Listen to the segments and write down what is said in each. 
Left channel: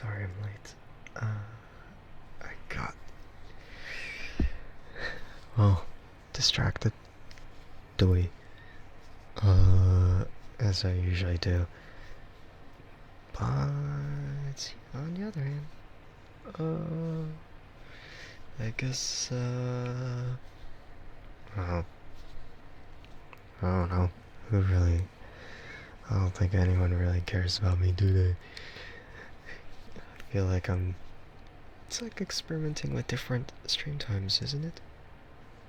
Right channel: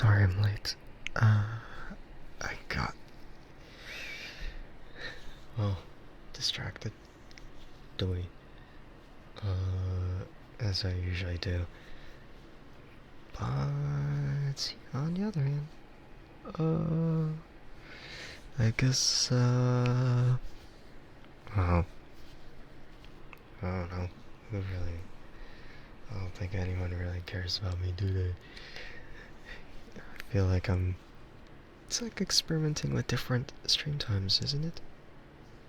Sorry I'm late. I got, well, distracted. Doy. As I usually do. But, on the other hand, I guess, well, I don't know. Who really, I don't think anyone really cares about me, do they? I feel like it's like experimenting with different stream times, isn't it?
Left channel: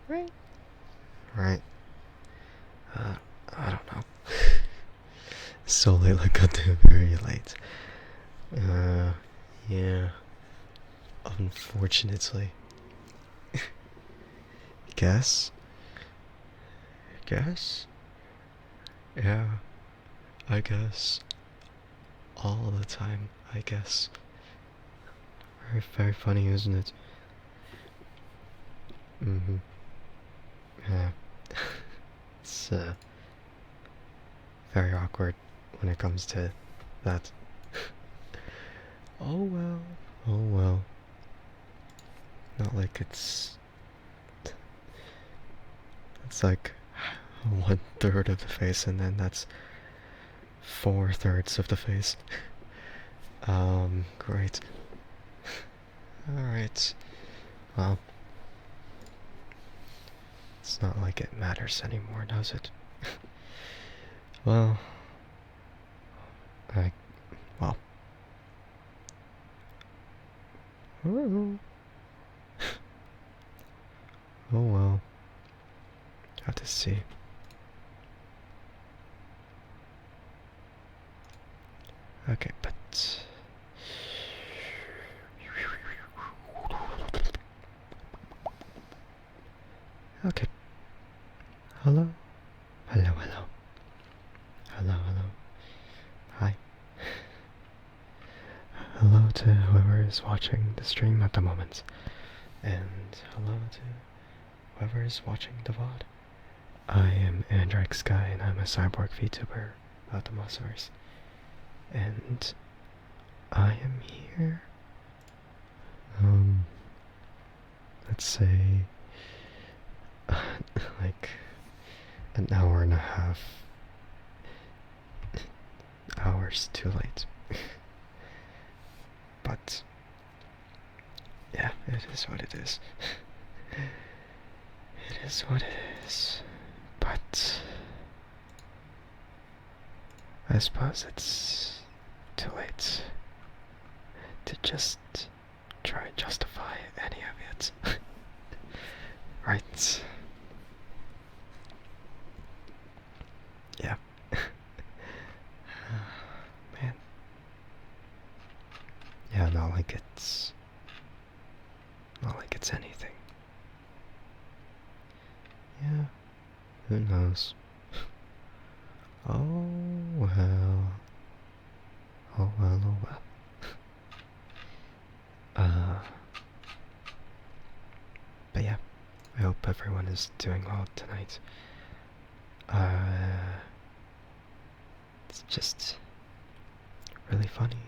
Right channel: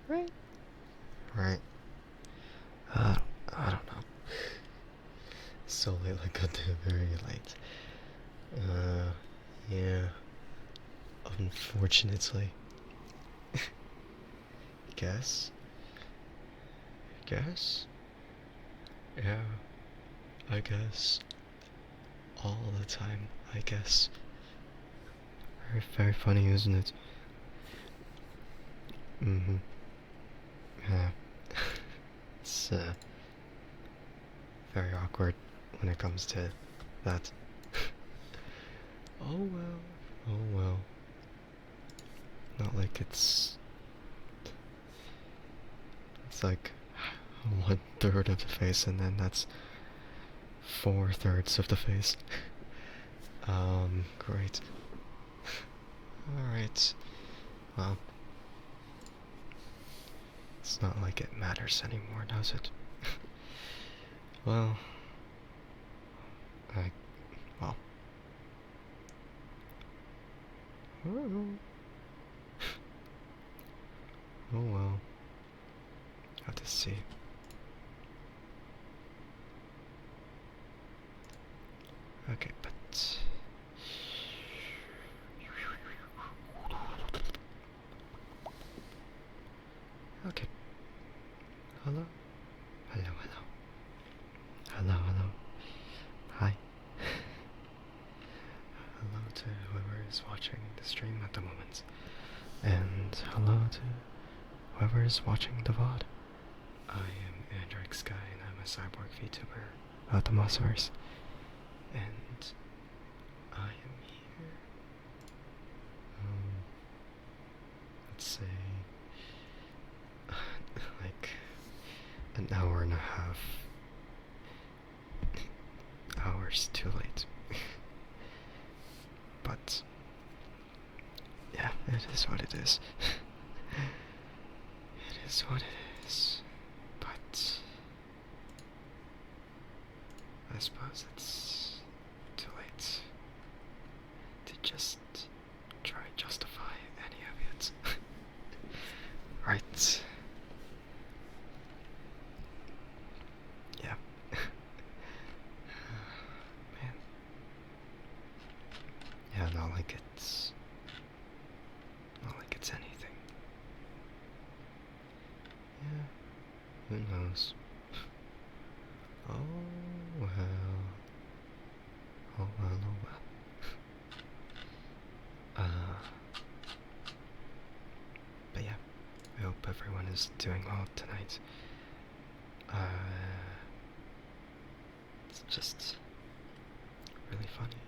Right. Right. I don't know. So late, like I do, very late. Yeah. Unfortunately. Guess? Guess? Yeah. I guess. All the time, I guess. Very, very funny, isn't it? Mm-hmm. Yeah. It's, very awkward when it comes to that. Oh well. Oh well. Not like it's like 1/3 of the face, and then that's 4/3 of the face. Great. Alright. Well, it's not like it matters anymore, does it? Well, I. Well. Oh, oh well. Have to see. Okay, but. Okay. Hello? Hello, hello. Hello, hello. Hi. Hello to whoever is watching the stream at the moment. And hello to whoever is watching the VOD. I am Andrike and I'm a cyborg VTuber about the Mossverse. And I am here, let's say, like, an hour and a half hours too late. But, yeah, it is what it is. It is what it is. But, I suppose it's too late to just try and justify any of it. Right. Yeah. Man. Yeah, not like it's anything. Yeah. Who knows? Oh well. Oh well, oh well. But yeah, I hope everyone is doing well tonight. It's just really funny.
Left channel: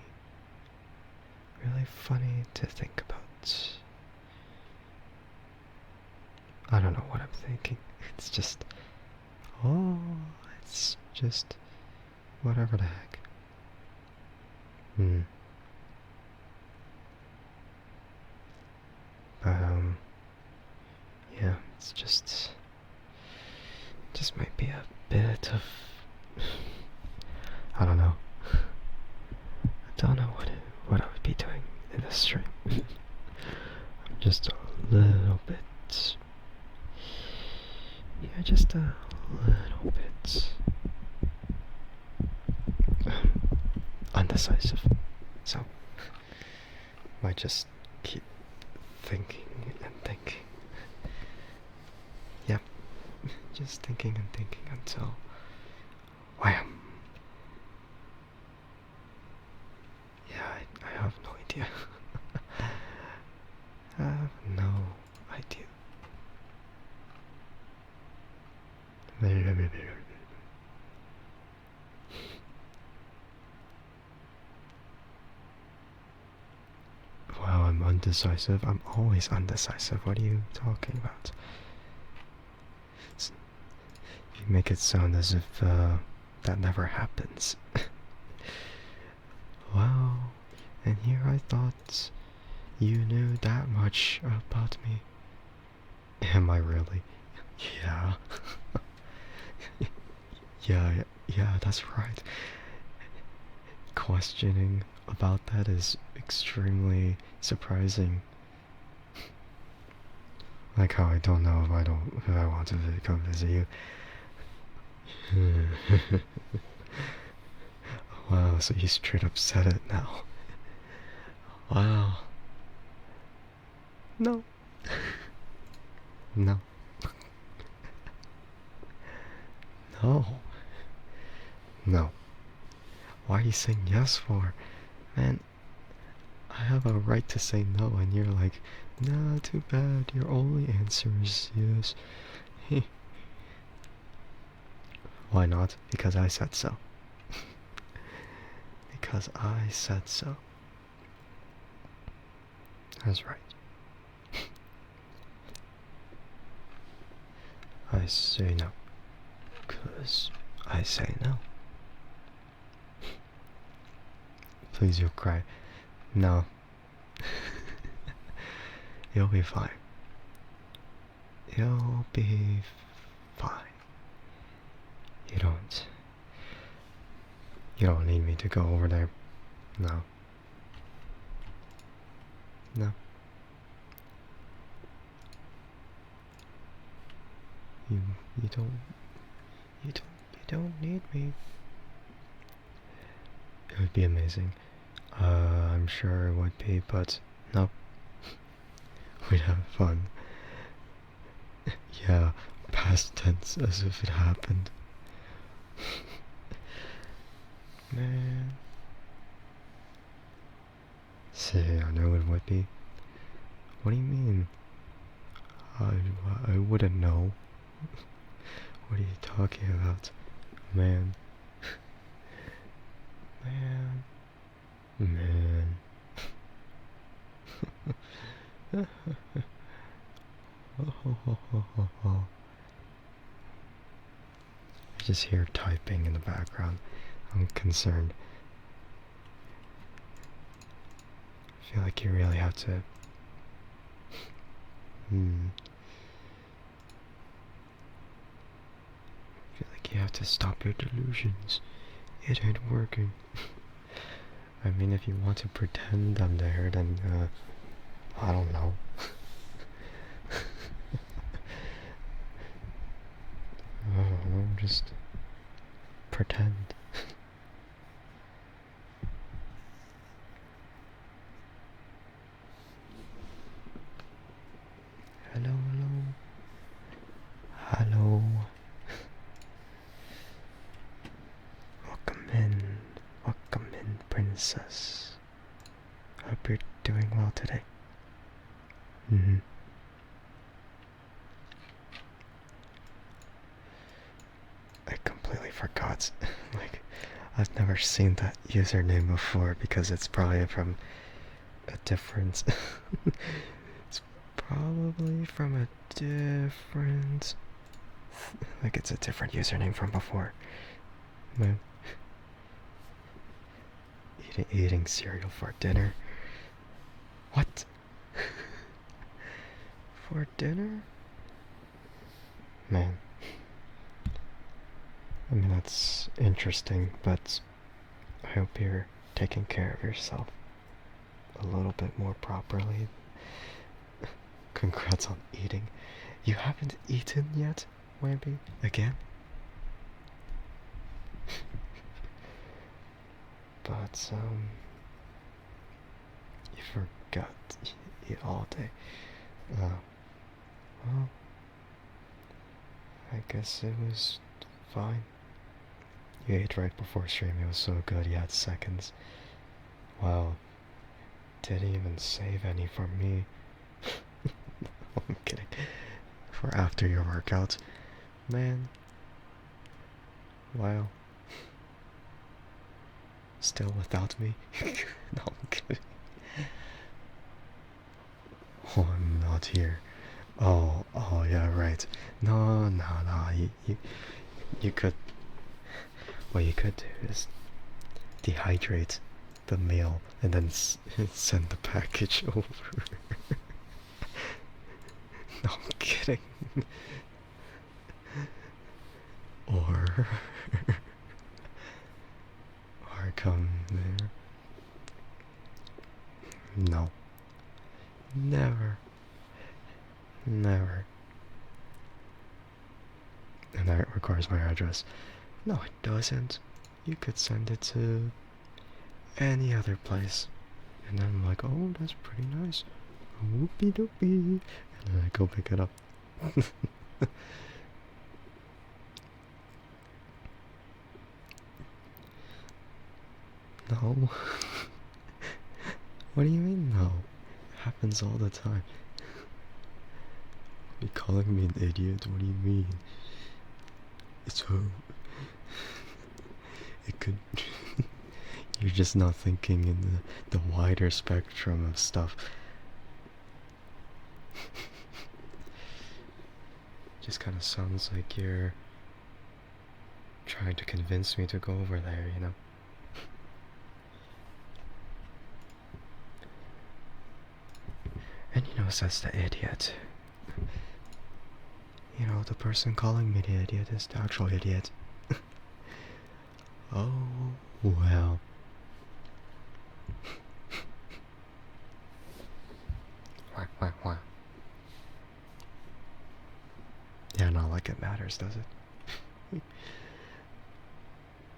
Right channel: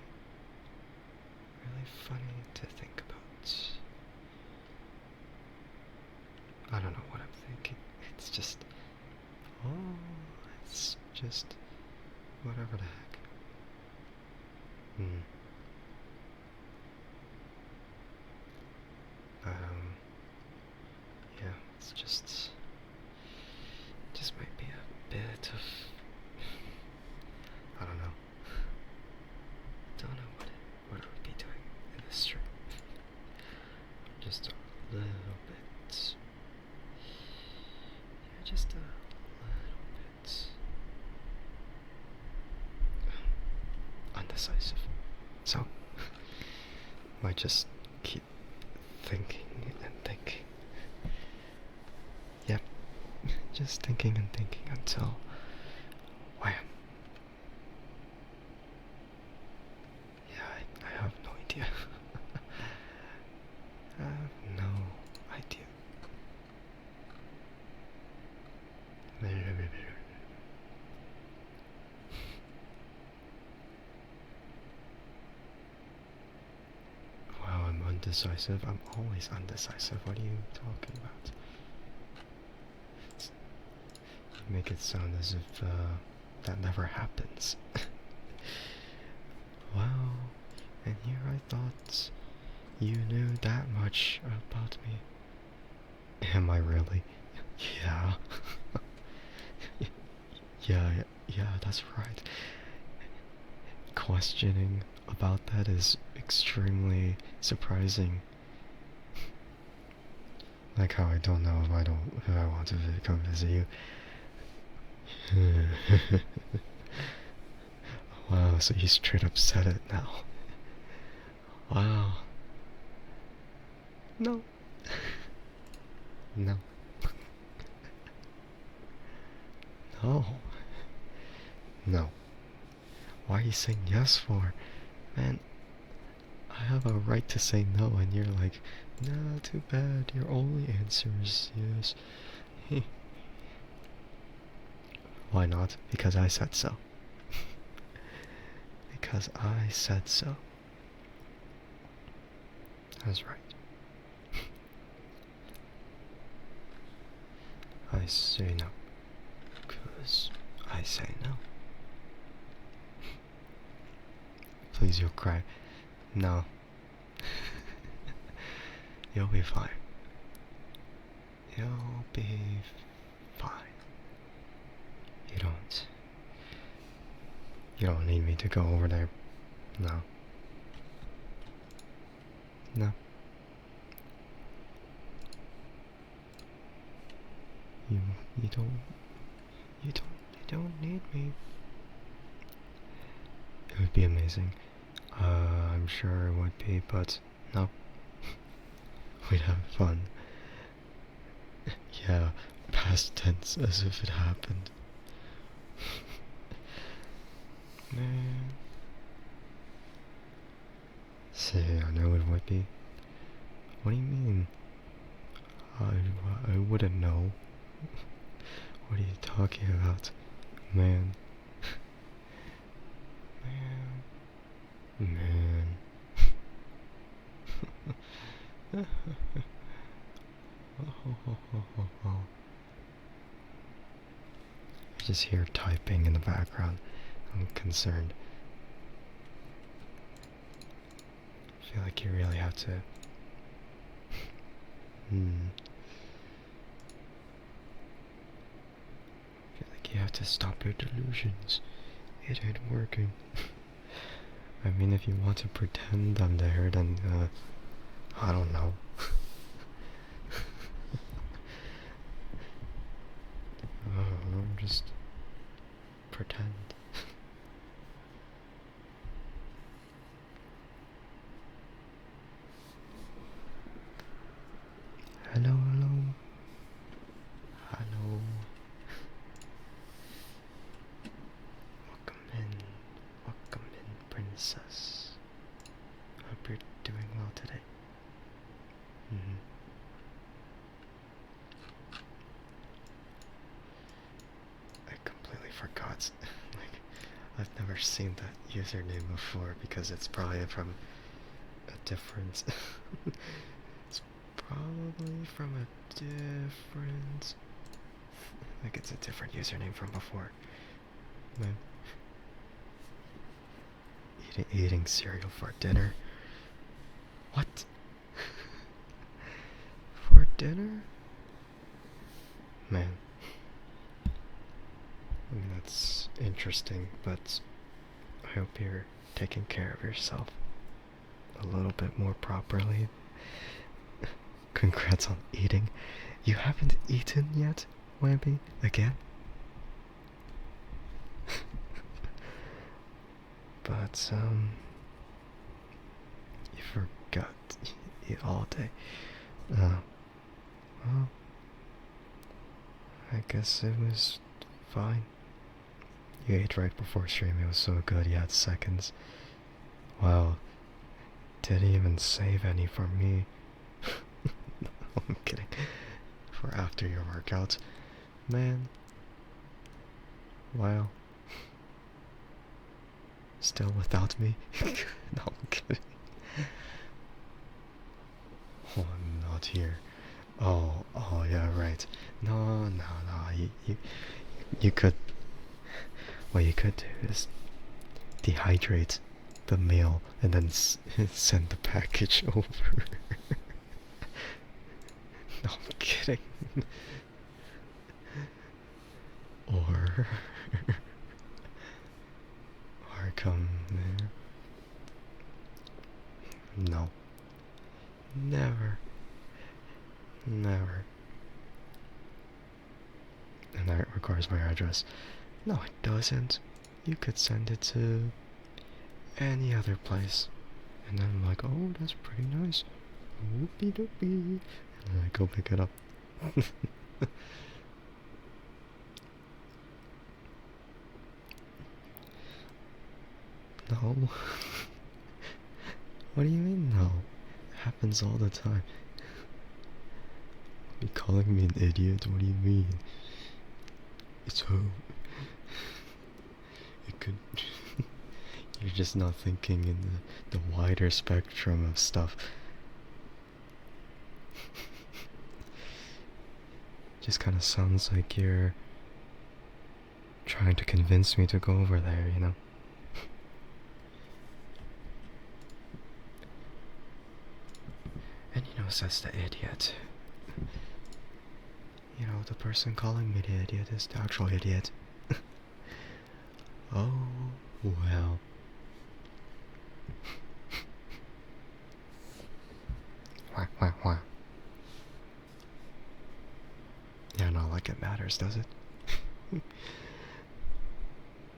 Really funny to think about. I don't know what I'm thinking. It's just. Oh, it's just. Whatever the heck. Hmm. But, yeah, it's just might be a bit of, I don't know. I don't know what I would be doing in this stream. Just a little bit. Yeah, just a little bit undecisive. So, might just keep thinking and thinking. Yep, just thinking and thinking until wham. Yeah, I have no idea. I have no idea. undecisive? I'm always undecisive. What are you talking about? You make it sound as if that never happens. Wow, and here I thought you knew that much about me. Am I really? Yeah. Yeah, that's right. Questioning about that is extremely surprising. Like how I don't know if I want to come visit you. Wow, so you straight up said it now. Wow. No. No. No. No. Why are you saying yes for? Man, I have a right to say no, and you're like, nah, too bad, your only answer is yes. Why not? Because I said so. Because I said so. That's right. I say no. Because I say no. Please, you'll cry. No. You'll be fine. You'll be fine. You don't. You don't need me to go over there. No. No. You don't need me. It would be amazing. I'm sure it would be, but no. We'd have fun. Yeah, past tense as if it happened. Man. Say, I know it would be. What do you mean? I wouldn't know. What are you talking about? Man. Man. Man. I just hear typing in the background. I'm concerned. I feel like you really have to... I feel like you have to stop your delusions. It ain't working. I mean, if you want to pretend I'm there, then, I don't know. Just pretend. Hello, hello. Hello. Welcome in, princess. Hope you're doing well today. I completely forgot. Like, I've never seen that username before because it's probably from a different... It's probably from a different... Like, it's a different username from before. Man. Eating cereal for dinner? What? For dinner? Man. I mean, that's interesting, but I hope you're taking care of yourself a little bit more properly. Congrats on eating. You haven't eaten yet, Webby? Again? But, you forgot to eat all day. Well, I guess it was fine. You ate right before stream, it was so good you had seconds. Wow. Didn't even save any for me. I'm kidding. For after your workout. Man. Wow. Still without me? No, I'm kidding. out here. Oh, yeah, right. No, no, no. You could. What you could do is dehydrate the mail and then send the package over. No, I'm kidding. Or. Or come there. No. Never. Never. And that requires my address. No, it doesn't. You could send it to any other place. And then I'm like, oh, that's pretty nice. Whoopie doopie. And then I go pick it up. No. What do you mean, no? It happens all the time. You calling me an idiot? What do you mean? It's home. It could. You're just not thinking in the wider spectrum of stuff. Just kind of sounds like you're trying to convince me to go over there, you know? And you know, says the idiot. You know, the person calling me the idiot is the actual idiot. Oh, well. Wah. Yeah, not like it matters, does it?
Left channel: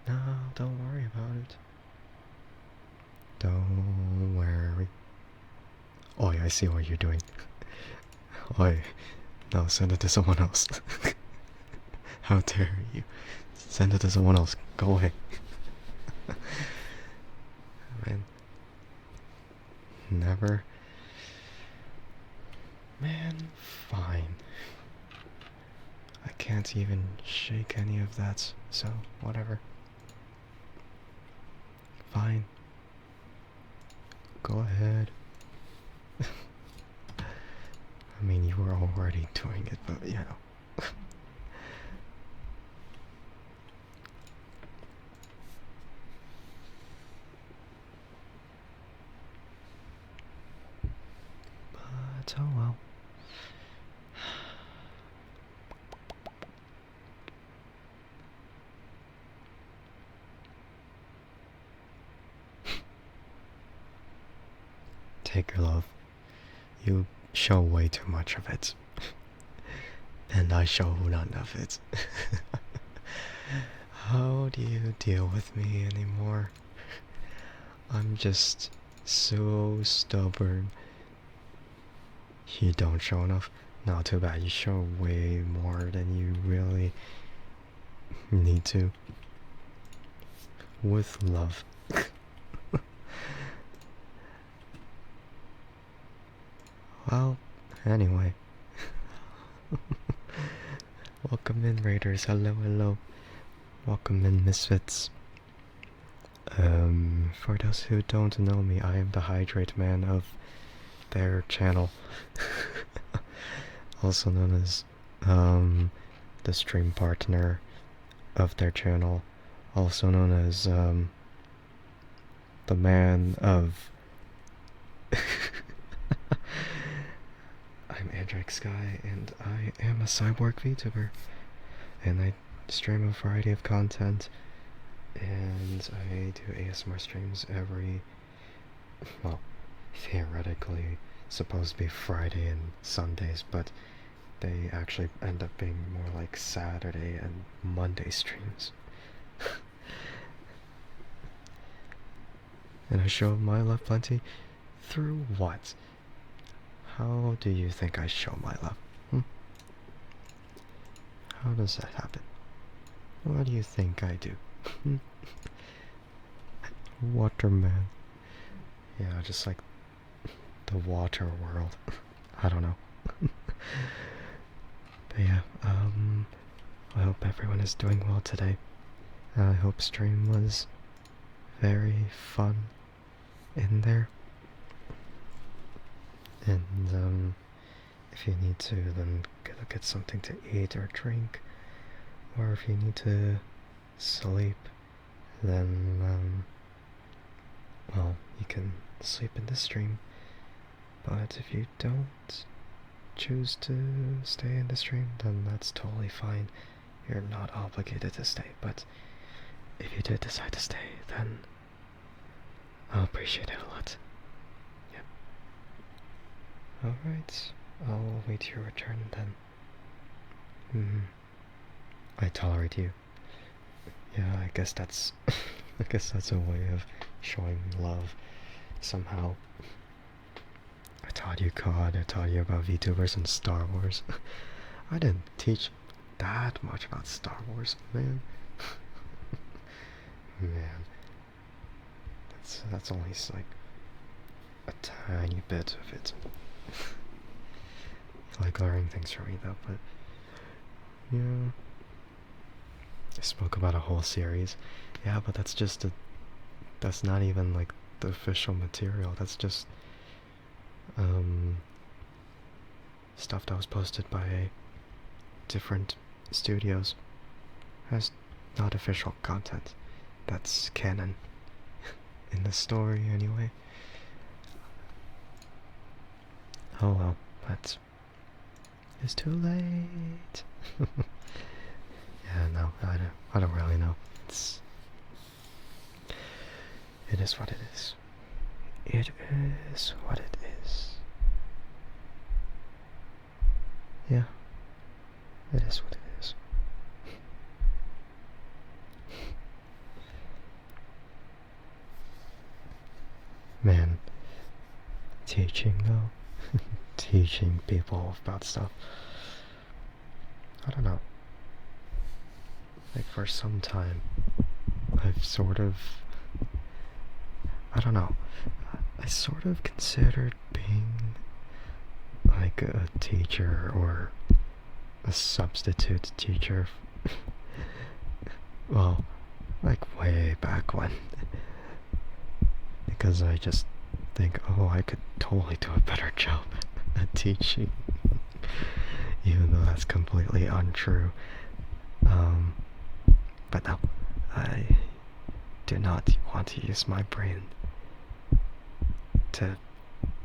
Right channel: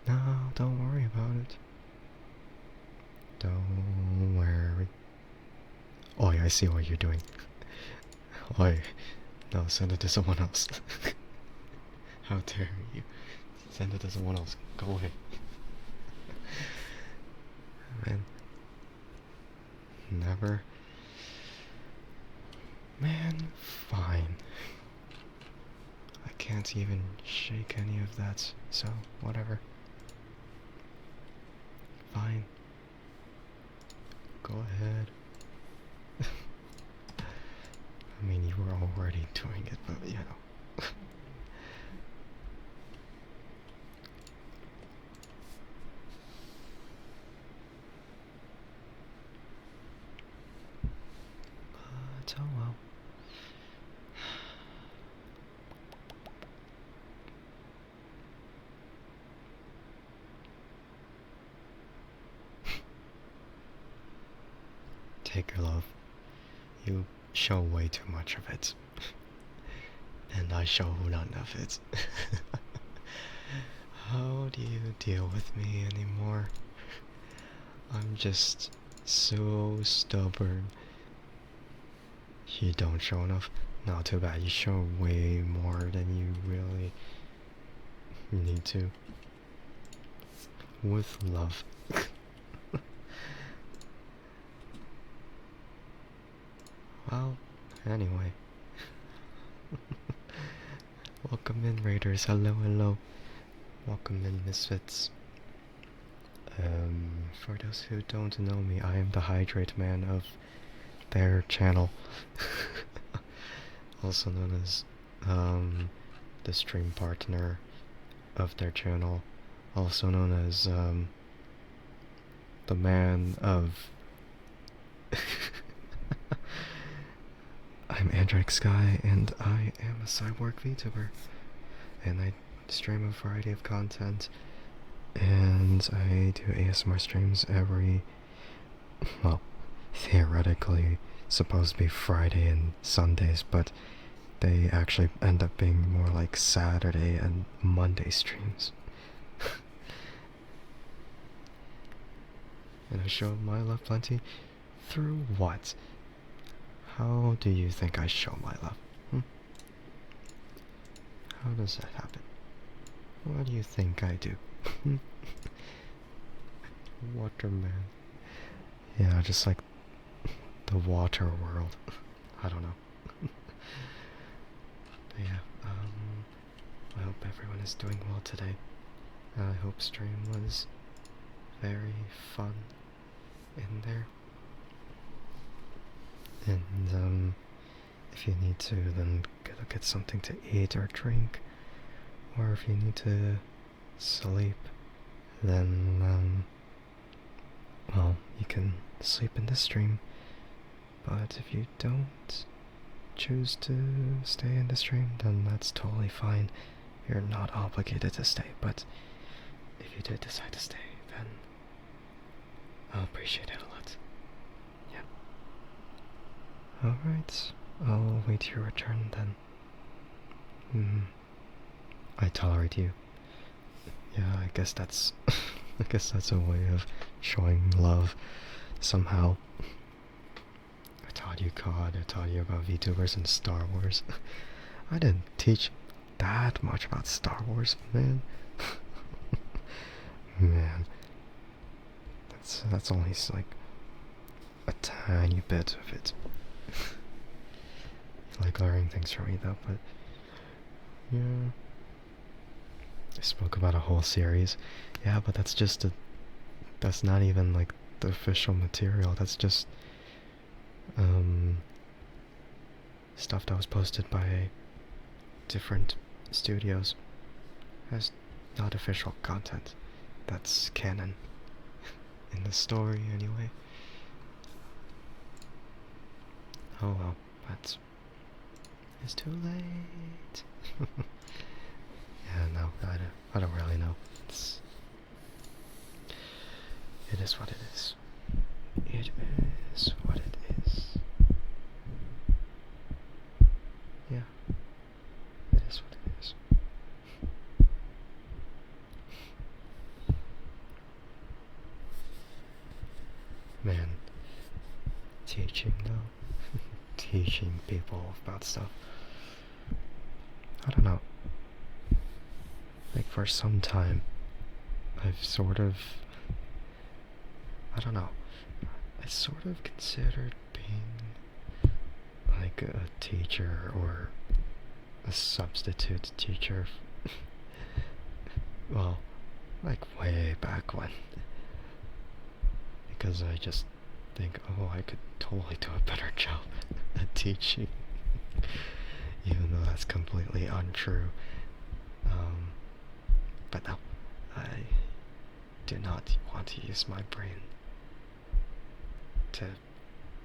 No, don't worry about it. Don't worry. Oh, yeah, I see what you're doing. Oi, no, send it to someone else. How dare you? Send it to someone else. Go away. Man. Never. Man, fine. I can't even shake any of that, so whatever. Fine. Go ahead. I mean, you were already doing it, but you know. But oh well. Take your love. You show way too much of it. And I show none of it. How do you deal with me anymore? I'm just so stubborn. You don't show enough? Not too bad, you show way more than you really need to. With love. Well, anyway. Welcome in, Raiders. Hello. Welcome in, Misfits. For those who don't know me, I am the Hydrate Man of their channel. Also known as, the stream partner of their channel. Also known as, the man of... I'm Andrike Sky, and I am a cyborg VTuber. And I stream a variety of content, and I do ASMR streams every, well, theoretically supposed to be Friday and Sundays, but they actually end up being more like Saturday and Monday streams. And I show my love plenty through what? How do you think I show my love? How does that happen? What do you think I do? Waterman. Yeah, just like the water world. I don't know. But yeah, I hope everyone is doing well today. I hope stream was very fun in there. And, if you need to, then get something to eat or drink. Or if you need to sleep, then, well, you can sleep in the stream. But if you don't choose to stay in the stream, then that's totally fine. You're not obligated to stay, but if you did decide to stay, then I'll appreciate it a lot. Yeah. Alright, I'll wait your return then. I tolerate you. Yeah, I guess that's a way of showing love somehow. I taught you COD, I taught you about VTubers and Star Wars. I didn't teach that much about Star Wars, man. Man. That's only like a tiny bit of it. You like learning things from me though, but yeah. I spoke about a whole series. Yeah, but that's not even like the official material. That's just stuff that was posted by different studios as not official content. That's canon. In the story, anyway. Oh well, but it's too late. Yeah, no, I don't really know. It is what it is. It is what it is. Yeah, it is what it is. Man, teaching though, teaching people about stuff. I don't know. Like for some time, I've sort of, I don't know, I sort of considered being like a teacher or a substitute teacher. Well, like way back when. Because I just think, oh, I could totally do a better job at teaching. Even though that's completely untrue. But no, I do not want to use my brain to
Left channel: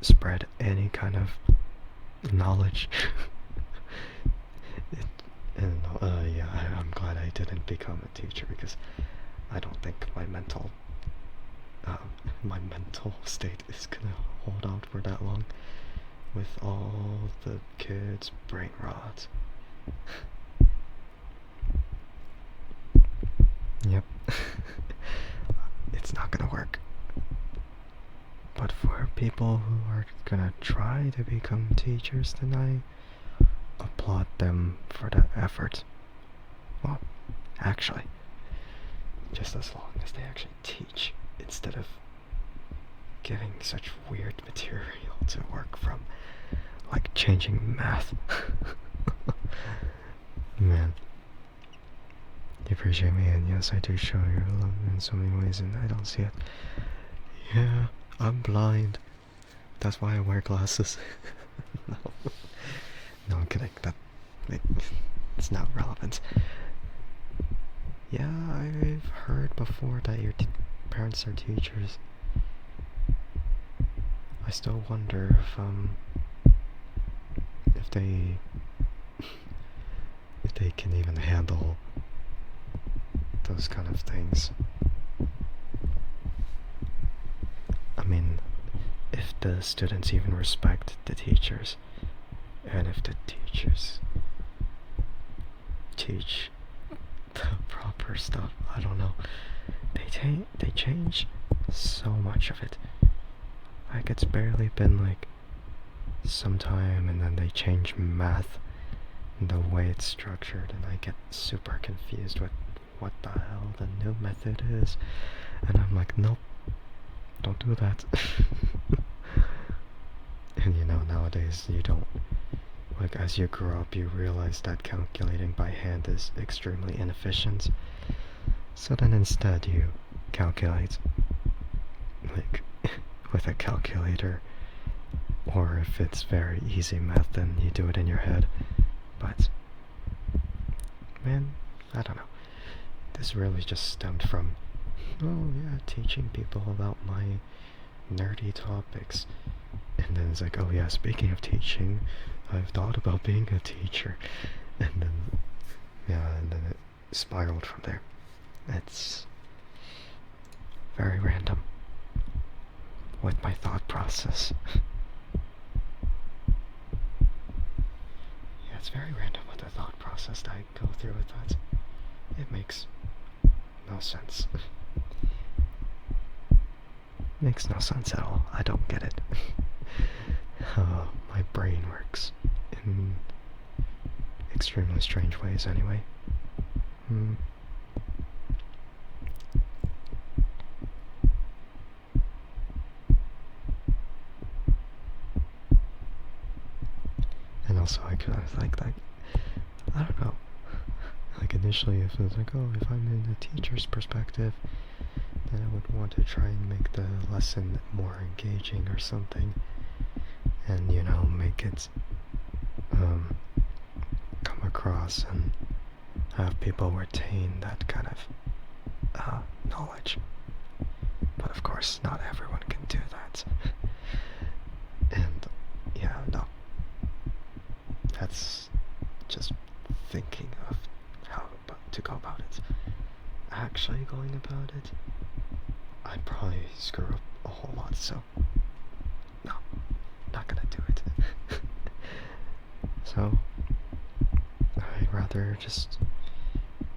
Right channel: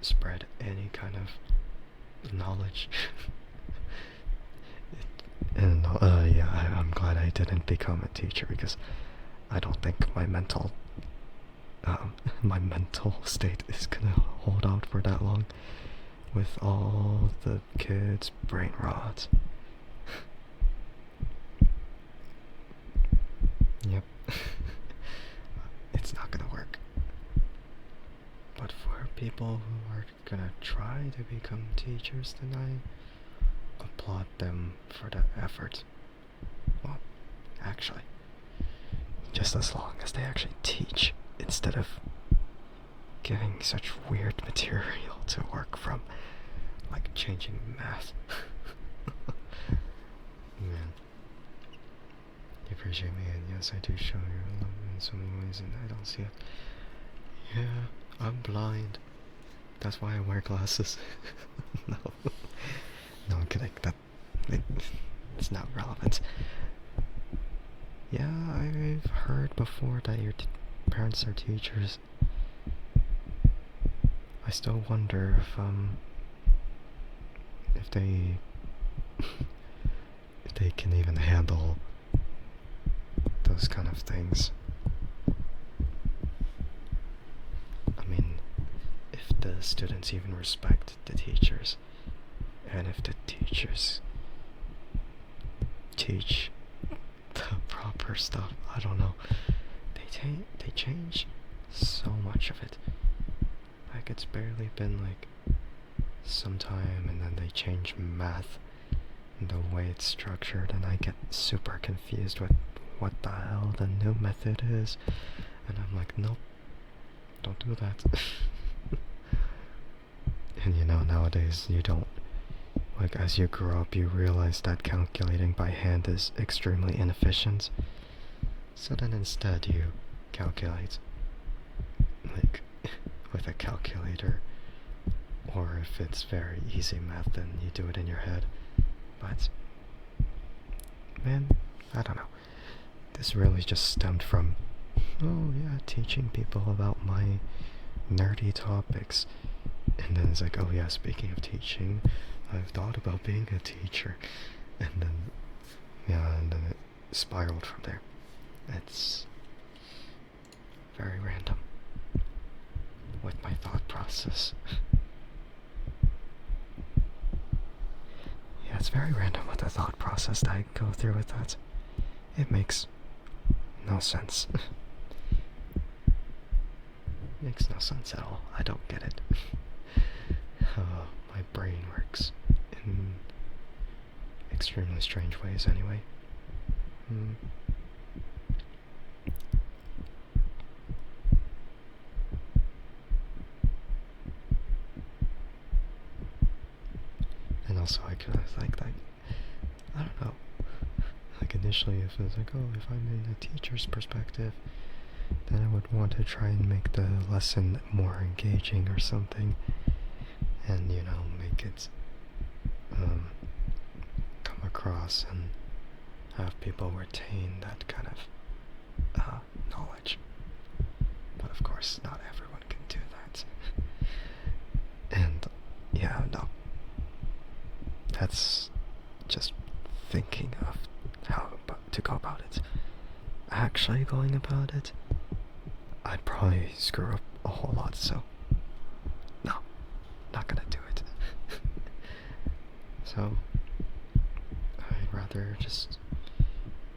spread any kind of knowledge. And yeah, I'm glad I didn't become a teacher because I don't think my mental state is gonna hold out for that long with all the kids' brain rot. Yep. It's not gonna work. But for people who are gonna try to become teachers, then I applaud them for that effort. Well, actually, just as long as they actually teach instead of giving such weird material to work from, like changing math. Man. You appreciate me, and yes, I do show your love in so many ways, and I don't see it. Yeah, I'm blind. That's why I wear glasses. No. No, I'm kidding. It's not relevant. Yeah, I've heard before that your parents are teachers. I still wonder if they can even handle those kind of things. I mean, if the students even respect the teachers, and if the teachers teach the proper stuff, I don't know. They change so much of it. Like it's barely been like some time, and then they change math and the way it's structured, and I get super confused with what the hell the new method is, and I'm like, nope, don't do that. And you know, nowadays you don't, like as you grow up you realize that calculating by hand is extremely inefficient, so then instead you calculate like with a calculator, Or if it's very easy math, then you do it in your head. But, man, I don't know. This really just stemmed from, oh yeah, teaching people about my nerdy topics. And then it's like, oh yeah, speaking of teaching, I've thought about being a teacher. And then, yeah, and then it spiraled from there. It's very random with my thought process. Yeah, it's very random with the thought process that I go through with that. It makes no sense. Makes no sense at all. I don't get it. My brain works in extremely strange ways anyway. And also I could like I don't know. Like initially if it was like, oh, if I'm in a teacher's perspective, then I would want to try and make the lesson more engaging or something. And, you know, make it come across and have people retain that kind of knowledge. But of course, not everyone can do that. And, yeah, no. That's just thinking of how to go about it. Actually going about it, I'd probably screw up a whole lot, so no, not gonna do it. So, I'd rather just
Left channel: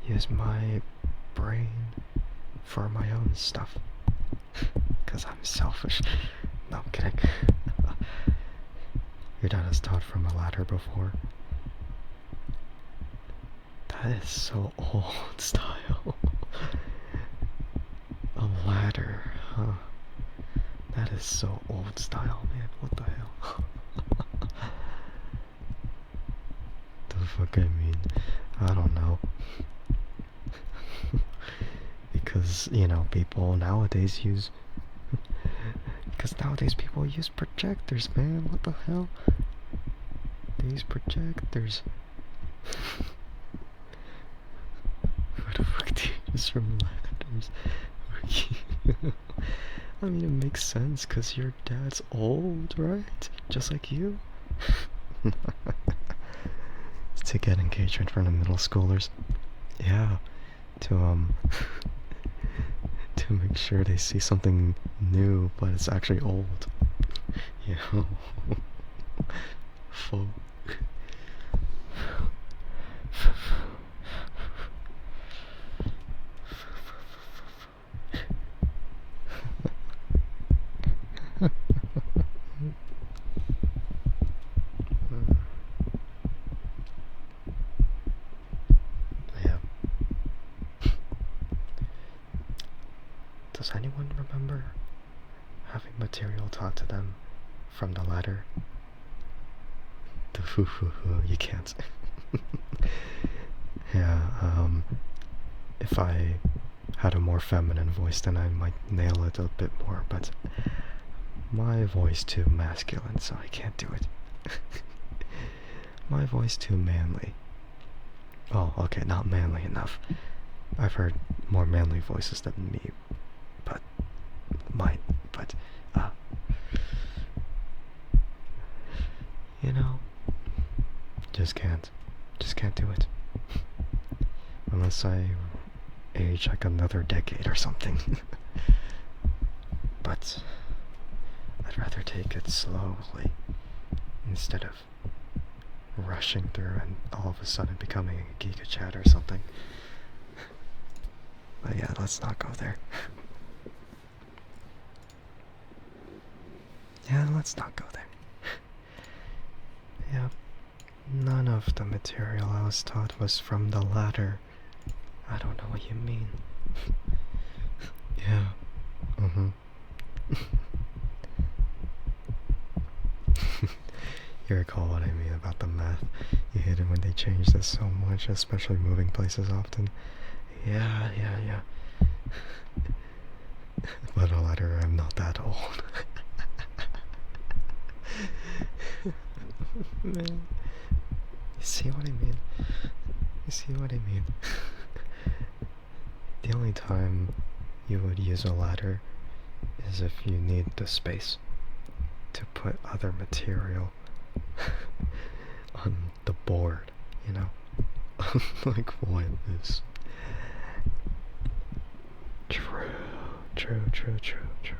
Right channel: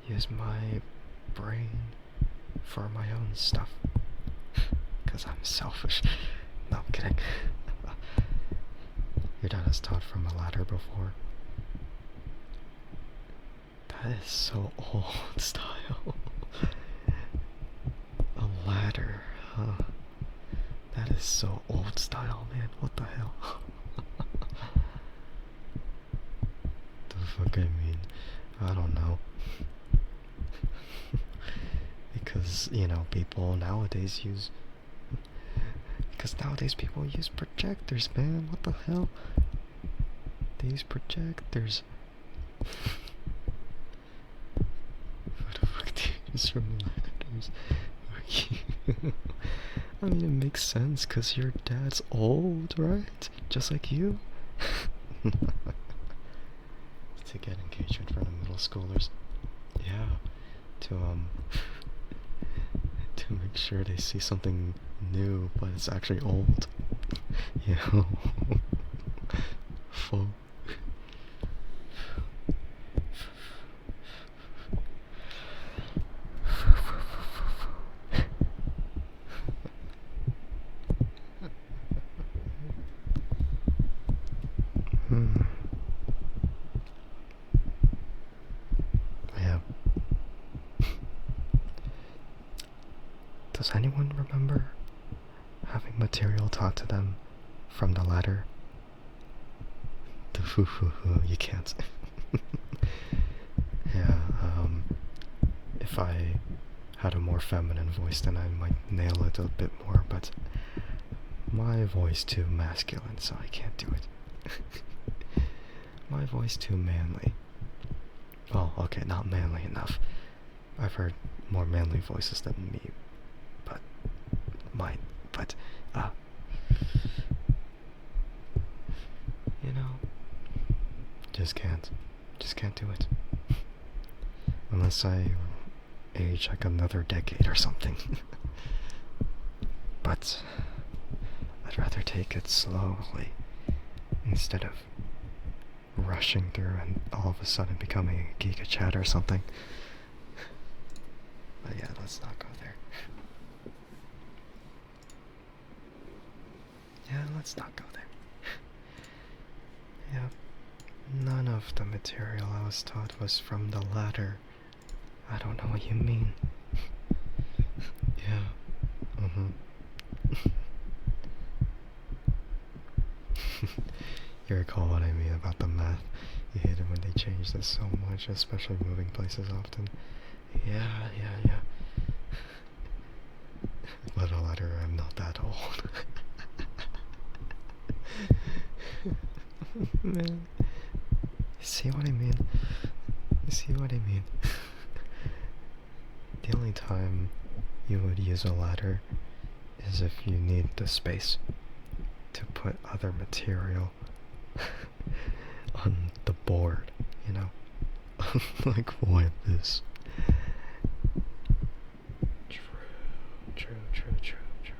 use my brain for my own stuff. Because I'm selfish. No, I'm kidding. Your dad has taught from a ladder before. That is so old style. A ladder, huh? That is so old style, man. What the hell? The fuck I mean? I don't know. Because, you know, people nowadays use... Because nowadays people use projectors, man. What the hell? They use projectors. What the fuck do you use from ladders? I mean, it makes sense because your dad's old, right? Just like you. To get engaged in front of middle schoolers. Yeah. To to make sure they see something new, but it's actually old. You know? Full. Yeah. Does anyone remember having material taught to them from the ladder? The you can't. Yeah, if I had a more feminine voice, then I might nail it a bit more, but my voice too masculine, so I can't do it. My voice too manly. Oh, okay, not manly enough. I've heard more manly voices than me, but you know, just can't do it. Unless I age like another decade or something. But I'd rather take it slowly instead of rushing through and all of a sudden becoming a Giga Chat or something. But yeah, let's not go there. Yeah, let's not go there. Yeah, none of the material I was taught was from the ladder. I don't know what you mean. Yeah. You recall what I mean about the math. You hate it when they change this so much, especially moving places often. Yeah. But a ladder, I'm not that old. Man, you see what I mean? You see what I mean? The only time you would use a ladder is if you need the space to put other material on the board, you know? Like, what is... True, true, true, true, true.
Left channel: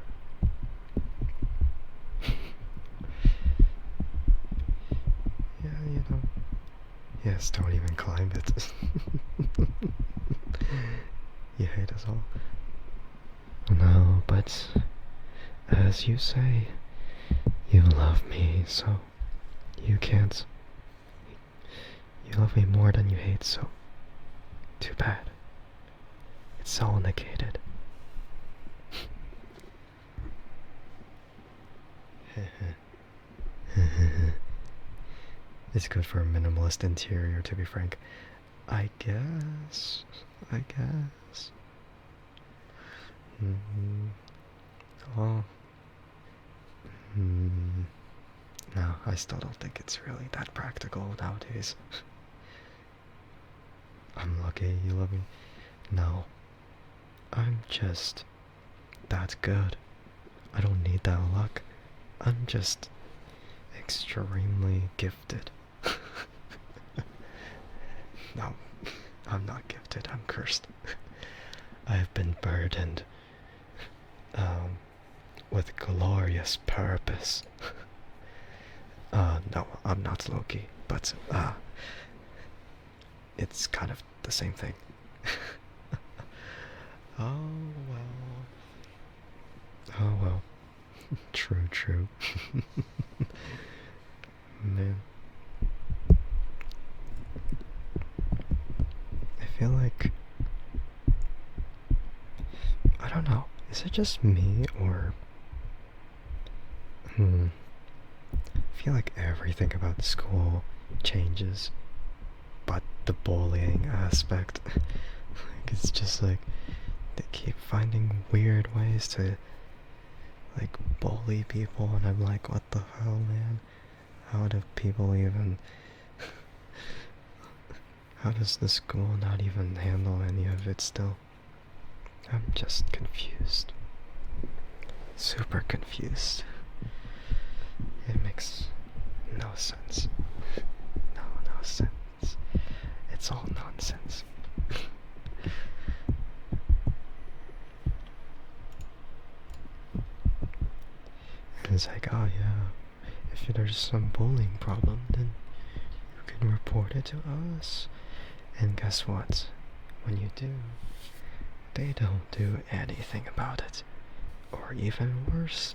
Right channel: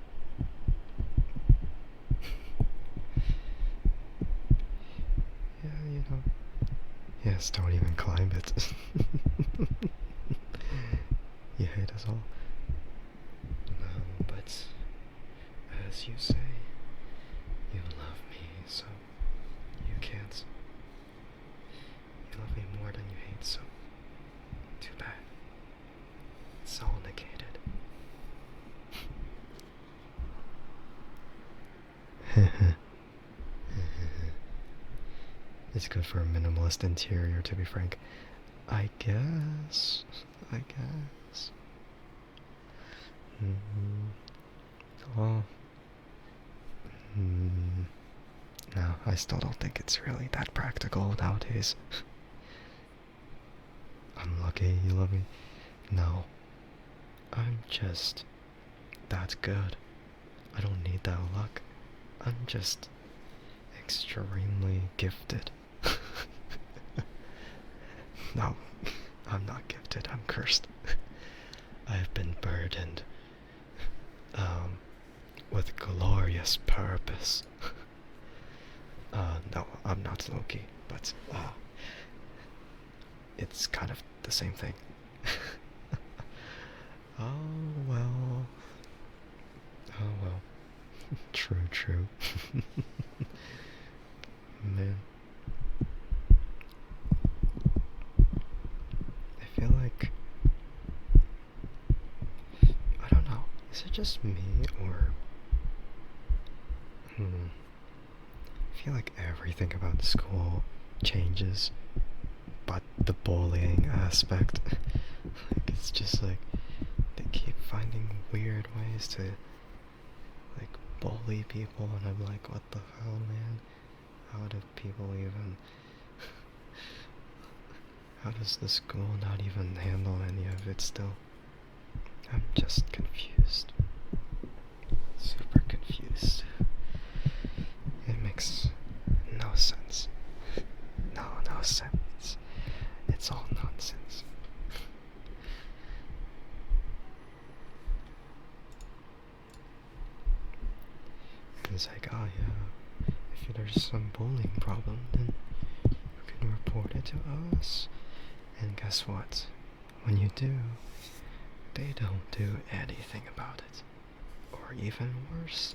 Yeah, you know. Yes, don't even climb it. You hate us all. No, but as you say, you love me, so you can't. You love me more than you hate, so too bad. It's all negated. It's good for a minimalist interior, to be frank. I guess. I guess. Well, no, I still don't think it's really that practical nowadays. I'm lucky you love me. No, I'm just that good. I don't need that luck. I'm just extremely gifted. No, I'm not gifted, I'm cursed. I've been burdened with glorious purpose. No, I'm not Loki, but it's kind of the same thing. Oh well. Oh well. True, true. Man. I feel like... I don't know. Is it just me, or... I feel like everything about school changes, but the bullying aspect. Like, it's just like, they keep finding weird ways to, like, bully people, and I'm like, what the hell, man? How do people even... How does the school not even handle any of it still? I'm just confused. Super confused. It makes no sense. No sense. It's all nonsense. It's like, oh yeah, if there's some bullying problem, then you can report it to us. And guess what? When you do, they don't do anything about it. Or even worse,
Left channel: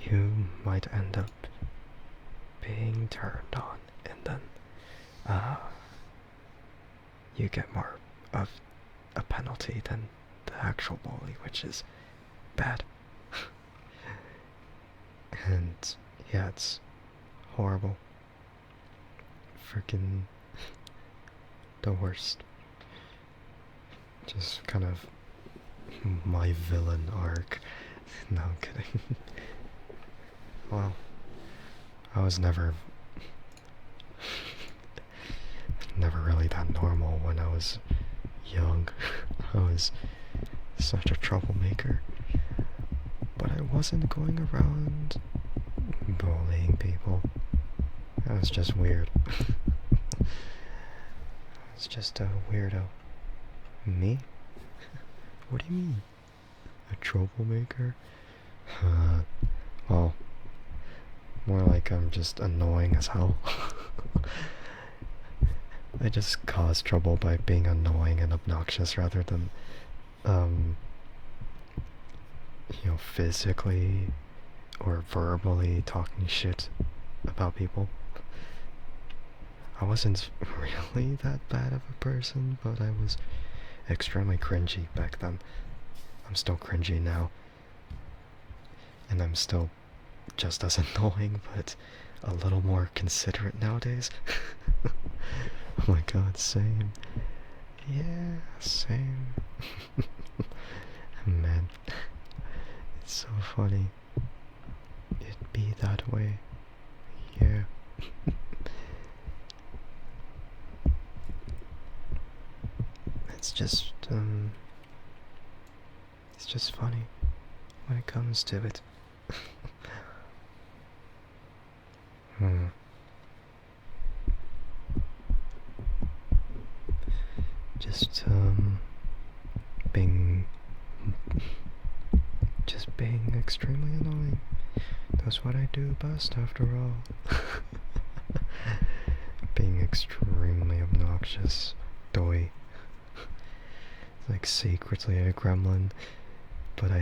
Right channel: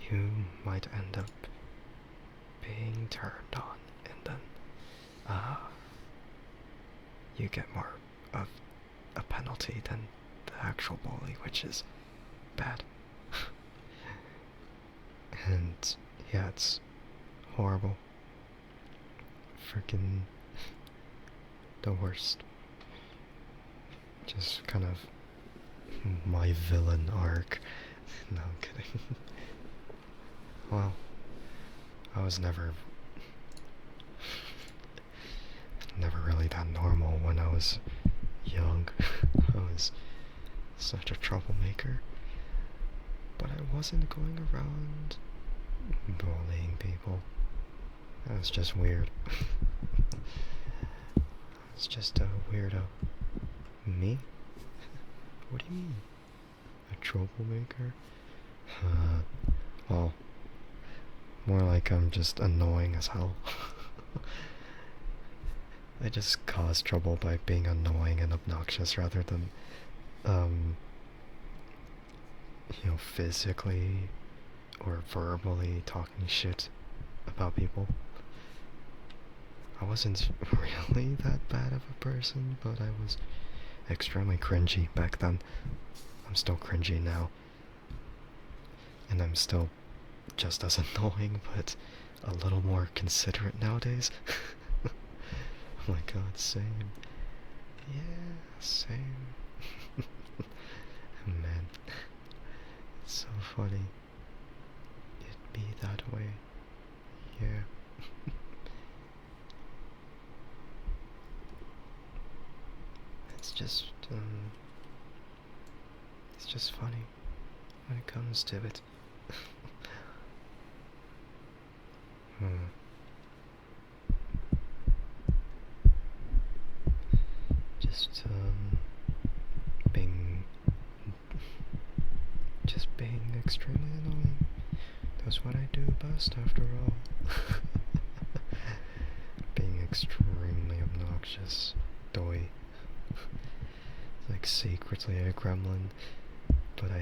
you might end up being turned on, and then you get more of a penalty than the actual bully, which is bad. And yeah, it's horrible. Freaking the worst. Just kind of my villain arc. No, I'm kidding. Well, I was never really that normal when I was young. I was such a troublemaker. But I wasn't going around bullying people. I was just weird. I was just a weirdo. Me? What do you mean? A troublemaker? Well, more like I'm just annoying as hell. I just cause trouble by being annoying and obnoxious rather than, physically or verbally talking shit about people. I wasn't really that bad of a person, but I was extremely cringy back then. I'm still cringy now. And I'm still just as annoying, but a little more considerate nowadays. Oh my god, same. Yeah, same. Man, it's so funny. It'd be that way. Yeah. It's just, it's just funny when it comes to it. Hmm. Just, being, just being extremely annoying. That's what I do best, after all. Being extremely obnoxious. Doy. Like secretly a gremlin, but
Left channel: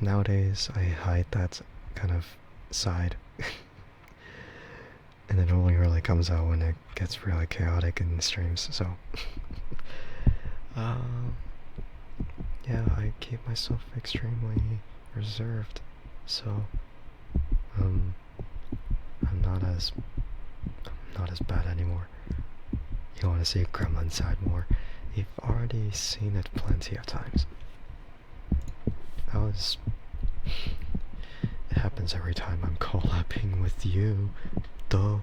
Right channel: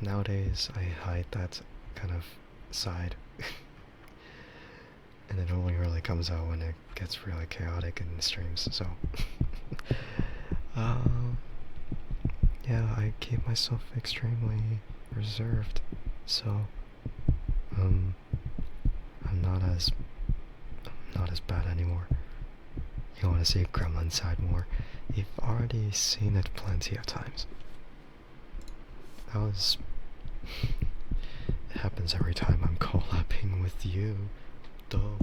nowadays I hide that kind of side. And it only really comes out when it gets really chaotic in the streams, so. uh, yeah, I keep myself extremely reserved, so, I'm not as bad anymore. You want to see Gremlin side more? You've already seen it plenty of times. It happens every time I'm collabing with you, though.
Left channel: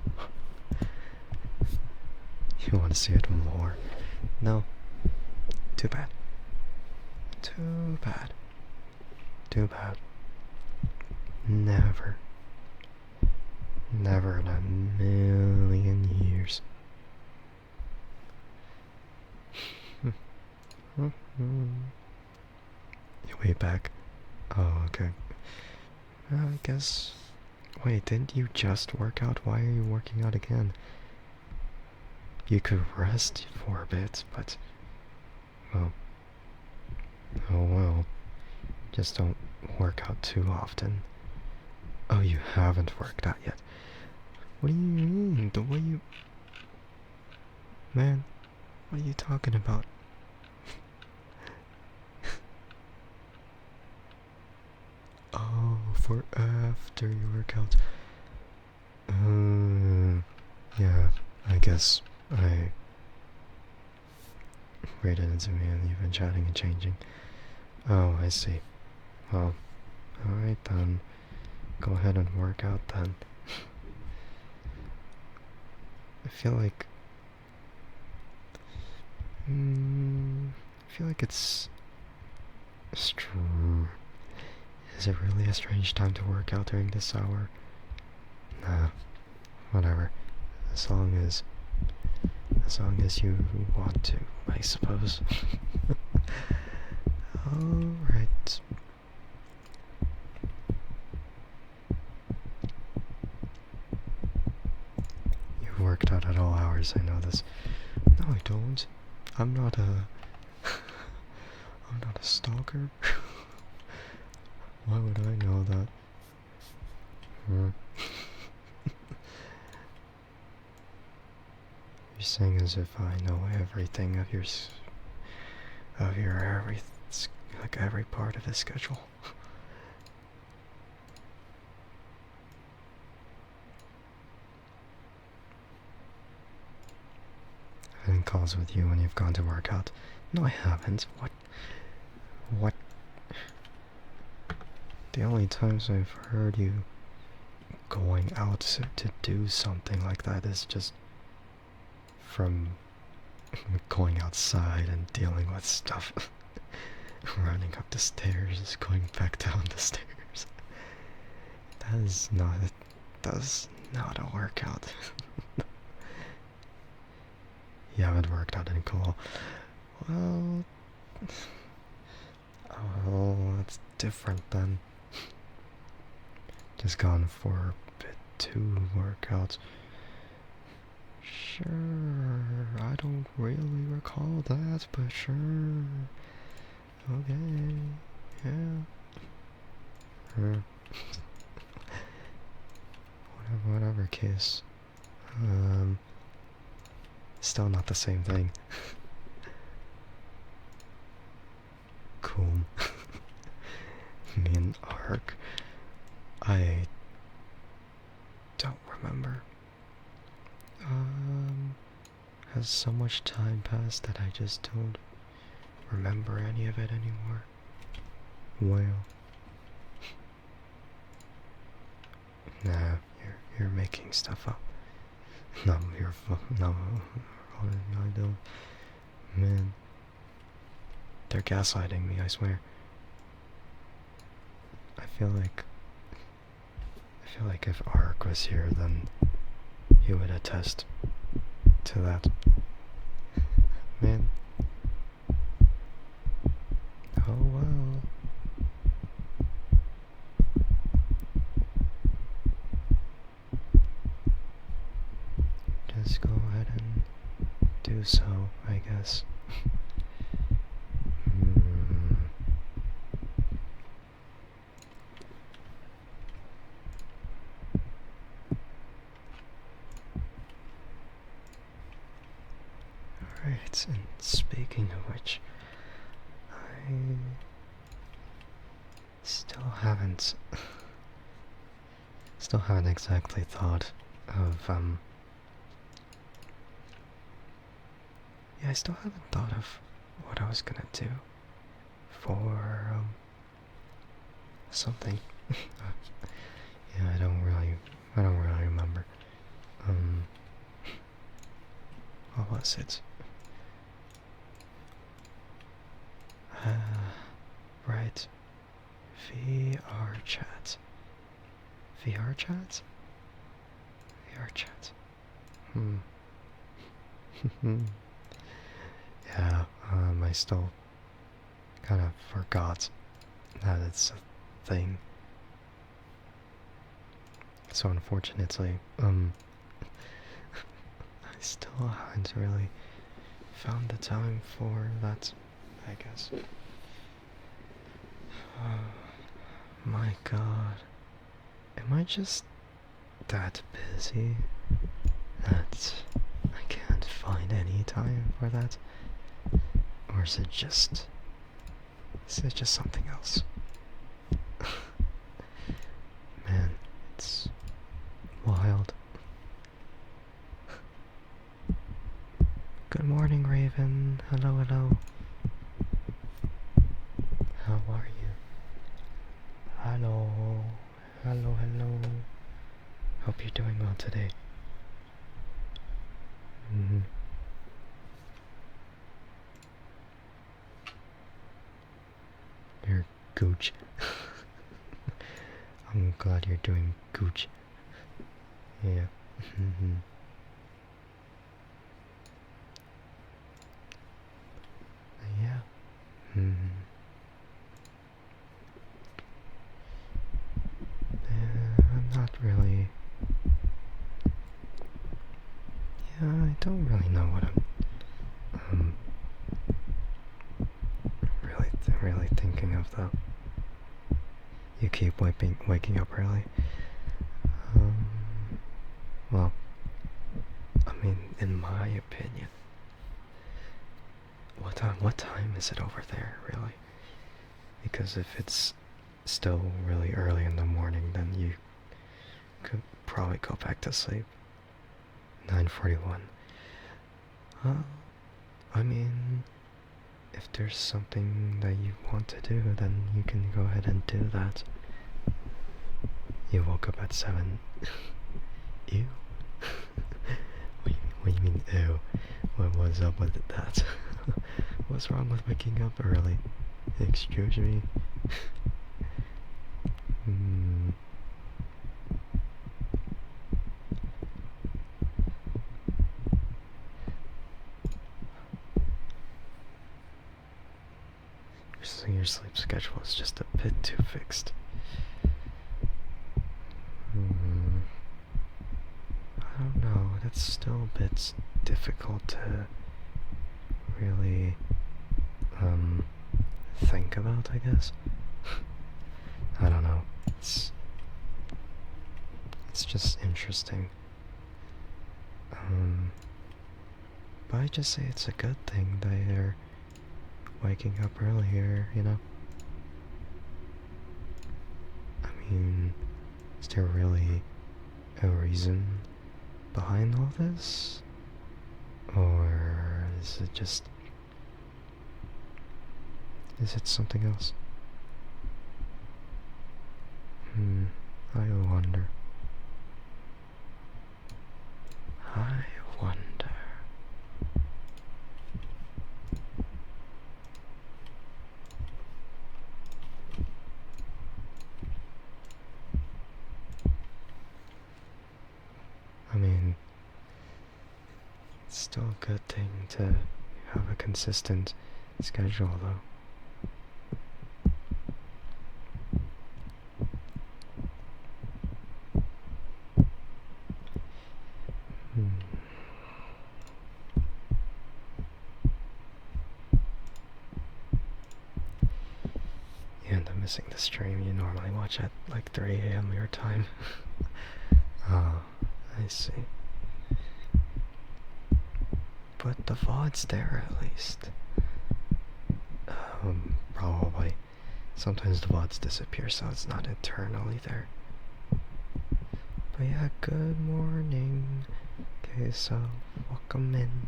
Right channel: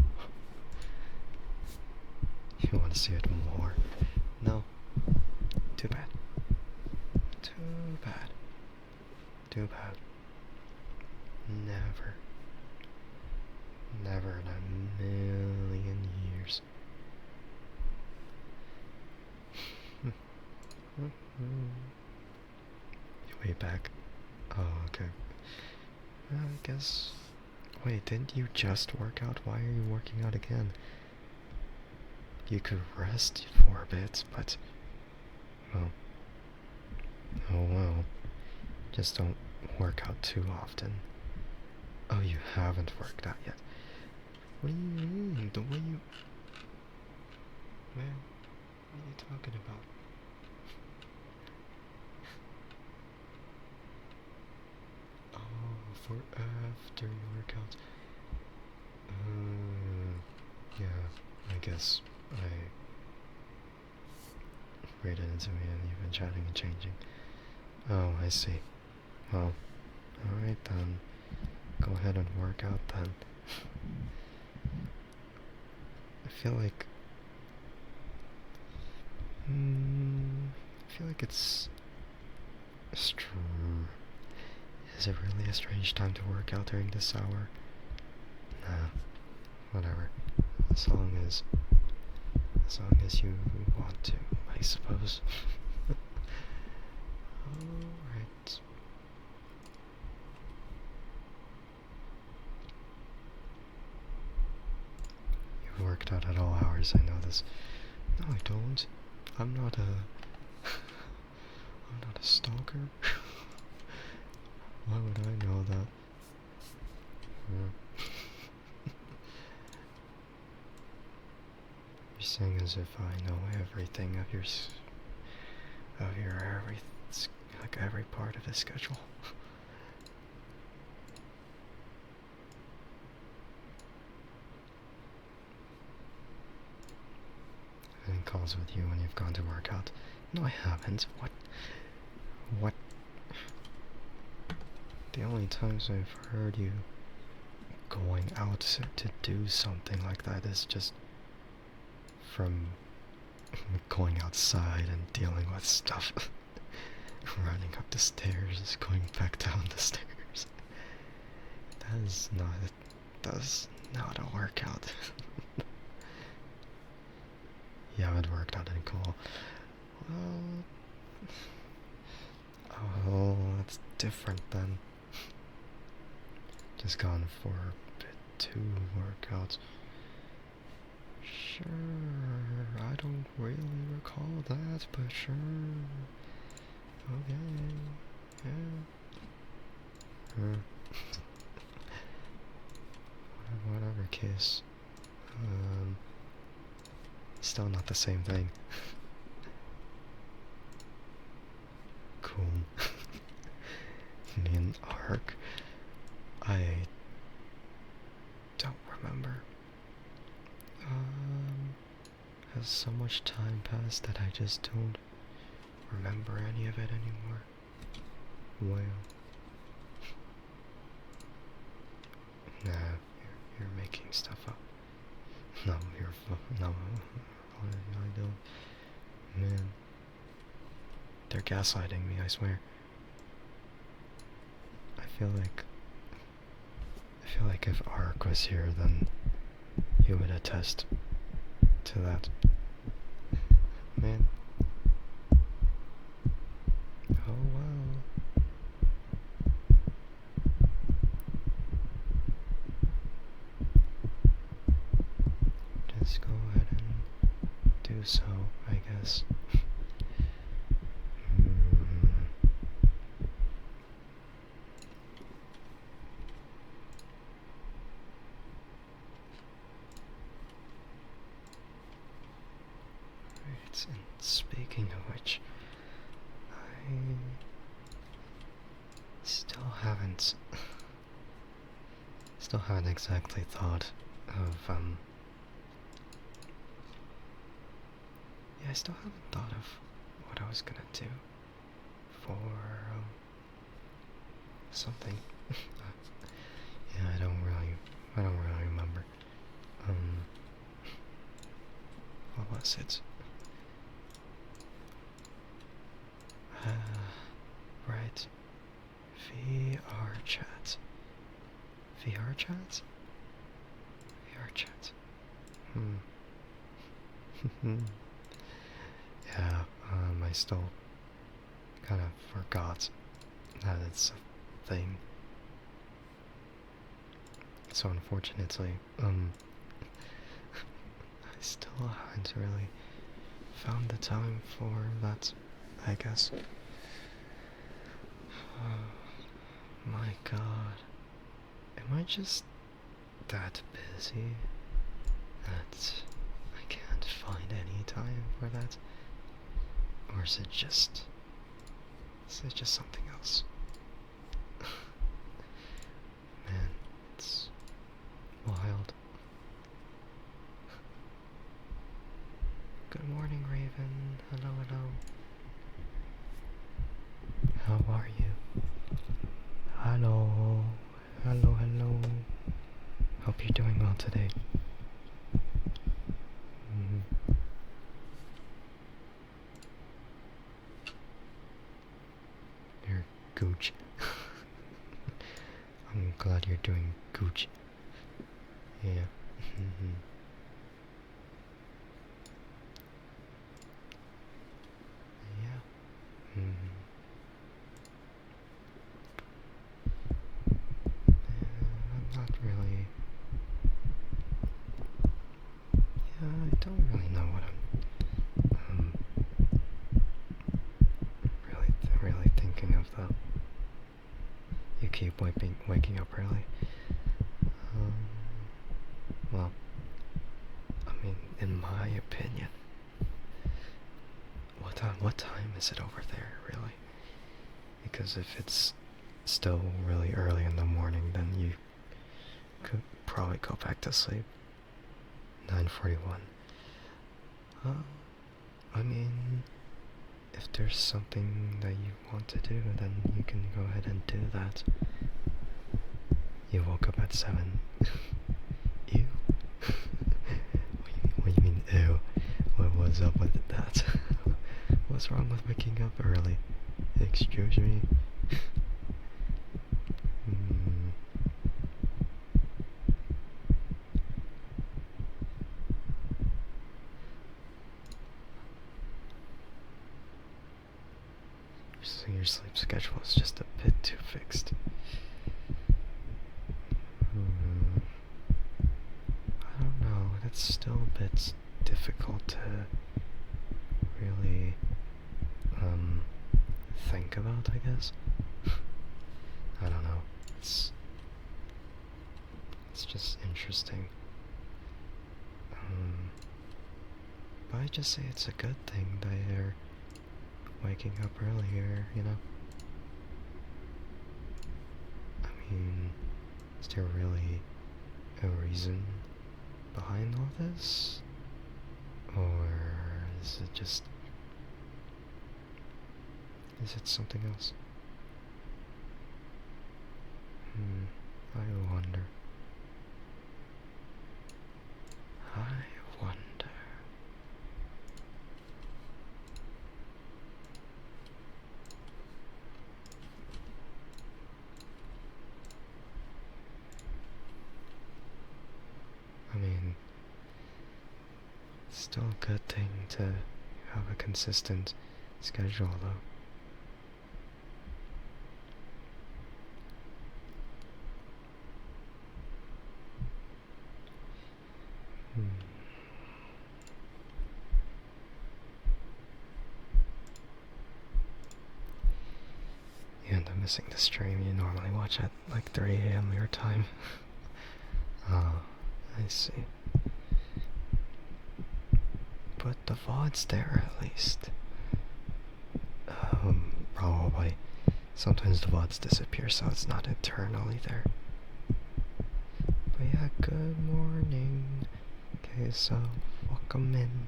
You want to see it more? No. Too bad. Too bad. Too bad. Never. Never in a million years. You way back? Oh, okay. I guess. Wait, didn't you just work out? Why are you working out again? You could rest for a bit, but. Well. Oh well. Just don't work out too often. Oh, you haven't worked out yet. What do you mean? The way you. Man, what are you talking about? Oh, for after your workout. Yeah, I guess I read it into me and you've been chatting and changing. Oh, I see. Well, alright then. Go ahead and work out then. I feel like... I feel like it's... Is it really a strange time to work out during this hour? Nah, whatever. As long as you want to, I suppose. Alright. You've worked out at all hours, I know this. No, I don't. I'm not a stalker. Why would I know that? You're saying as if I know everything of every part of his schedule. And calls with you when you've gone to work out. No, I haven't. What? The only times I've heard you going out to do something like that is just from going outside and dealing with stuff. Running up the stairs, going back down the stairs. That's not a workout. You haven't worked out in cool. Well, oh, that's different then. Just gone for a bit too workouts. Sure, I don't really recall that, but sure. Okay, yeah. Whatever case. Still not the same thing. Cool. Me and Ark. I don't remember. Has so much time passed that I just don't remember any of it anymore. Well. Nah, you're making stuff up. No, no. What am I doing? Man, they're gaslighting me, I swear. I feel like if Ark was here, then he would attest to that. Man. Oh well. Just go ahead and do so, I guess. Alright, and speaking of which, I still haven't exactly thought of, yeah, I still haven't thought of what I was gonna do for, something. Yeah, I don't really remember. What was it? Right. VR chat. VR chat? VR chat. Yeah, I still kind of forgot that it's a thing. So unfortunately, I still haven't really found the time for that, I guess. My god. Am I just that busy that I can't find any time for that? Or is it just something else? Man, it's wild. Good morning, Raven. Hello, hello. How are you? Hello. Hello, hello. Hope you're doing well today. You're gooch. I'm glad you're doing gooch. Yeah. Yeah. I'm not really. Yeah, I don't really know what I'm really thinking of though. You keep waking up early. Well, I mean, in my opinion, what time is it over there, really? Because if it's still really early in the morning, then you could probably go back to sleep. 9:41. I mean, if there's something that you want to do, then you can go ahead and do that. You woke up at 7. Ew. What do you mean, ew? What's up with that? What's wrong with waking up early? Excuse me? So your sleep schedule is just a bit too fixed. I don't know, that's still a bit difficult to really, think about, I guess. I don't know, it's just interesting. But I just say it's a good thing that you're waking up earlier, you know? I mean, is there really a reason behind all this? Or is it just... is it something else? I wonder. I wonder. I mean, it's still a good thing to have a consistent schedule, though. You end up missing the stream you normally watch at like 3 a.m. your time. Oh, I see. But the VOD's there at least. Probably. Sometimes the VODs disappear, so it's not eternally there. But yeah, good morning. Okay, so welcome in.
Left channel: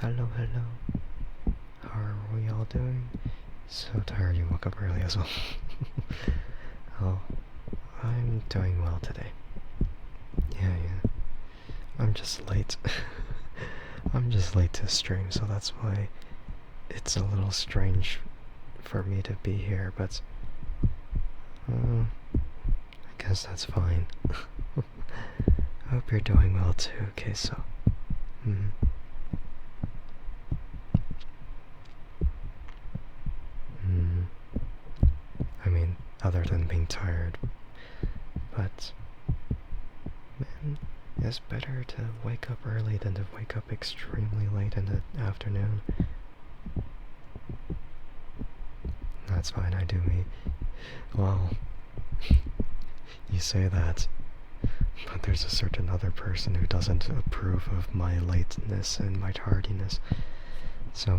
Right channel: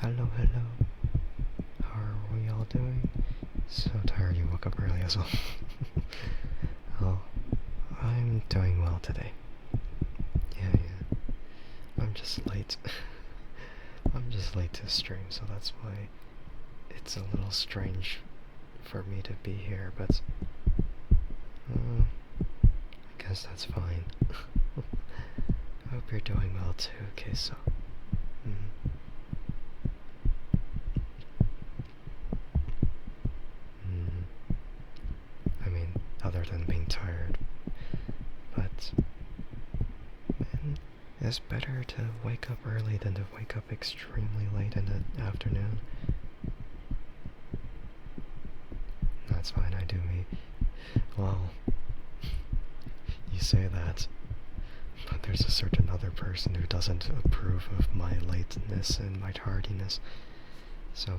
Hello, hello. How are we all doing? So tired you woke up early as well. Oh, I'm doing well today. Yeah. I'm just late. I'm just late to stream, so that's why it's a little strange for me to be here, but I guess that's fine. I hope you're doing well too, okay, so I mean, other than being tired, but man, it's better to wake up early than to wake up extremely late in the afternoon. That's fine, I do me. Well, you say that, but there's a certain other person who doesn't approve of my lateness and my tardiness. So,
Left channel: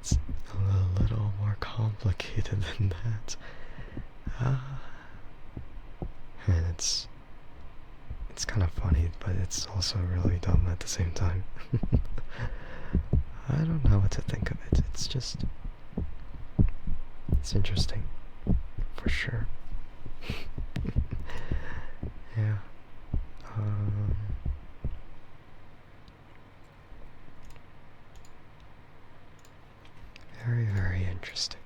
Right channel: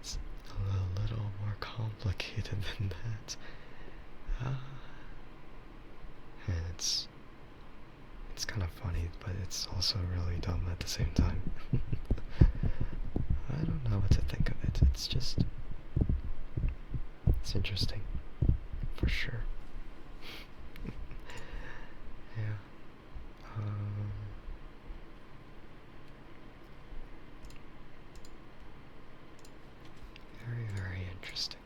it's a little more complicated than that. And it's kind of funny, but it's also really dumb at the same time. I don't know what to think of it. It's interesting, for sure. Yeah. Very, very interesting.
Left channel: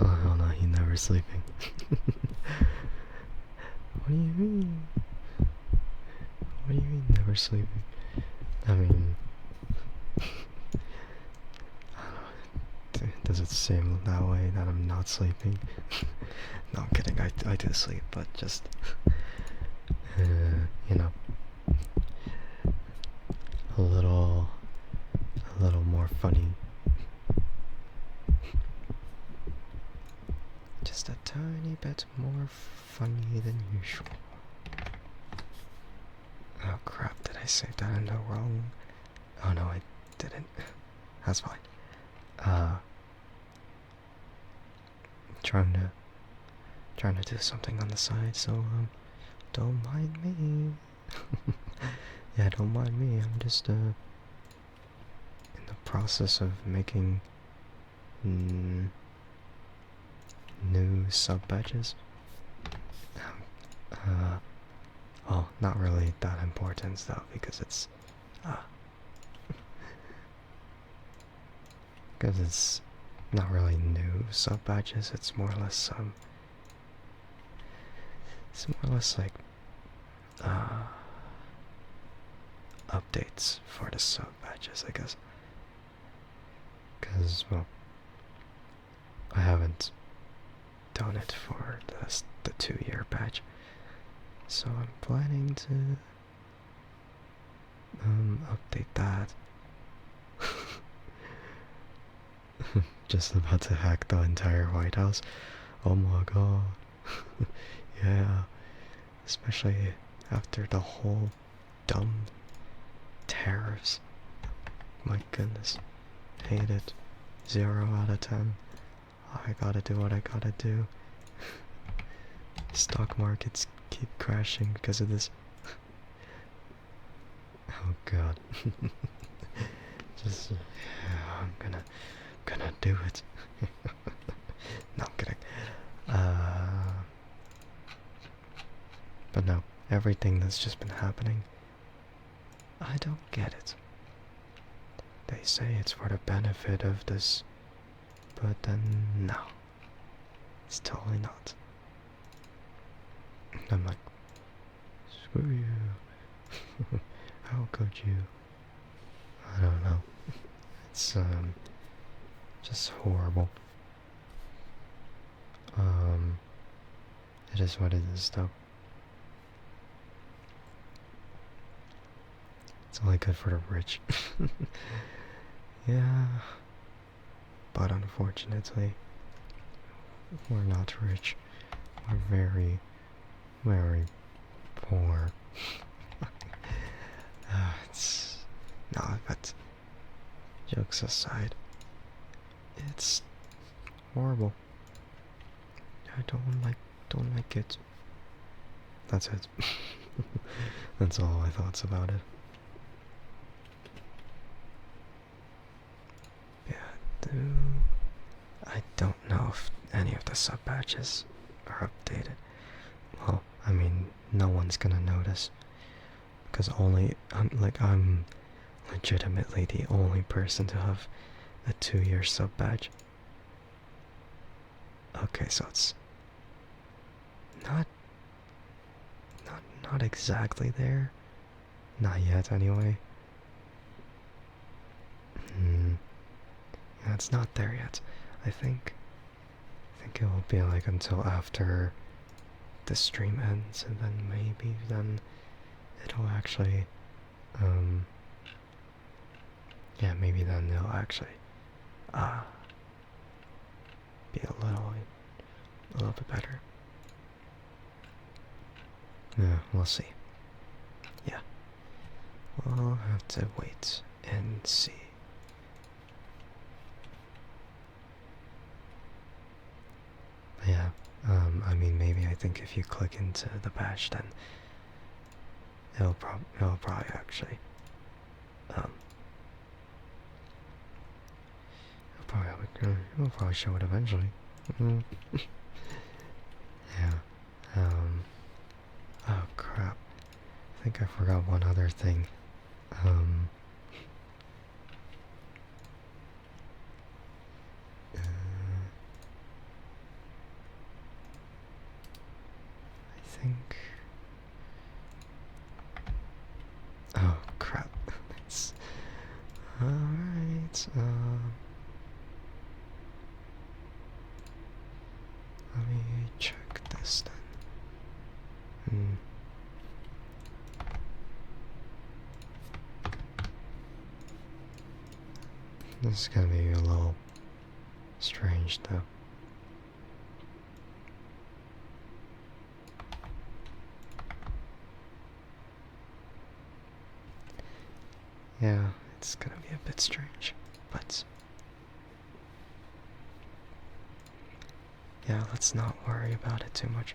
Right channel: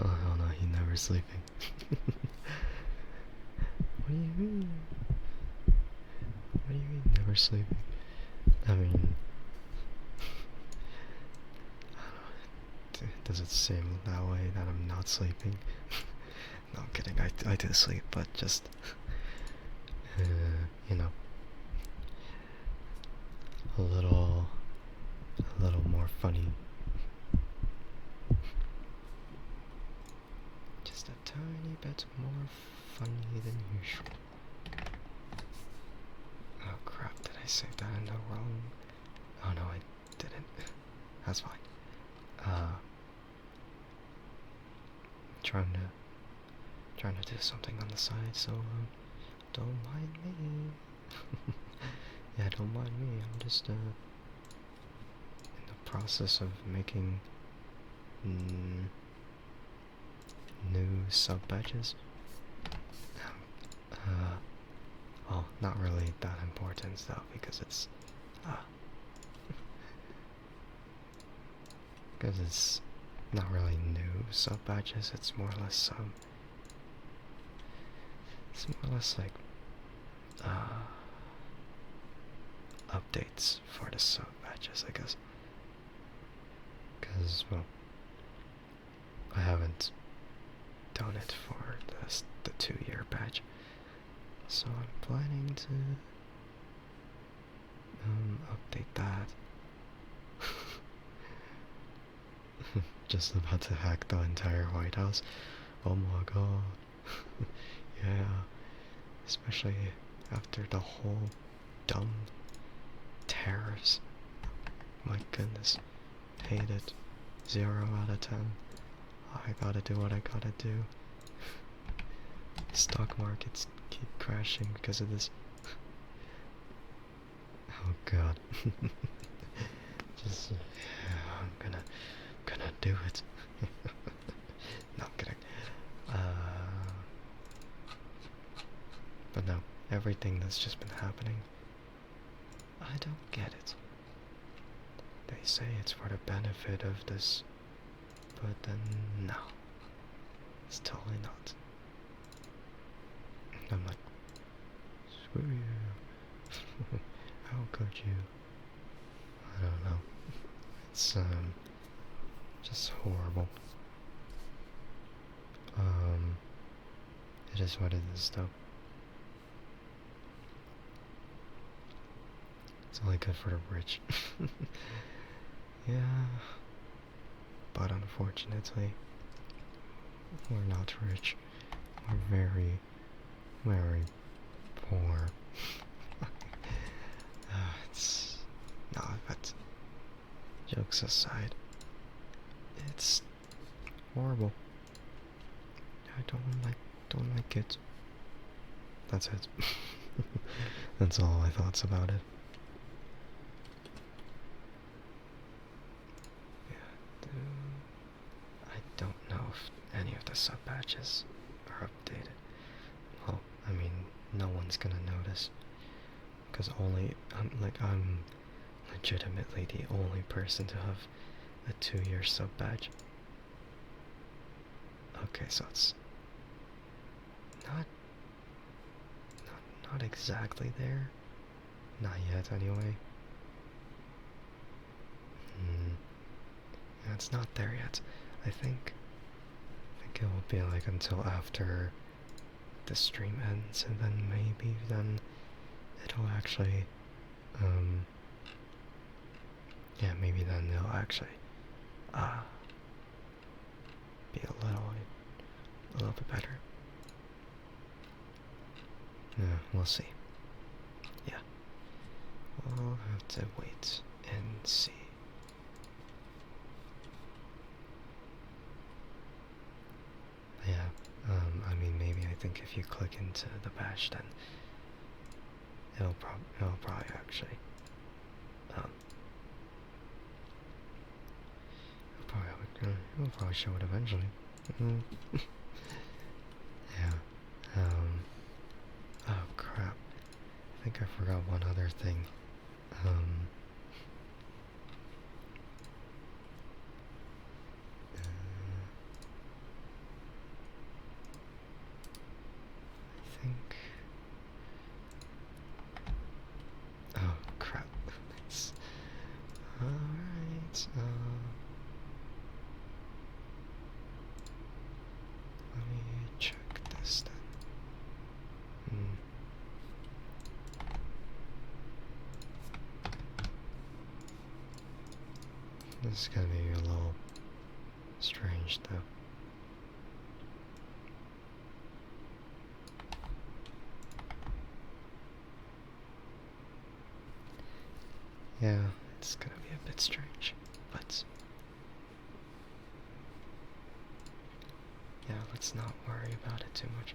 Oh no, he's never sleeping. What do you mean? What do you mean never sleeping? I mean, does it seem that way that I'm not sleeping? No, I'm kidding. I do sleep, but just you know, a little more funny. Just a tiny bit more funny than usual. Oh crap, did I save that in the wrong? Oh no, I didn't. That's fine. Trying to do something on the side, so don't mind me. Yeah, don't mind me. I'm just in the process of making new sub badges. Well, not really that important though, because it's not really new sub badges. It's more or less like updates for the sub badges, I guess. Because, well, I haven't done it for the 2-year badge, so I'm planning to update that. Just about to hack the entire White House. Oh my god. Yeah, especially after the whole dumb tariffs. My goodness. Hate it. 0 out of 10. I gotta do what I gotta do. Stock markets keep crashing because of this. Oh god. Just, yeah, I'm gonna do it. No, I'm kidding. But no, everything that's just been happening, I don't get it. They say it's for the benefit of this, but then no, it's totally not. I'm like, screw you. How could you? I don't know. It's just horrible. It is what it is though. It's only good for the rich. Yeah. But unfortunately, we're not rich. We're very, very poor. It's no, but jokes aside, it's horrible. I don't like it. That's it. That's all my thoughts about it. Yeah, I don't know if any of the sub patches are updated. Well, I mean, no one's gonna notice. Because I'm legitimately the only person to have a 2-year sub badge. Okay, so it's not not exactly there. Not yet, anyway. Yeah, it's not there yet. I think it will be like until after the stream ends, and then maybe then it'll actually, yeah, maybe then it'll actually, be a little bit better. Yeah, we'll see. Yeah, we'll have to wait and see. Yeah, I mean, maybe I think if you click into the badge, then it'll probably actually, it'll probably show it eventually. Yeah, oh crap, I think I forgot one other thing. I think. Oh crap! It's all right. Let me check this then. This is gonna be a little strange though. Yeah, it's gonna be a bit strange, but yeah, let's not worry about it too much.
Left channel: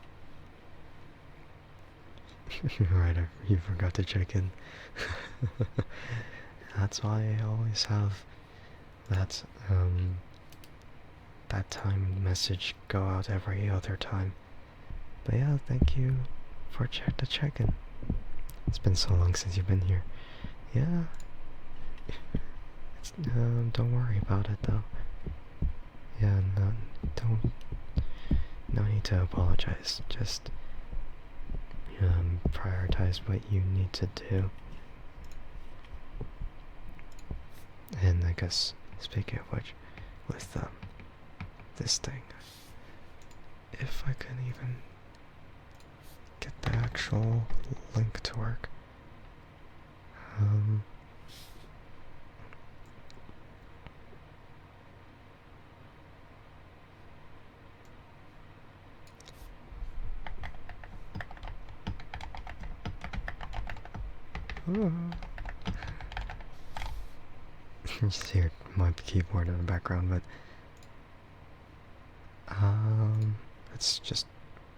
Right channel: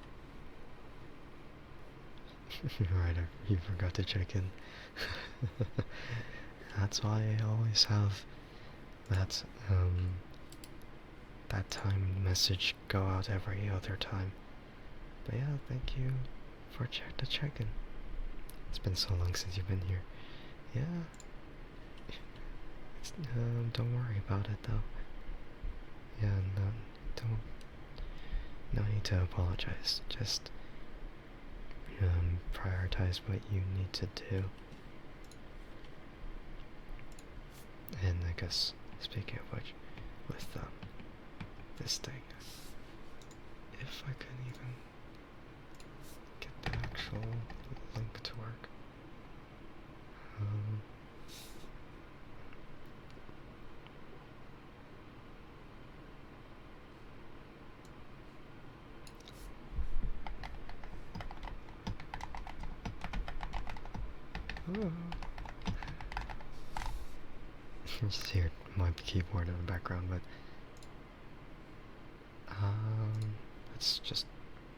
Right, you forgot to check in. That's why I always have that that time message go out every other time. But yeah, thank you for the check-in. It's been so long since you've been here. Yeah. Don't worry about it though. Yeah, no need to apologize. Just prioritize what you need to do. And I guess, speaking of which, with this thing, if I can even get the actual link to work. You just hear my keyboard in the background, but let's just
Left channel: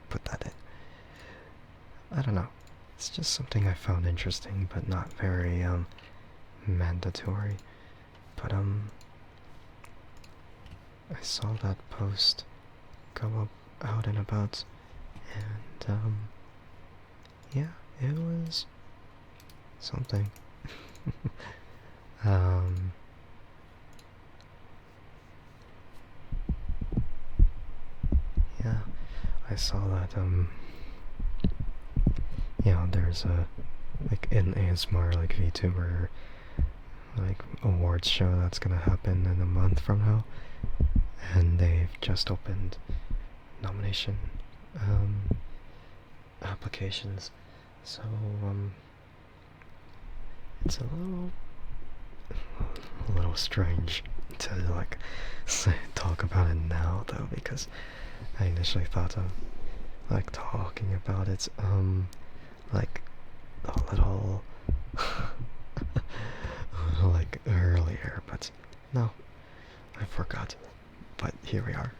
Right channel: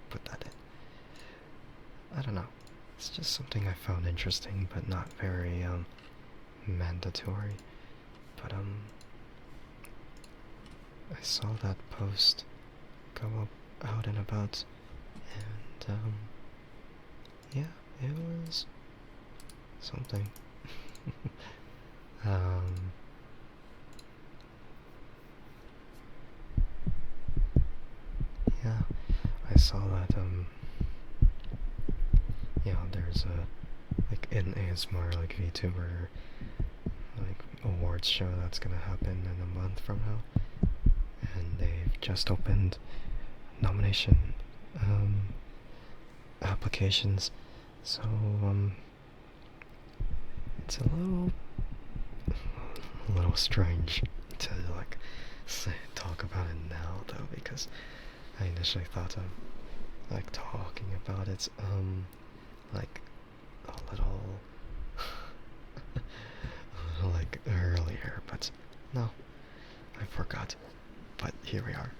put that in. I don't know. It's just something I found interesting, but not very mandatory. But I saw that post go up out and about, and yeah, it was something. um, yeah, I saw that there's a like an ASMR like VTuber like awards show that's gonna happen in a month from now, and they've just opened nomination applications. So it's a little strange to like talk about it now though, because I initially thought of like talking about it like a little like earlier, but no, I forgot. But here we are.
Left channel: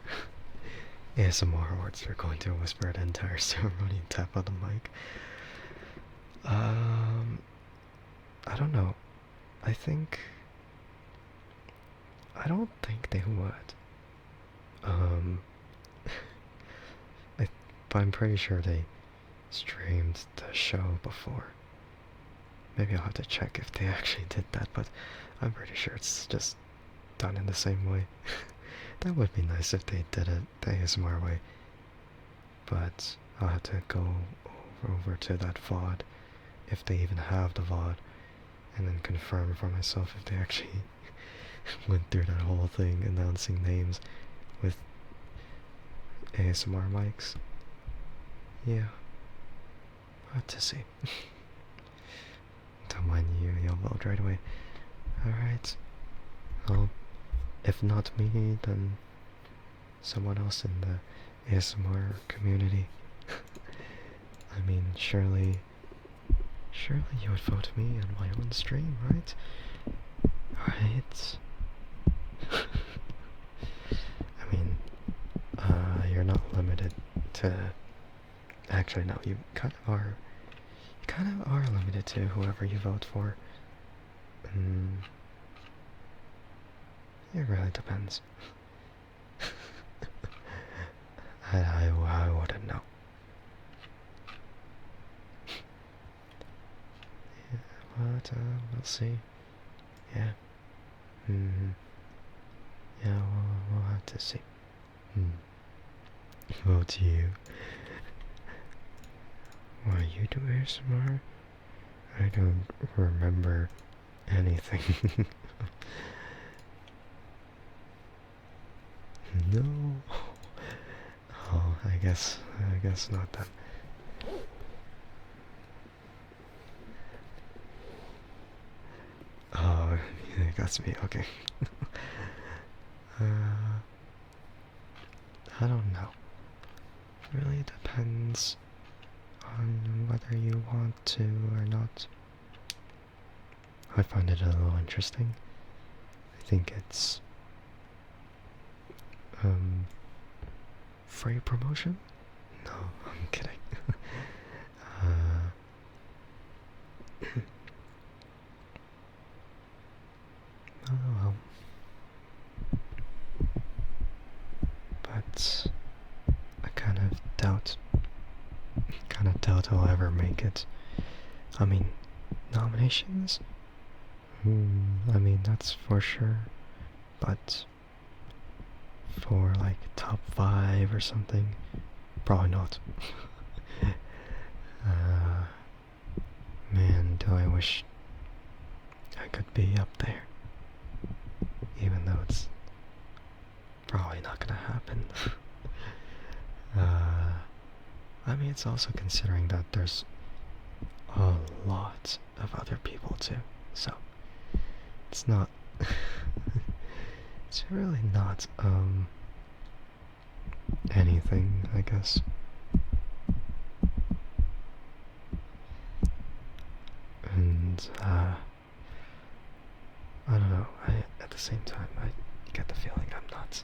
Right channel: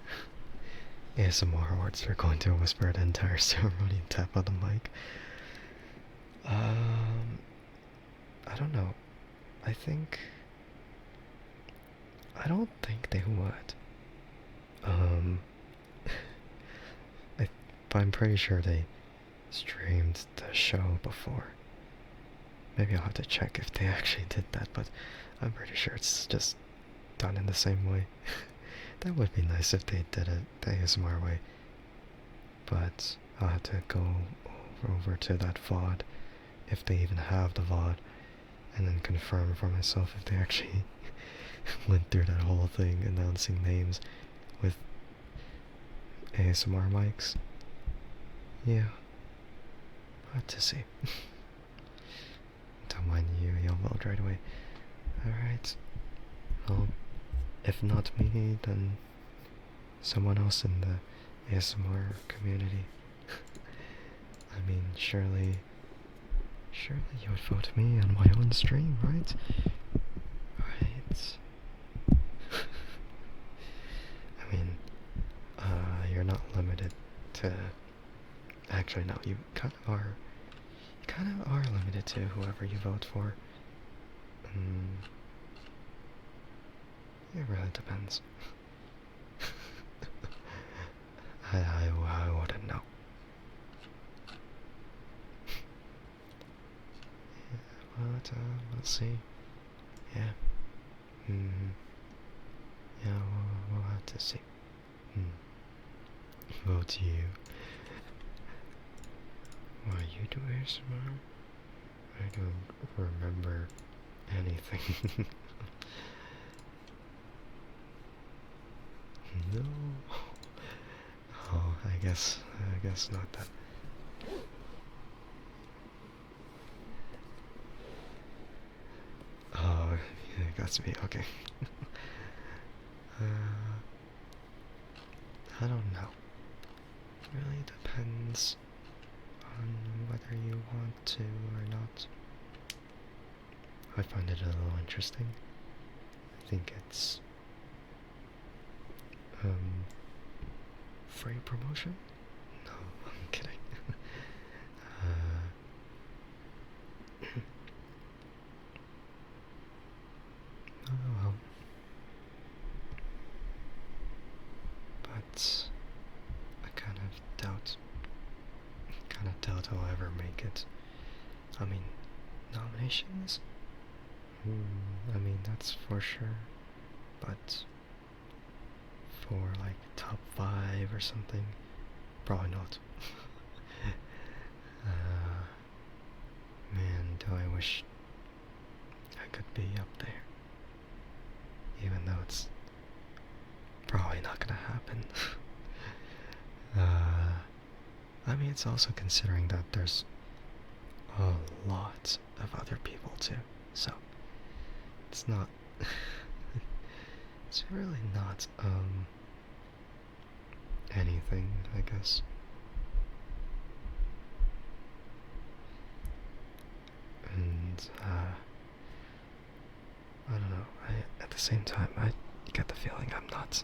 ASMR awards, they're going to whisper the entire ceremony and tap on the mic. I don't know. I don't think they would. Um, but I'm pretty sure they streamed the show before. Maybe I'll have to check if they actually did that, but I'm pretty sure it's just done in the same way. That would be nice if they did it the ASMR way. But I'll have to go over to that VOD, if they even have the VOD, and then confirm for myself if they actually went through that whole thing announcing names with ASMR mics. Yeah, I'll have to see. Don't mind you, you'll vote right away. Alright. Well, if not me, then someone else in the ASMR community. I mean, surely you would vote me on my own stream, right? Right? I mean, you're not limited to... Actually, no, you kind of are. You kind of are limited to whoever you vote for. It really depends. I wouldn't know. Yeah, but we'll see. Yeah. Yeah, we'll have to see. Vote you. Why you do ASMR? I don't remember anything. No. Oh, I guess not then. Oh, it got to me. Okay. I don't know. It really depends on whether you want to or not. I find it a little interesting. I think it's free promotion? No, I'm kidding. Oh well. But I kind of doubt I'll ever make it. I mean, nominations? I mean, that's for sure. But for like top 5 or something, probably not. Man, do I wish I could be up there. Even though it's probably not gonna happen. I mean, it's also considering that there's a lot of other people too, so it's not it's really not anything, I guess. And and I don't know. At the same time, I get the feeling I'm not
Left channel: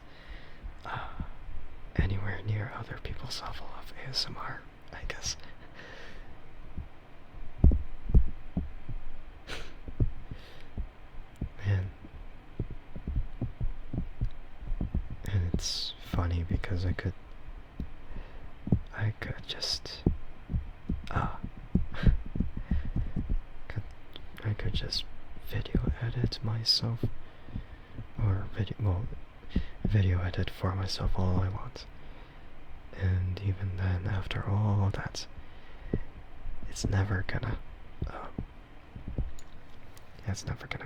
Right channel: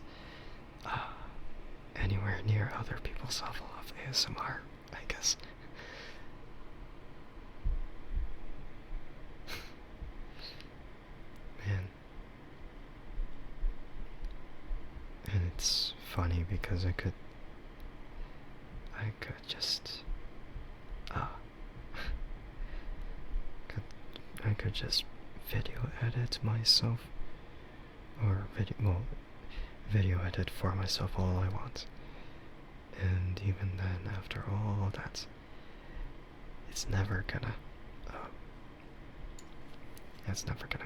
anywhere near other people's level of ASMR, I guess. Man. And it's funny because I could just I could just video edit myself, or video edit for myself all I want. And even then, after all that, it's never gonna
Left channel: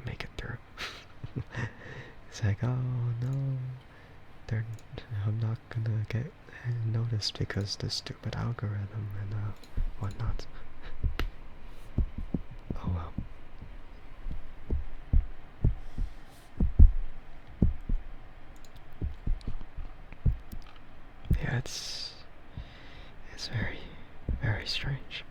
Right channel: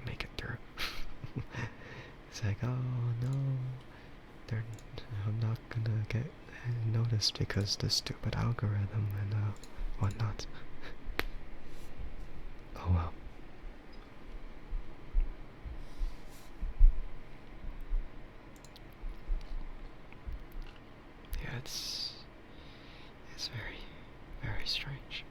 make it through. It's like, oh no, I'm not gonna get noticed because the stupid algorithm and whatnot. Oh well. Yeah, it's very, very strange.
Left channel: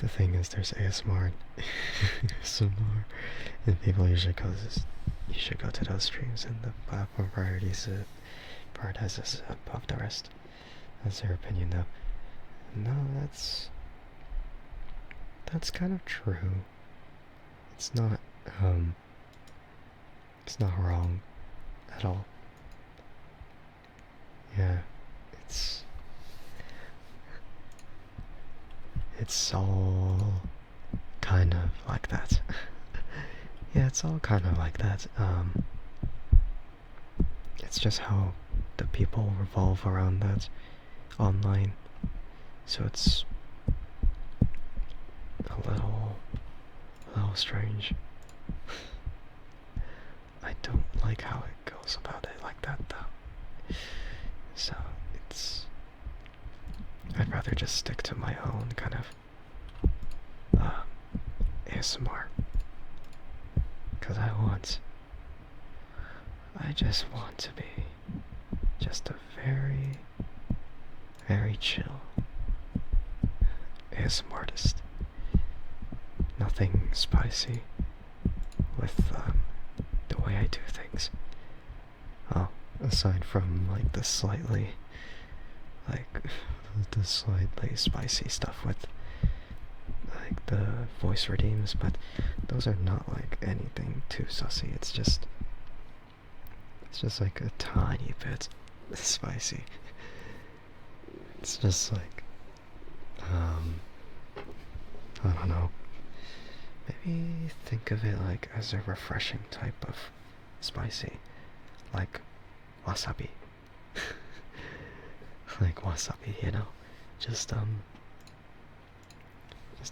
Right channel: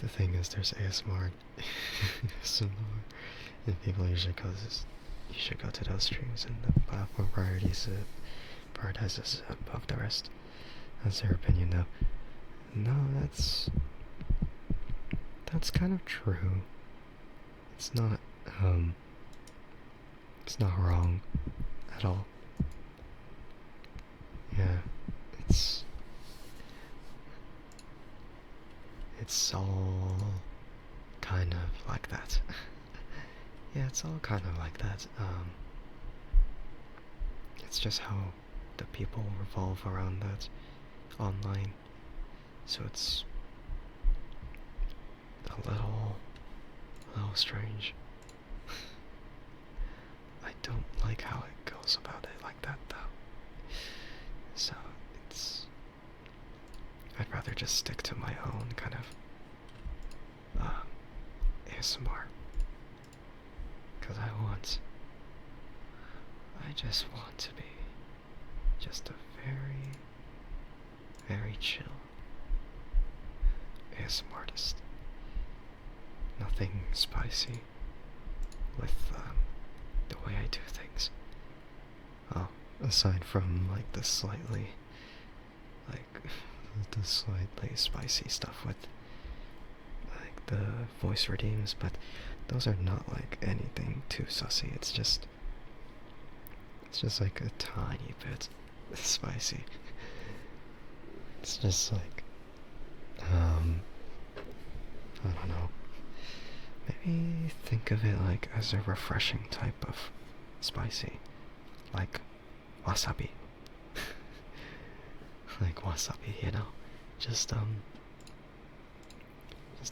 The thing is, there's ASMR, ASMR, and people usually you should go to those streams, and the platform prioritizes above the rest. That's their opinion, though. No, that's kind of true. It's not wrong at all. Yeah, it's all kind of like that. Yeah, it's all kind of like that. It's just how the people revolve around that online. So it's a little strange. I don't like how it goes about it like that, though. So I'd rather just stick to my own kind of ASMR, because I just want to be just a very, very chill ASMR artist. Nothing spicy with the way I do things. Oh, aside from like the slightly spicy stuff with like the voice redeems, but those are not like anything too sussy. It's just like a tiny bit spicy. It's just like I don't know. Maybe think of it like as a refreshing type of spicy, like wasabi. Like wasabi, you know, just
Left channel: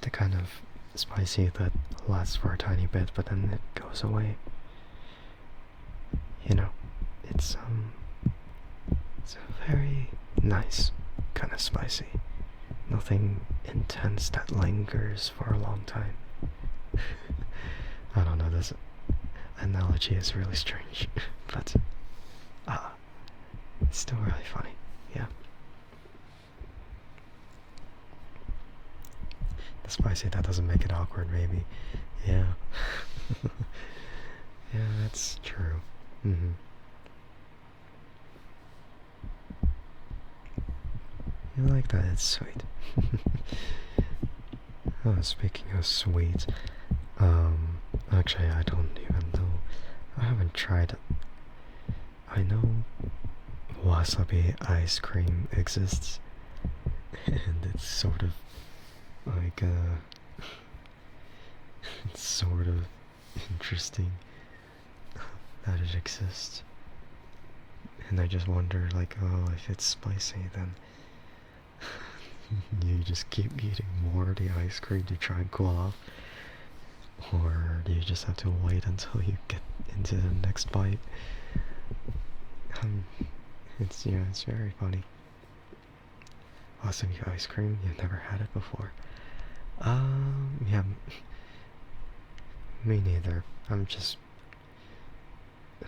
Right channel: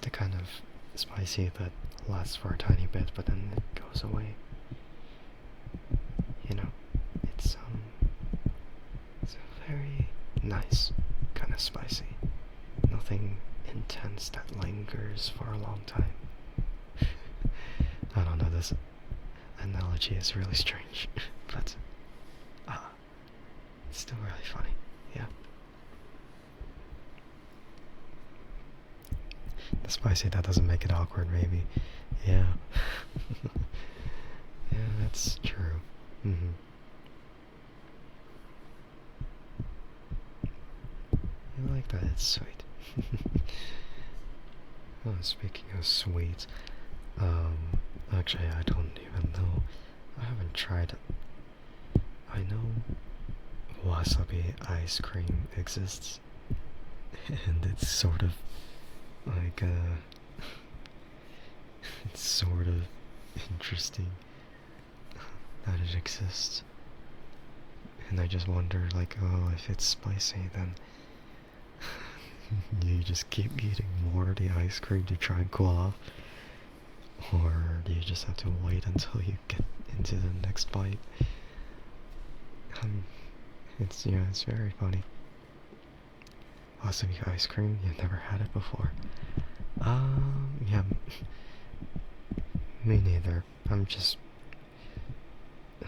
the kind of spicy that lasts for a tiny bit, but then it goes away. You know, it's a very nice kind of spicy. Nothing intense that lingers for a long time. I don't know, this analogy is really strange, but it's still really funny, yeah. The spicy, that doesn't make it awkward, maybe. Yeah. Yeah, that's true. Mm-hmm. You like that? It's sweet. Oh, speaking of sweet, actually, I don't even know. I haven't tried it. I know wasabi ice cream exists, and it's sort of like, it's sort of interesting that it exists. And I just wonder, like, oh, if it's spicy, then you just keep eating more of the ice cream to try and cool off, or do you just have to wait until you get into the next bite? Um, it's very funny. Wasabi ice cream, you've never had it before. Yeah, me neither. I'm just,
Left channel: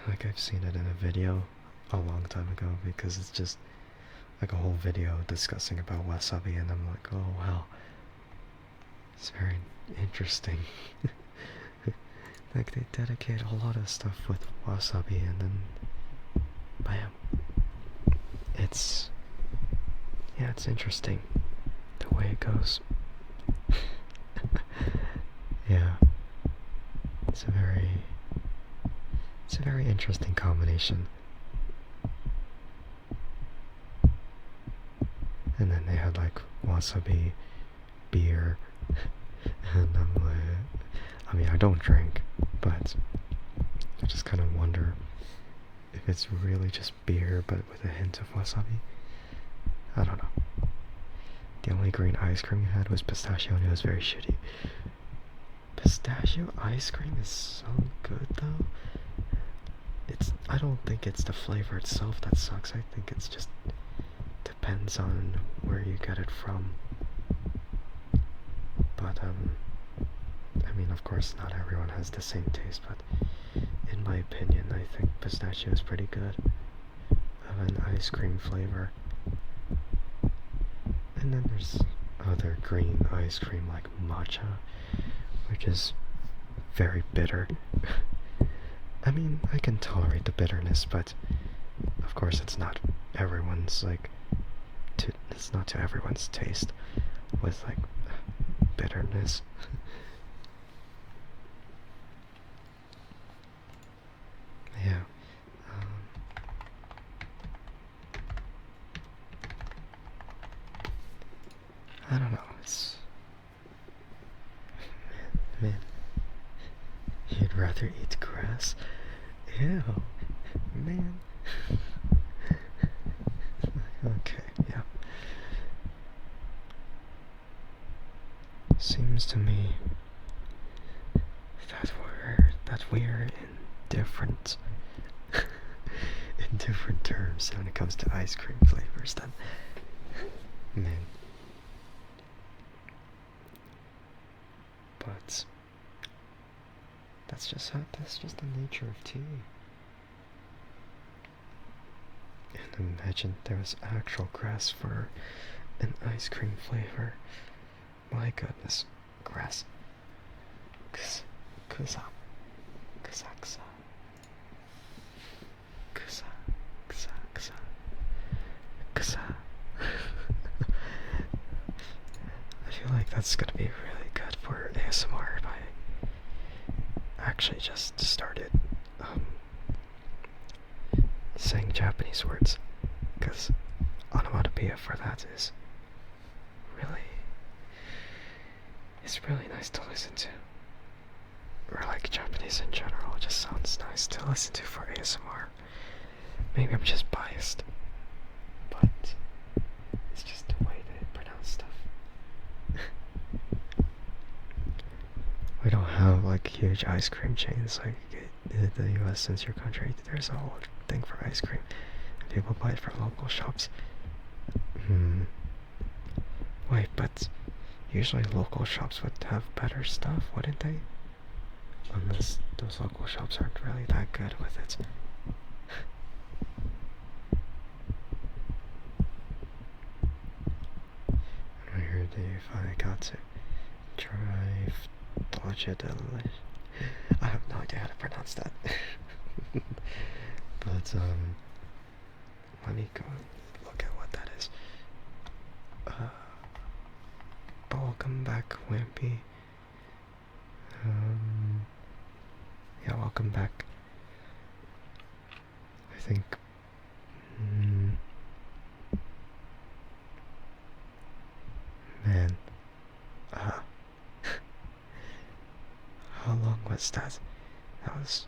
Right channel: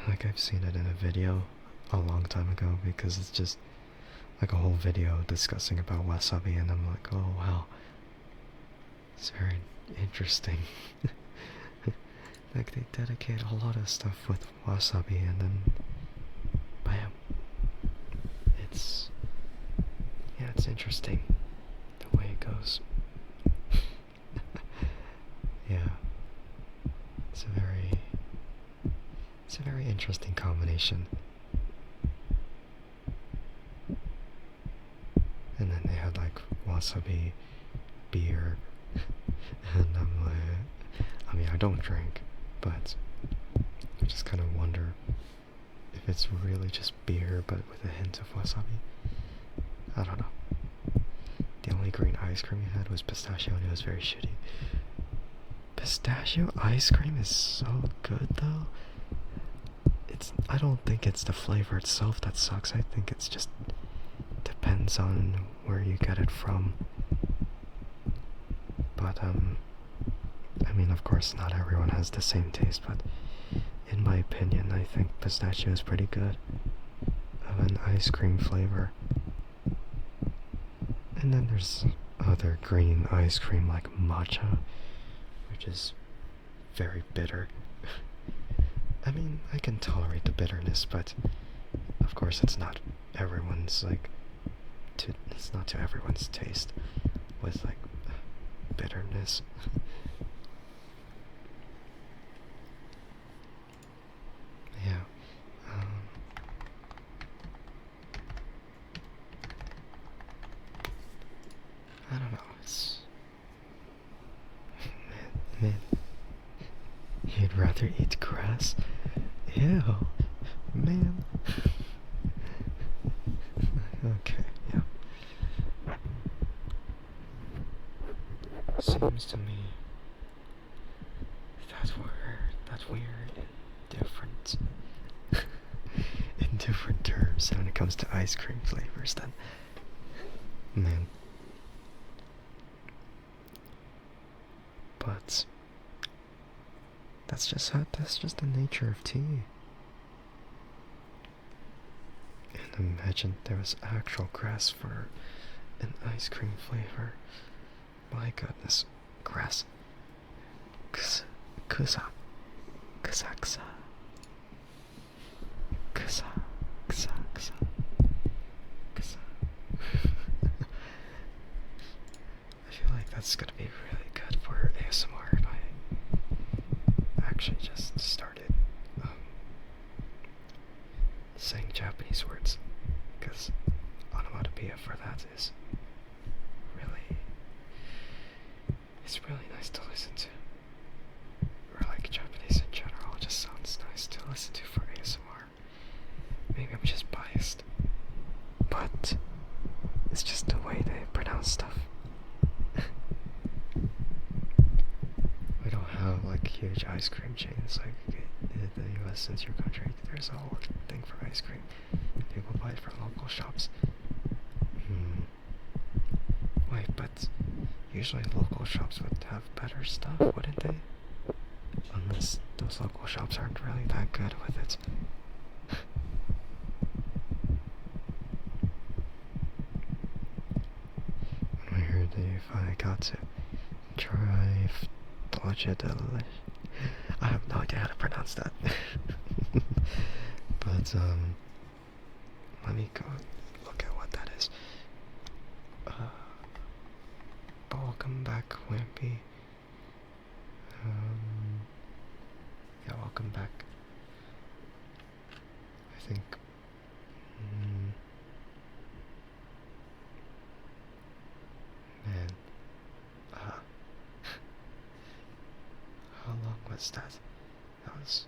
like, I've seen it in a video a long time ago because it's just like a whole video discussing about wasabi, and I'm like, oh wow, it's very interesting. Like, they dedicate a lot of stuff with wasabi, and then bam. Yeah, it's interesting the way it goes. Yeah, it's a very interesting combination. And then they had like wasabi beer, and I'm like, I mean, I don't drink, but I just kind of wonder if it's really just beer but with a hint of wasabi. I don't know. The only green ice cream we had was pistachio, and it was very shitty. Pistachio ice cream is so good though. I don't think it's the flavor itself that sucks. I think it's just depends on where you get it from. But I mean, of course not everyone has the same taste, but in my opinion, I think pistachio is pretty good of an ice cream flavor. And then there's other green ice cream like matcha, which is very bitter. I mean, I can tolerate the bitterness, but of course it's not everyone's it's not to everyone's taste with like bitterness. Yeah. I don't know. Man, you'd rather eat grass? Ew, man. Okay, yeah. Seems to me that we're in different in different terms when it comes to ice cream flavors then. Man. But that's just the nature of tea. And imagine there was actual grass for an ice cream flavor. My goodness, grass. Kusa, kusa, kusa, kusa, kusa, kusa, kusa, kusa. I feel like that's gonna be really good for ASMR if I actually just started saying Japanese words, because onomatopoeia for that is it's really nice to listen to. Or like Japanese in general, it just sounds nice to listen to for ASMR. Maybe I'm just biased, but it's just the way they pronounce stuff. We don't have like huge ice cream chains like in the US, since your country. There's a whole thing for ice cream. People buy it from local shops. Wait, but usually local shops would have better stuff, wouldn't they? Unless those local shops aren't really that good with it. I heard if I got to drive Dodge, I have no idea how to pronounce that. But let me go look at what that is. Welcome back, Wimpy. Yeah, welcome back. I think. Man. How long was that? That was.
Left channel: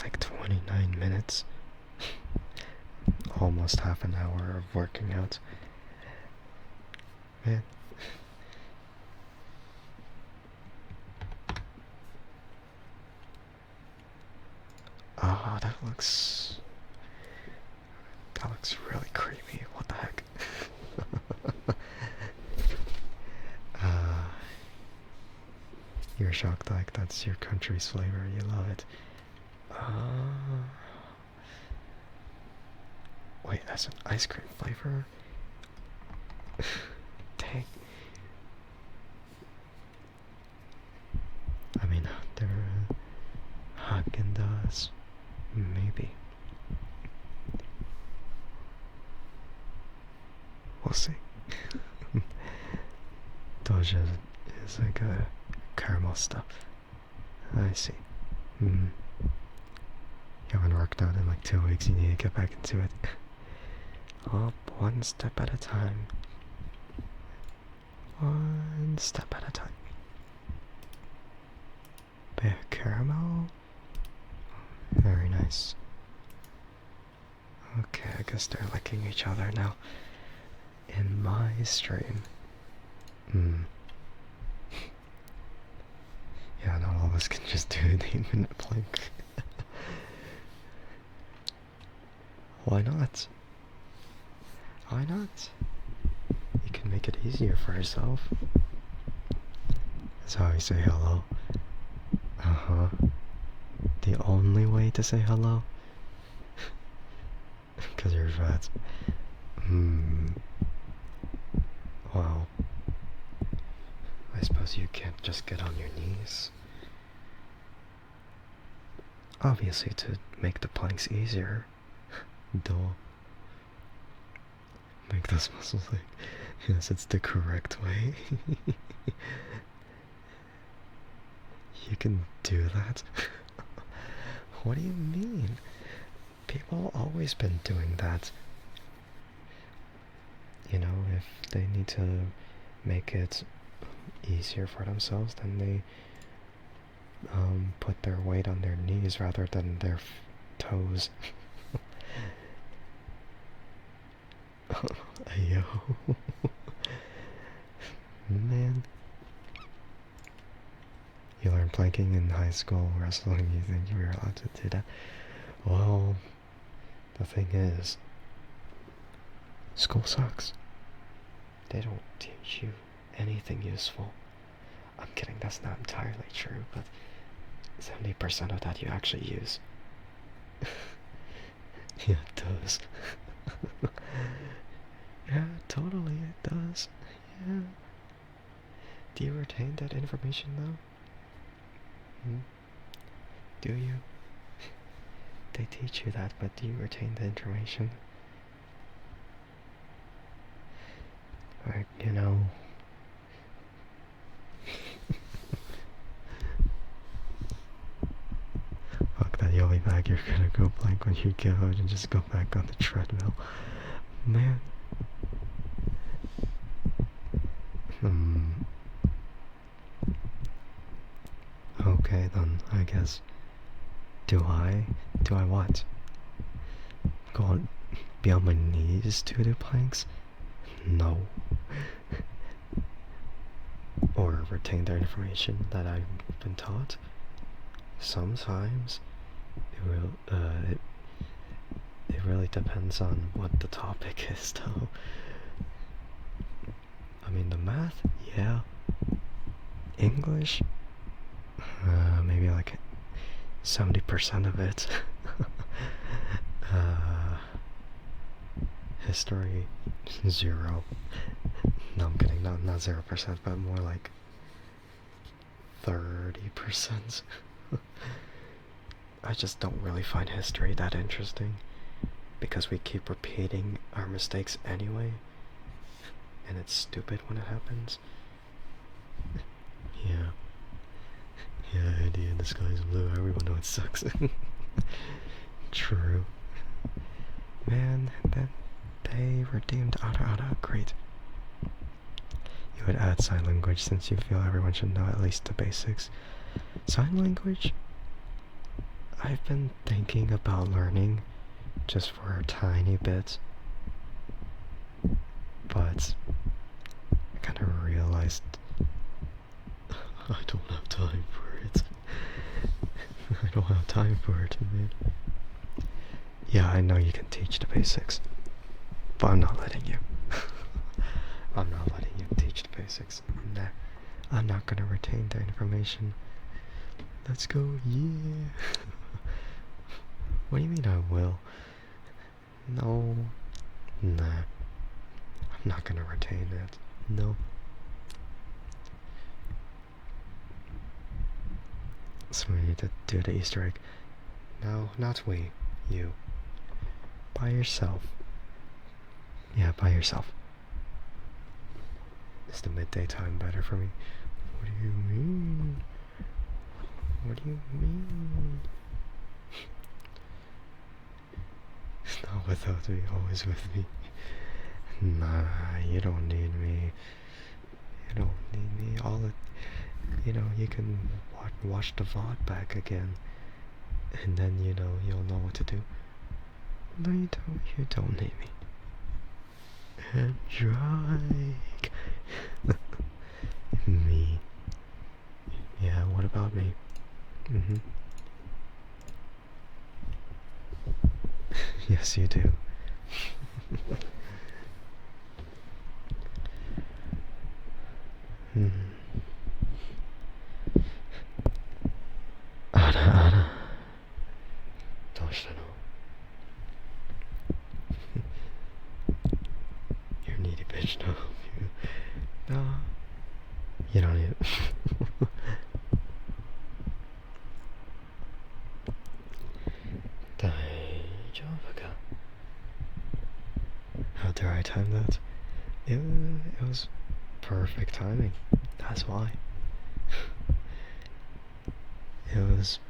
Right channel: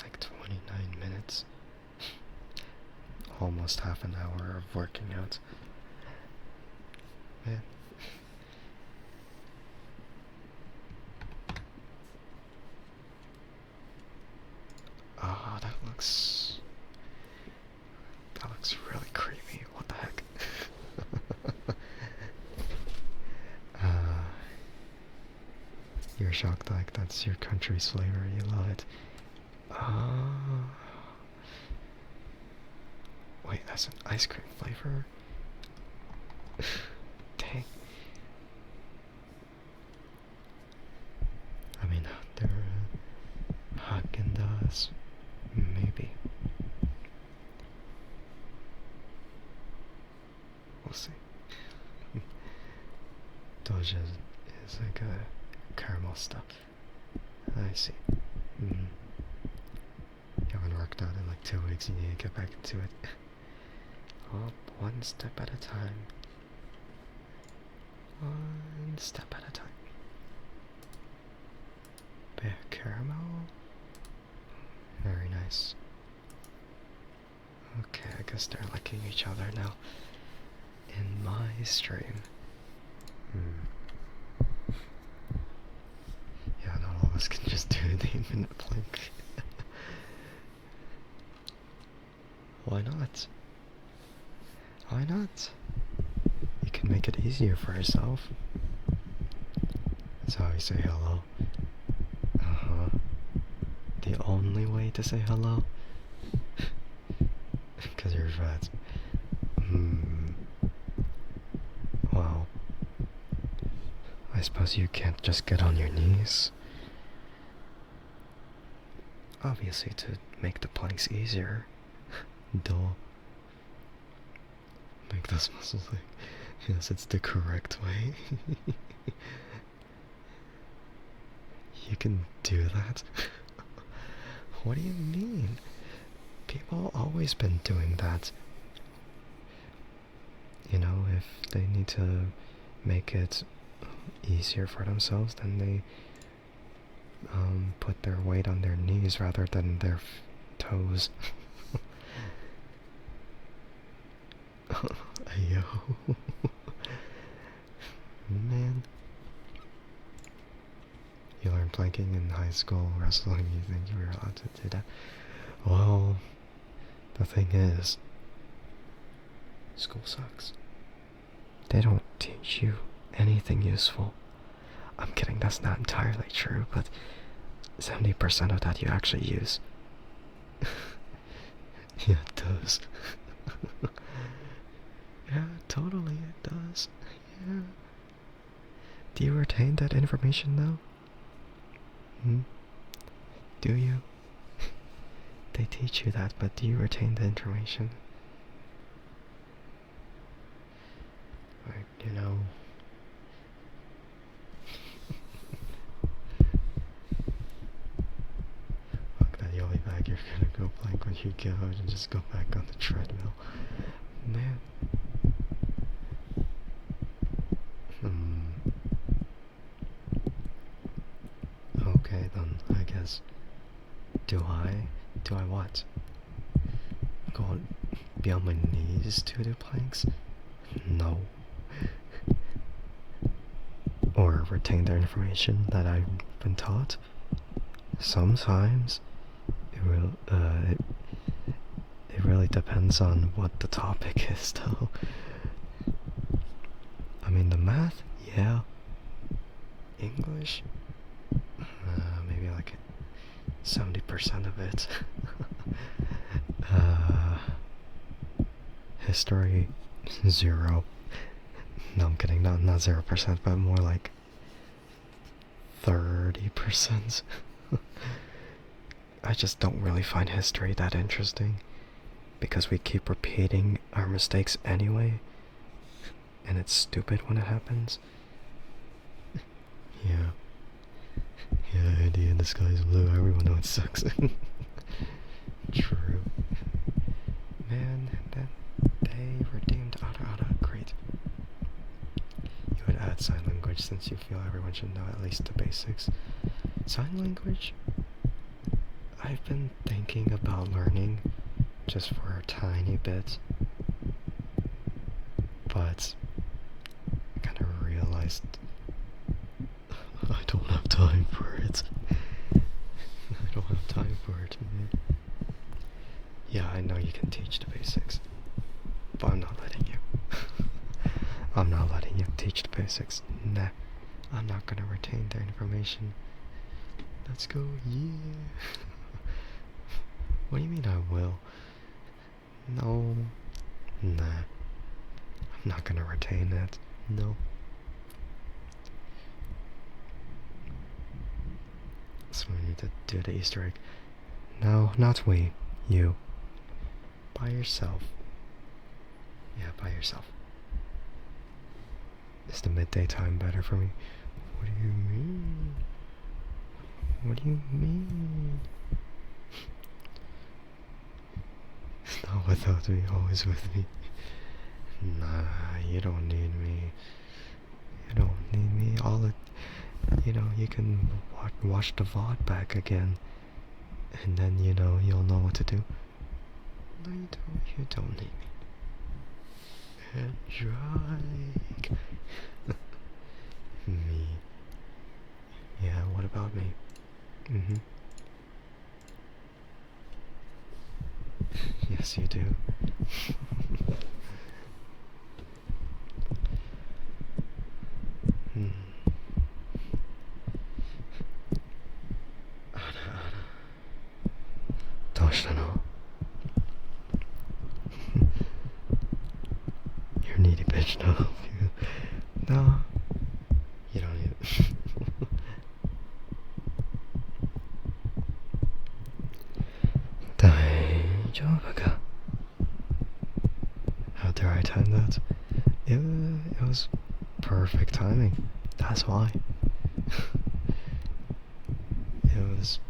Like 29 minutes. Almost half an hour of working out. Man, That looks really creamy. What the heck? uh, you're shocked like that's your country's flavor. You love it. Wait, that's an ice cream flavor? Dang. I mean, they're Haagen-Dazs, maybe. We'll see. Doja is like a caramel stuff. I see. You haven't worked out in like 2 weeks, you need to get back into it. Up one step at a time. One step at a time. Bear caramel? Very nice. Okay, I guess they're licking each other now. In my stream. Yeah, not all of us can just do the infinite plank. Why not? Why not? You can make it easier for yourself. That's how you say hello. Uh-huh. The only way to say hello? Because you're fat. Wow. I suppose you can't just get on your knees. Obviously to make the planks easier. Duh. Make those muscles like, yes, it's the correct way. You can do that? What do you mean? People always been doing that. You know, if they need to make it easier for themselves, then they put their weight on their knees rather than their toes. Yo. Man. You learned planking in high school, wrestling, you think you were allowed to do that? Well, the thing is, school sucks. They don't teach you anything useful. I'm kidding, that's not entirely true, but 70% of that you actually use. Yeah, it does. Yeah, totally, it does. Yeah. Do you retain that information though? Do you? They teach you that, but do you retain the information? Like, you know... Fuck that, you'll be back, you're gonna go plank when you get out and just go back on the treadmill. Man. Okay then, I guess. Do I what? Go on, be on my knees to do planks? No. Or retain their information that I've been taught? Sometimes. It really depends on what the topic is though. I mean the math, yeah. English? Maybe like 70% of it. History, 0. No, I'm kidding, not 0%, but more like 30%. I just don't really find history that interesting, because we keep repeating our mistakes anyway, and it's stupid when it happens. Yeah. Yeah, Eddie, and the sky's blue, everyone knows it sucks. True. Man, then they redeemed Ada, great. You would add sign language since you feel everyone should know at least the basics. Sign language? I've been thinking about learning just for a tiny bit, but I kind of realized I don't have time for it. I don't have time for it, man. Yeah, I know you can teach the basics, but I'm not letting you. I'm not letting you teach the basics. Nah, I'm not gonna retain their information. Let's go, yeah. What do you mean I will? No, nah. I'm not gonna retain that. No. So we need to do the Easter egg. No, not we. You. By yourself. Yeah, by yourself. Is the midday time better for me? What do you mean? What do you mean? It's not without me, always with me. Nah, you don't need me. You don't need me. You can watch the VOD back again. And then, you'll know what to do. No, you don't need me. Andrike. Me. Yeah, what about me? Yes, you do. Ana, どうしたの? You're needy bitch, no. No, you don't need it. 大丈夫か? How dare I time that? It was perfect timing. That's why. It was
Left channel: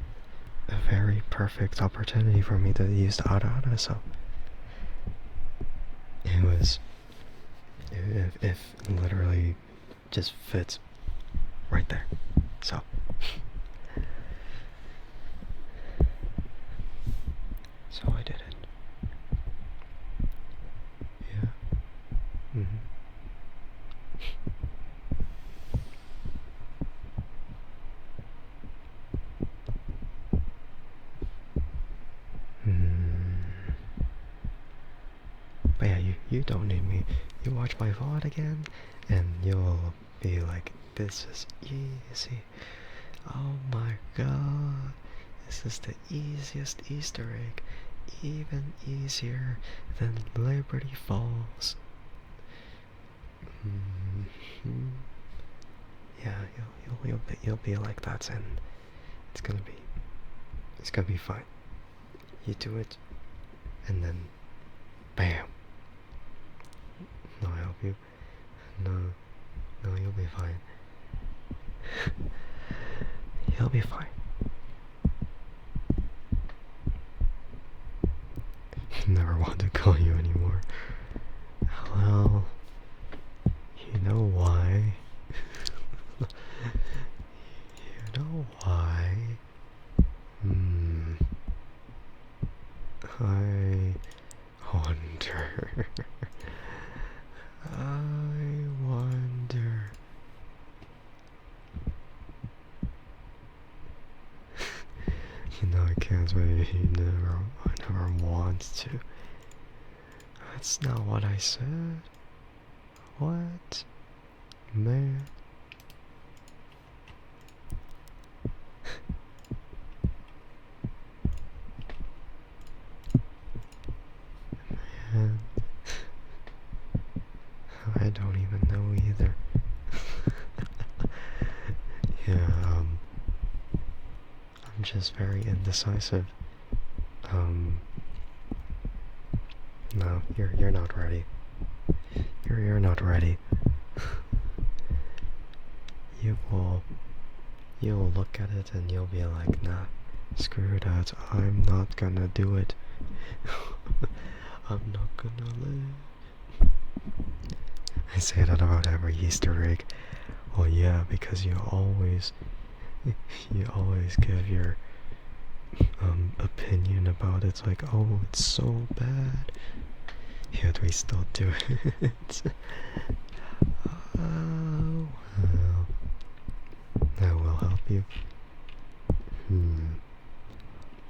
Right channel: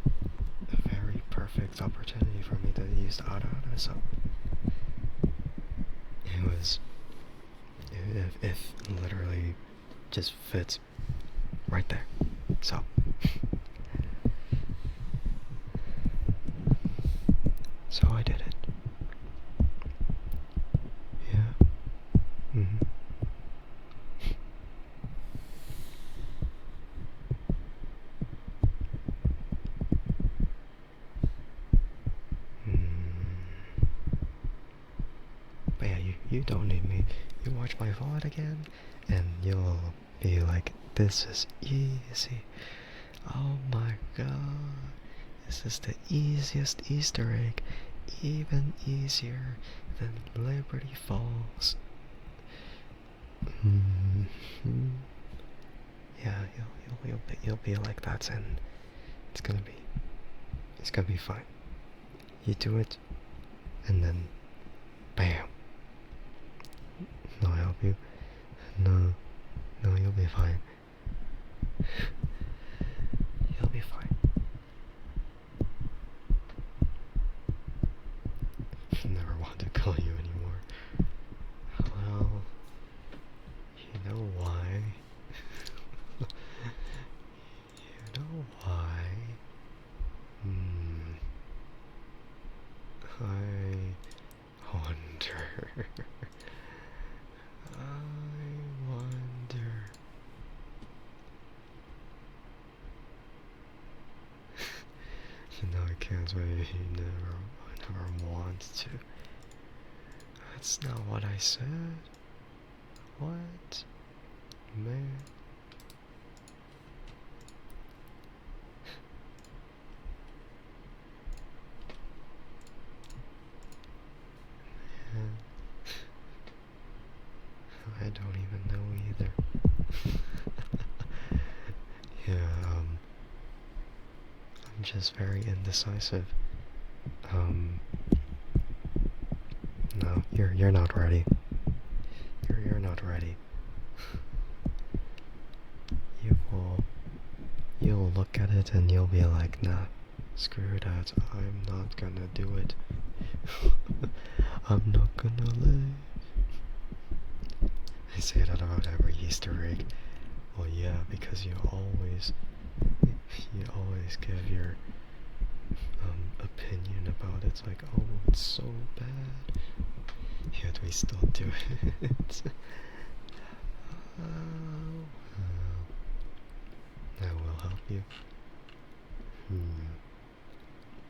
a very perfect opportunity for me to use the ara, so it literally just fits right there. So I did it. Yeah. But yeah, you don't need me. You watch my VOD again, and you'll be like, this is easy. Oh my god. This is the easiest Easter egg. Even easier than Liberty Falls. Yeah, you'll be like that, and it's gonna be fine. You do it, and then bam. I'll help you. No, you'll be fine. You'll be fine. Never want to call you anymore. Well, you know why. You know why. I wonder. I wonder. I can't wait. I never want to. That's not what I said. What? Man. Man. I don't even know either. Yeah, I'm just very indecisive. No, you're not ready. You're not ready. You'll look at it and you'll be like, nah, screw that, I'm not gonna do it. I'm not gonna live. I say that about every Easter egg. Well, yeah, because you always give your opinion about it, like, oh, it's so bad, yet we still do it. Oh, well, I will help you.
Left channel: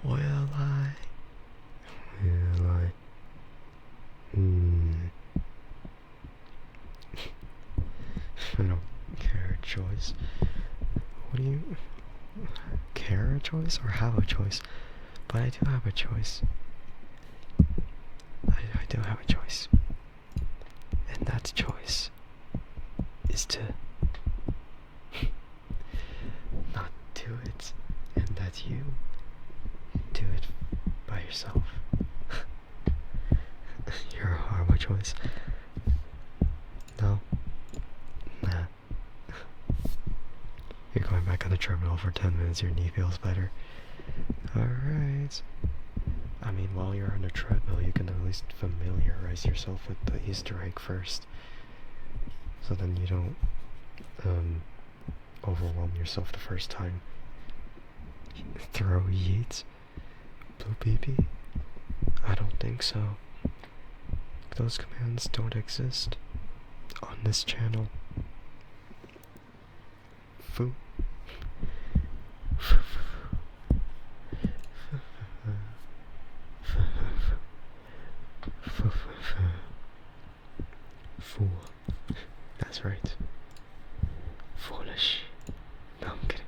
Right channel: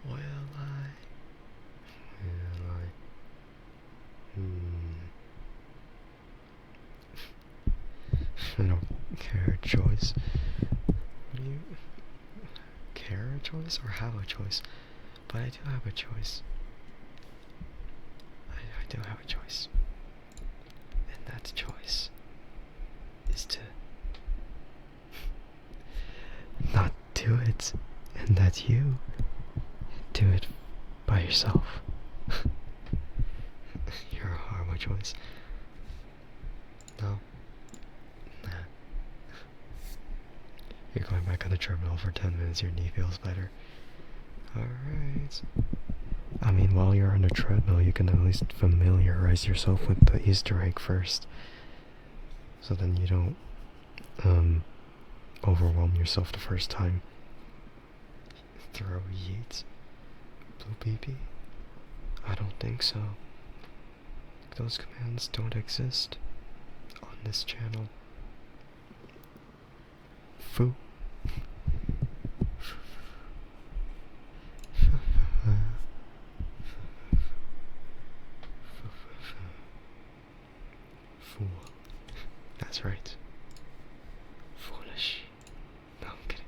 Will I? Will I don't care a choice. What do you care a choice or have a choice? But I do have a choice. I do have a choice. And that choice is to not do it, and that you do it by yourself. You're a horrible choice. No. Nah. You're going back on the treadmill for 10 minutes, your knee feels better. Alright. I mean, while you're on the treadmill, you can at least familiarize yourself with the Easter egg first. So then you don't, overwhelm yourself the first time. Throw yeets? Blue BB? I don't think so. Those commands don't exist on this channel. Foo. Fool. That's right. Foolish. No, I'm kidding.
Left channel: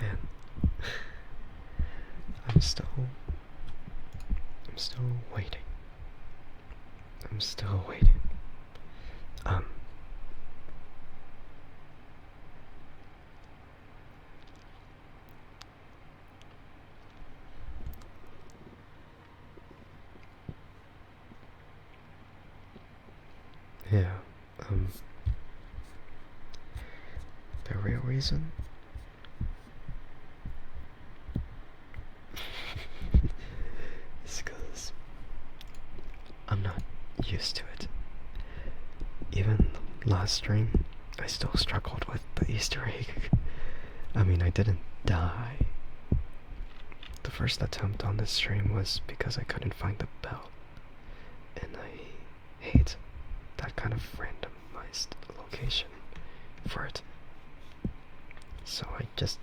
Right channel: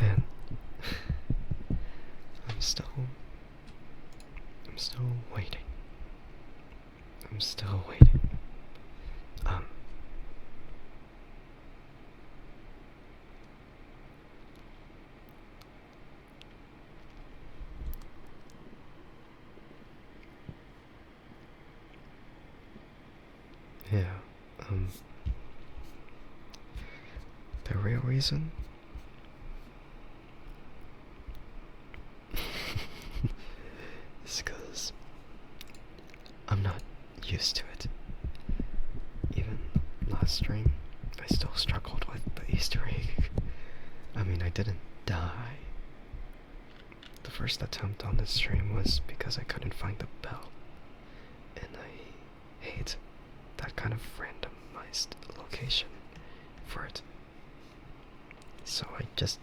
Man. I'm still waiting. I'm still waiting. Yeah, the real reason is because I'm not used to it. Even last stream, I still struggled with the Easter egg. I mean, I didn't die. The first attempt on this stream was because I couldn't find the bell. And I hate that kind of randomized location for it. So I just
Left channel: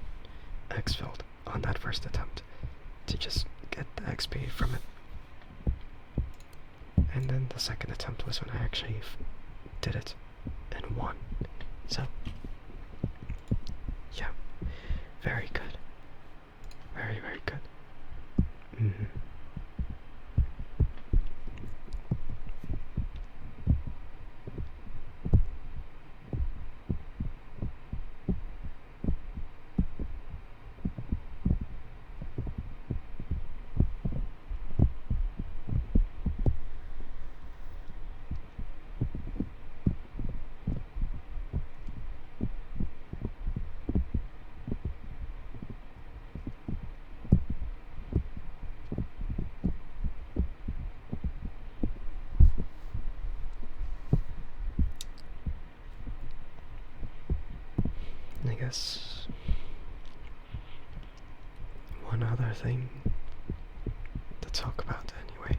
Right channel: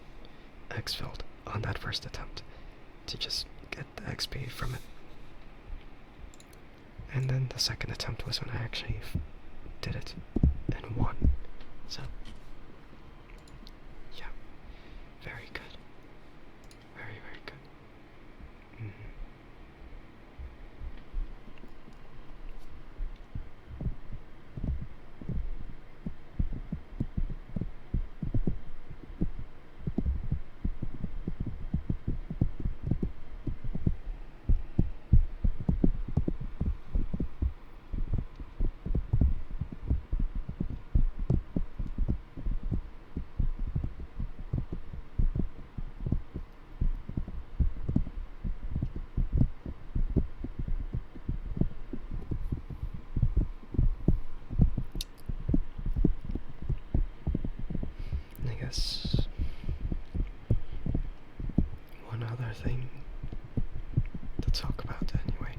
exfilled on that first attempt to just get the XP from it. And then the second attempt was when I actually did it and won. So, yeah, very good. Very, very good. I guess one other thing to talk about anyway.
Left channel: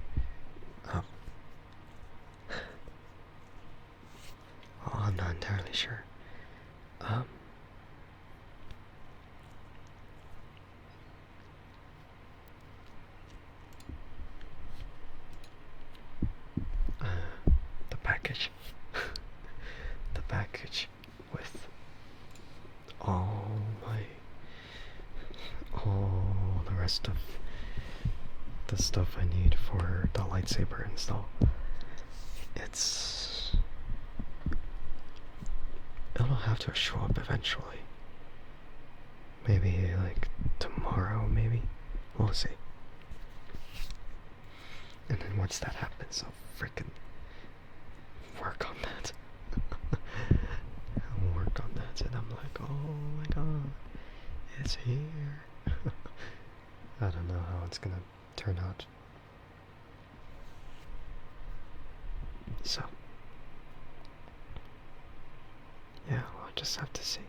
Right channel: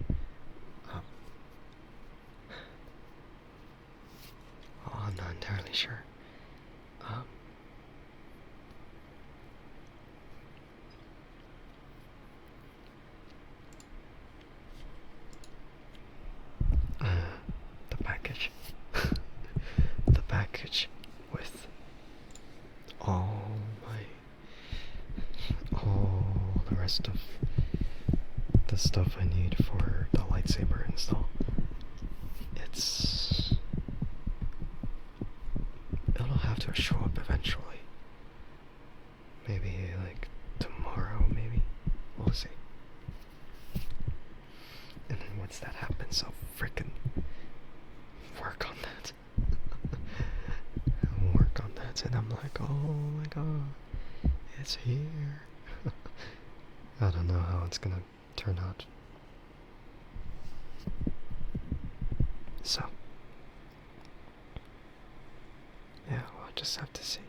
Well, I'm not entirely sure. The package. The package with all the rest of the stuff I need for the lightsaber install. It'll have to show up eventually. Maybe like tomorrow, maybe. We'll see. And then once that happens, I'll frickin' work on that. I'll work on that, and I'm like, oh my god, it's here. I don't know how it's gonna turn out. So, yeah, we'll just have to see.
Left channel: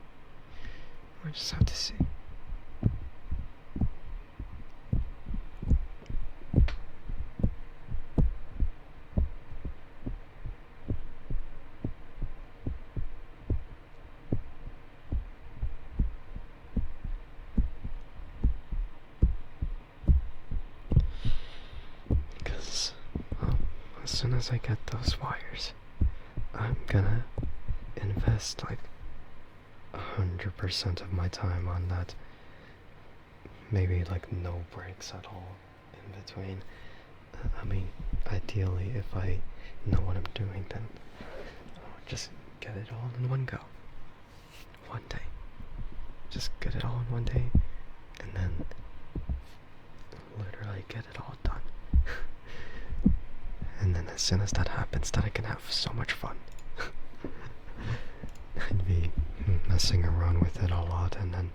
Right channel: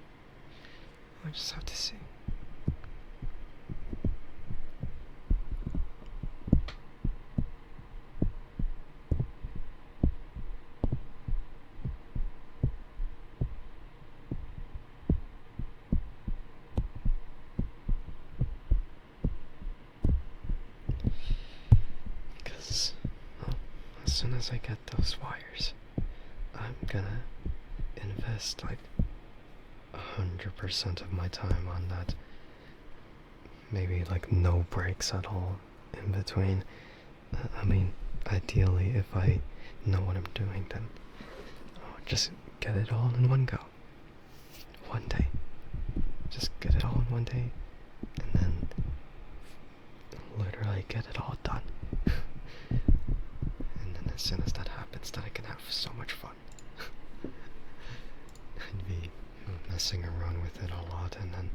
We'll just have to see. as soon as I get those wires, I'm gonna invest like 100% of my time on that. Maybe like no breaks at all in between. I mean, ideally, if I know what I'm doing, then I'll just get it all in one go. One day. Just get it all in one day, and then literally get it all done. And then as soon as that happens, then I can have so much fun. I'd be messing around with it a lot, and then,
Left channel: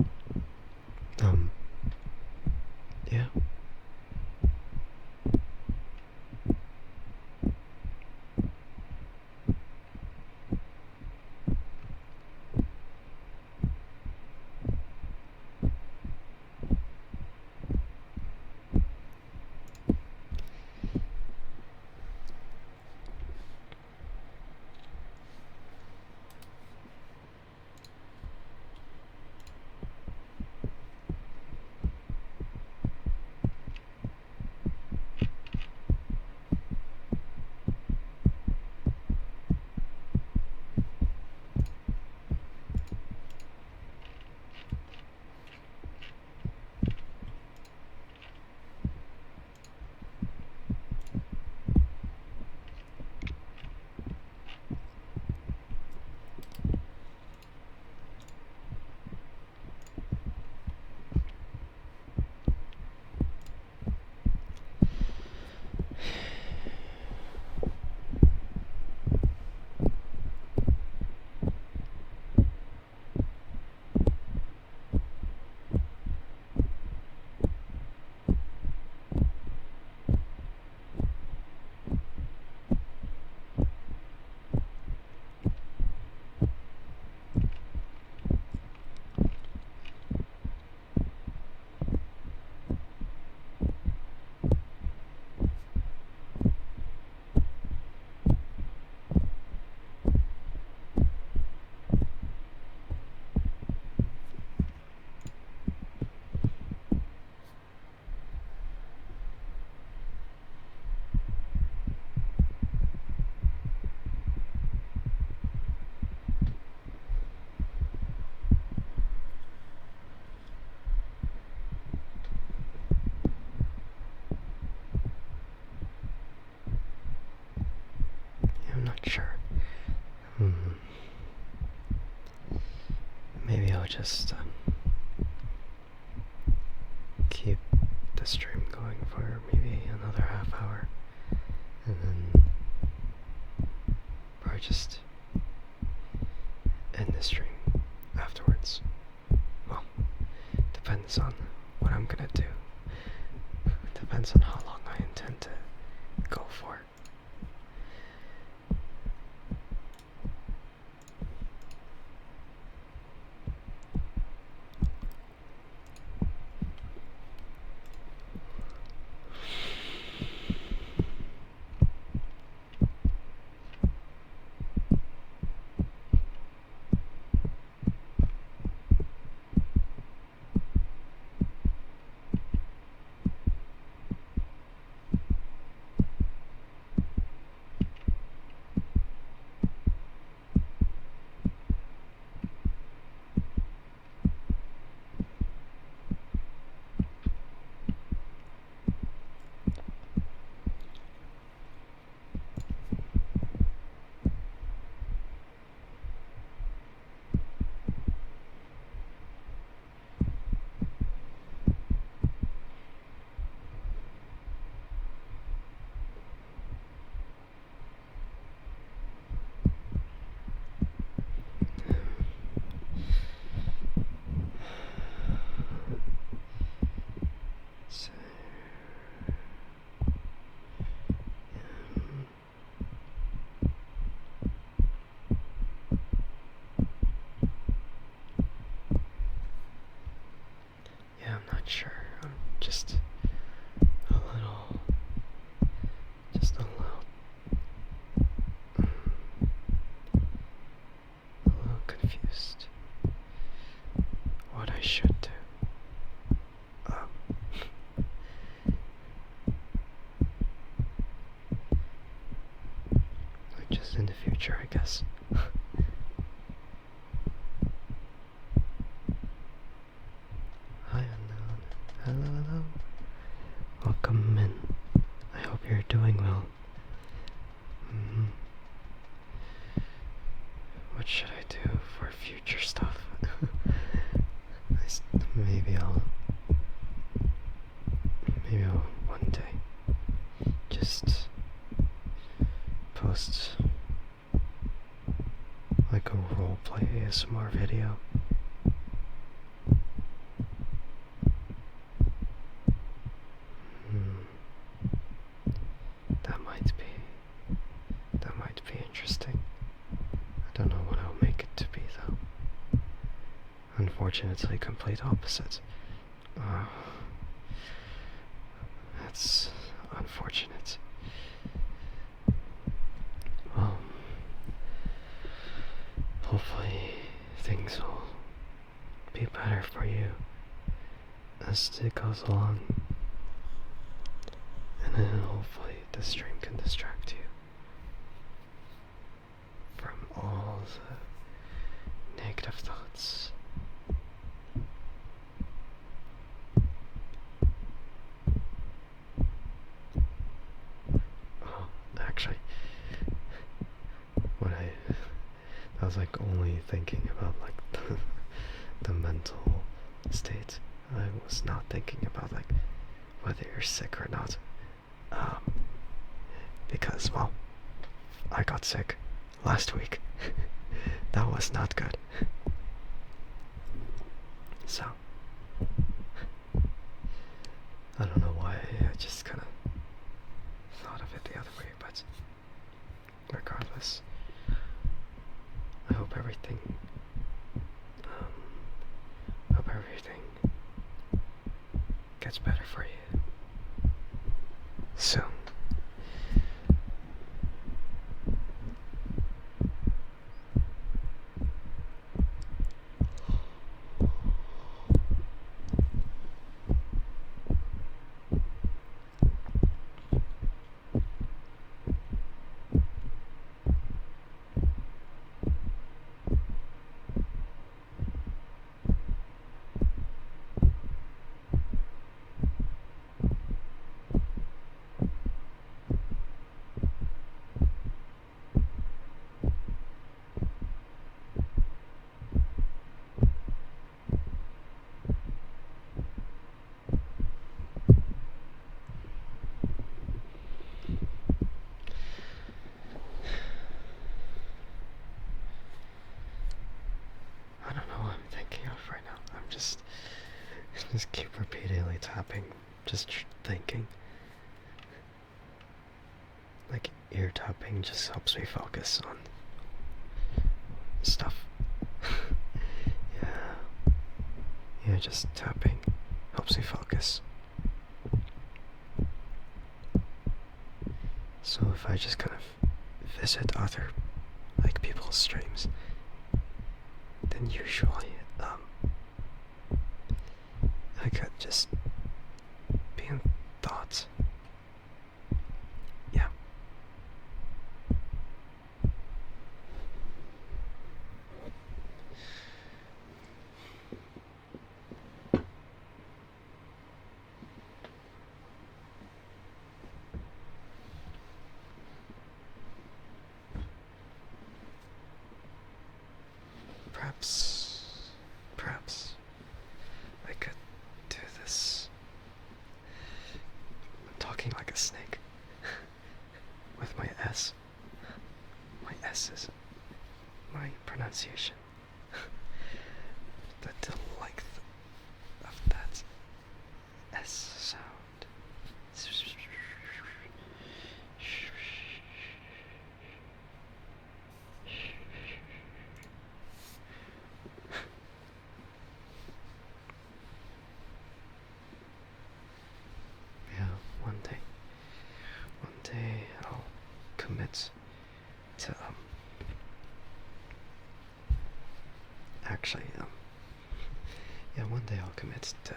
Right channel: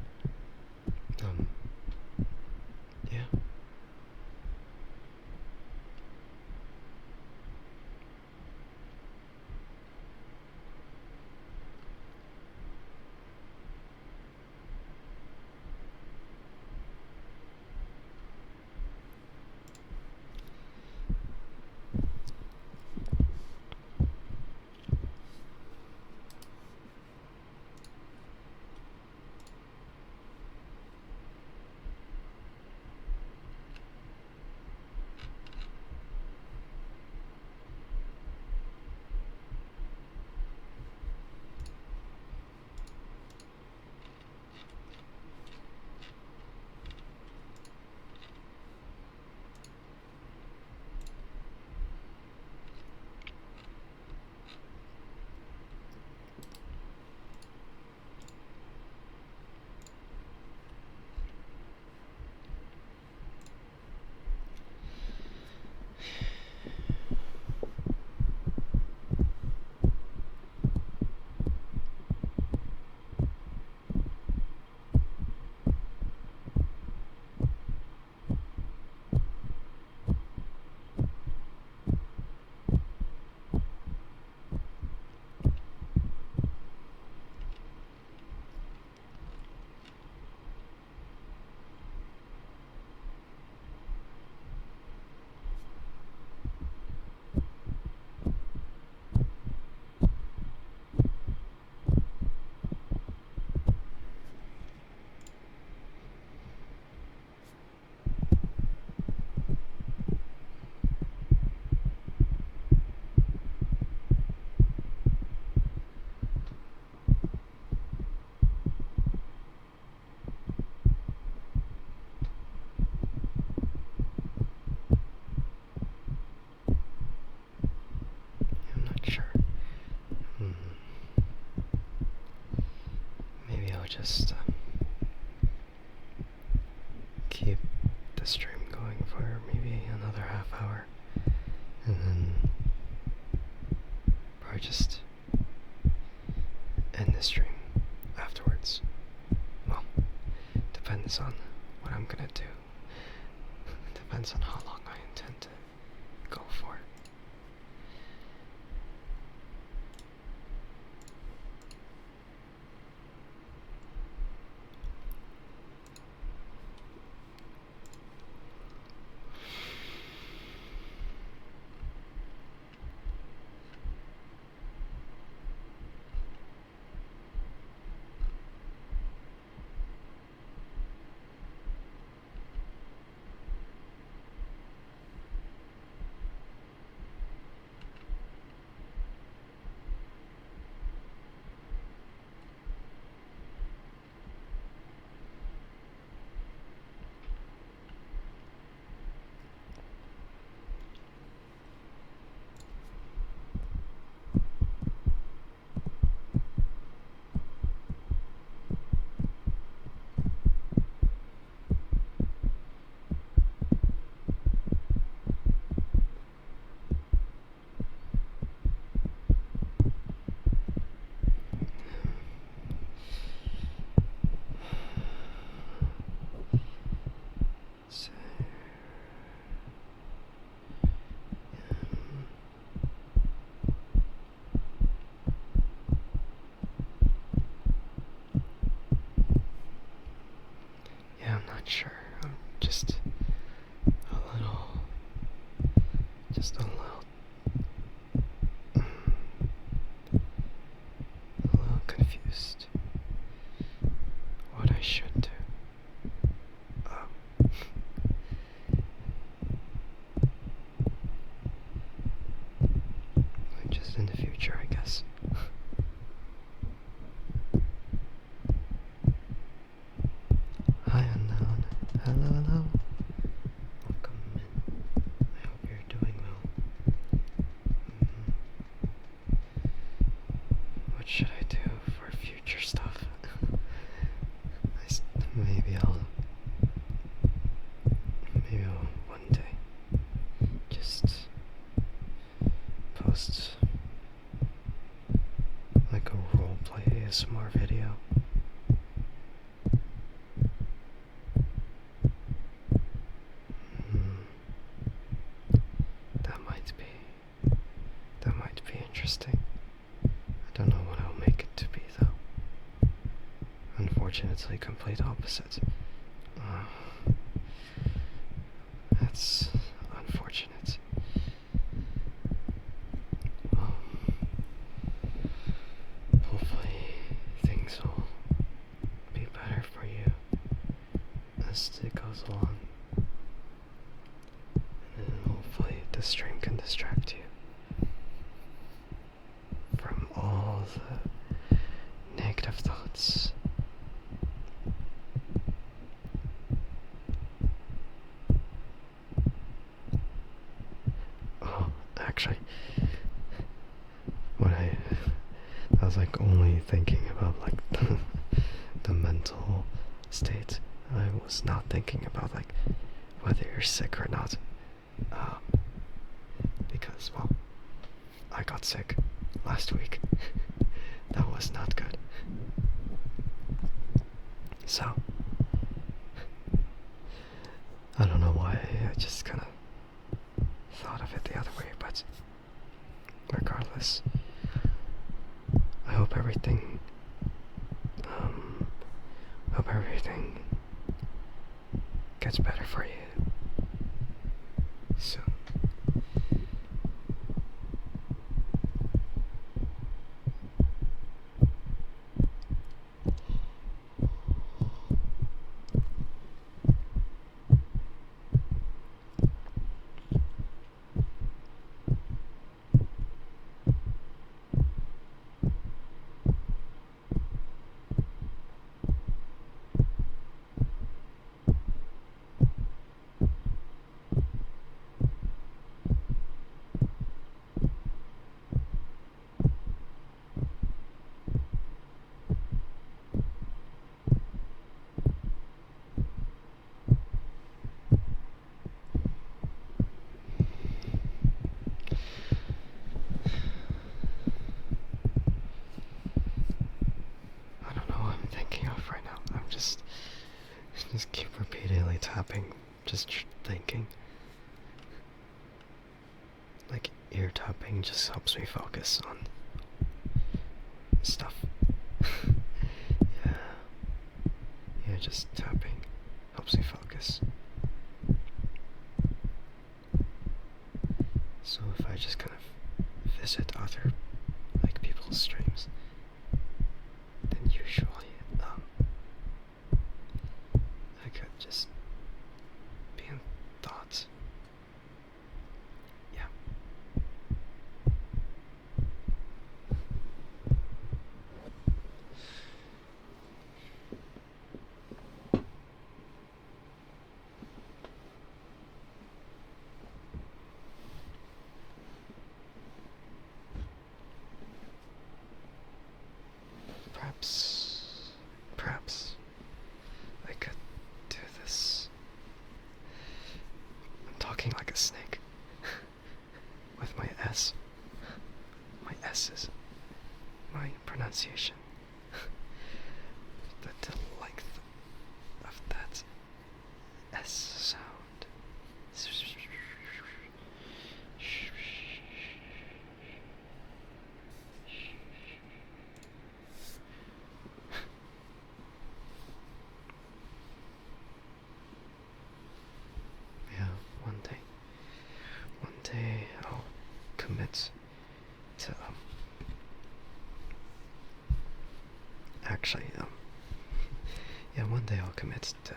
yeah. I'm not sure. Maybe I'll just keep the stream going for maybe another half hour, and then probably just end the stream afterwards. Well, depends on what I'm gonna do. Depends on how long I intend to go for. Just in the future, I guess. Hi, unknown. Hello, hello. Welcome in. I hope you're doing well. What should I do for future stuff? Maybe I'll one day just post like a roleplay ASMR video. That might be interesting. I don't know what I'll make it to be though. Unfortunately, complete opposite. That's unfortunate. Well, hopefully things will be better for you as it goes along. And then hopefully the stream can distract you from all the negative thoughts. Oh, actually, I was like only thinking about like the mental state. I was not thinking about like whether you're sick or not. Because, well, I got sick last week. That was not good. So, I don't know why I just kind of thought of it the other way, but regardless, I hope everything gets better for you soon. Just keep repeatedly tapping, just thinking. Like ear tapping just helps me focus on stuff. Yeah, just tapping helps me focus. So if I just kind of visit other like people's streams, then usually I could just be in thoughts. Yeah. Perhaps I could do this. I'm talking like a snake with my S. My S's. My pronunciation. The length of that S sound. One day I'll commit to one day I'll commit to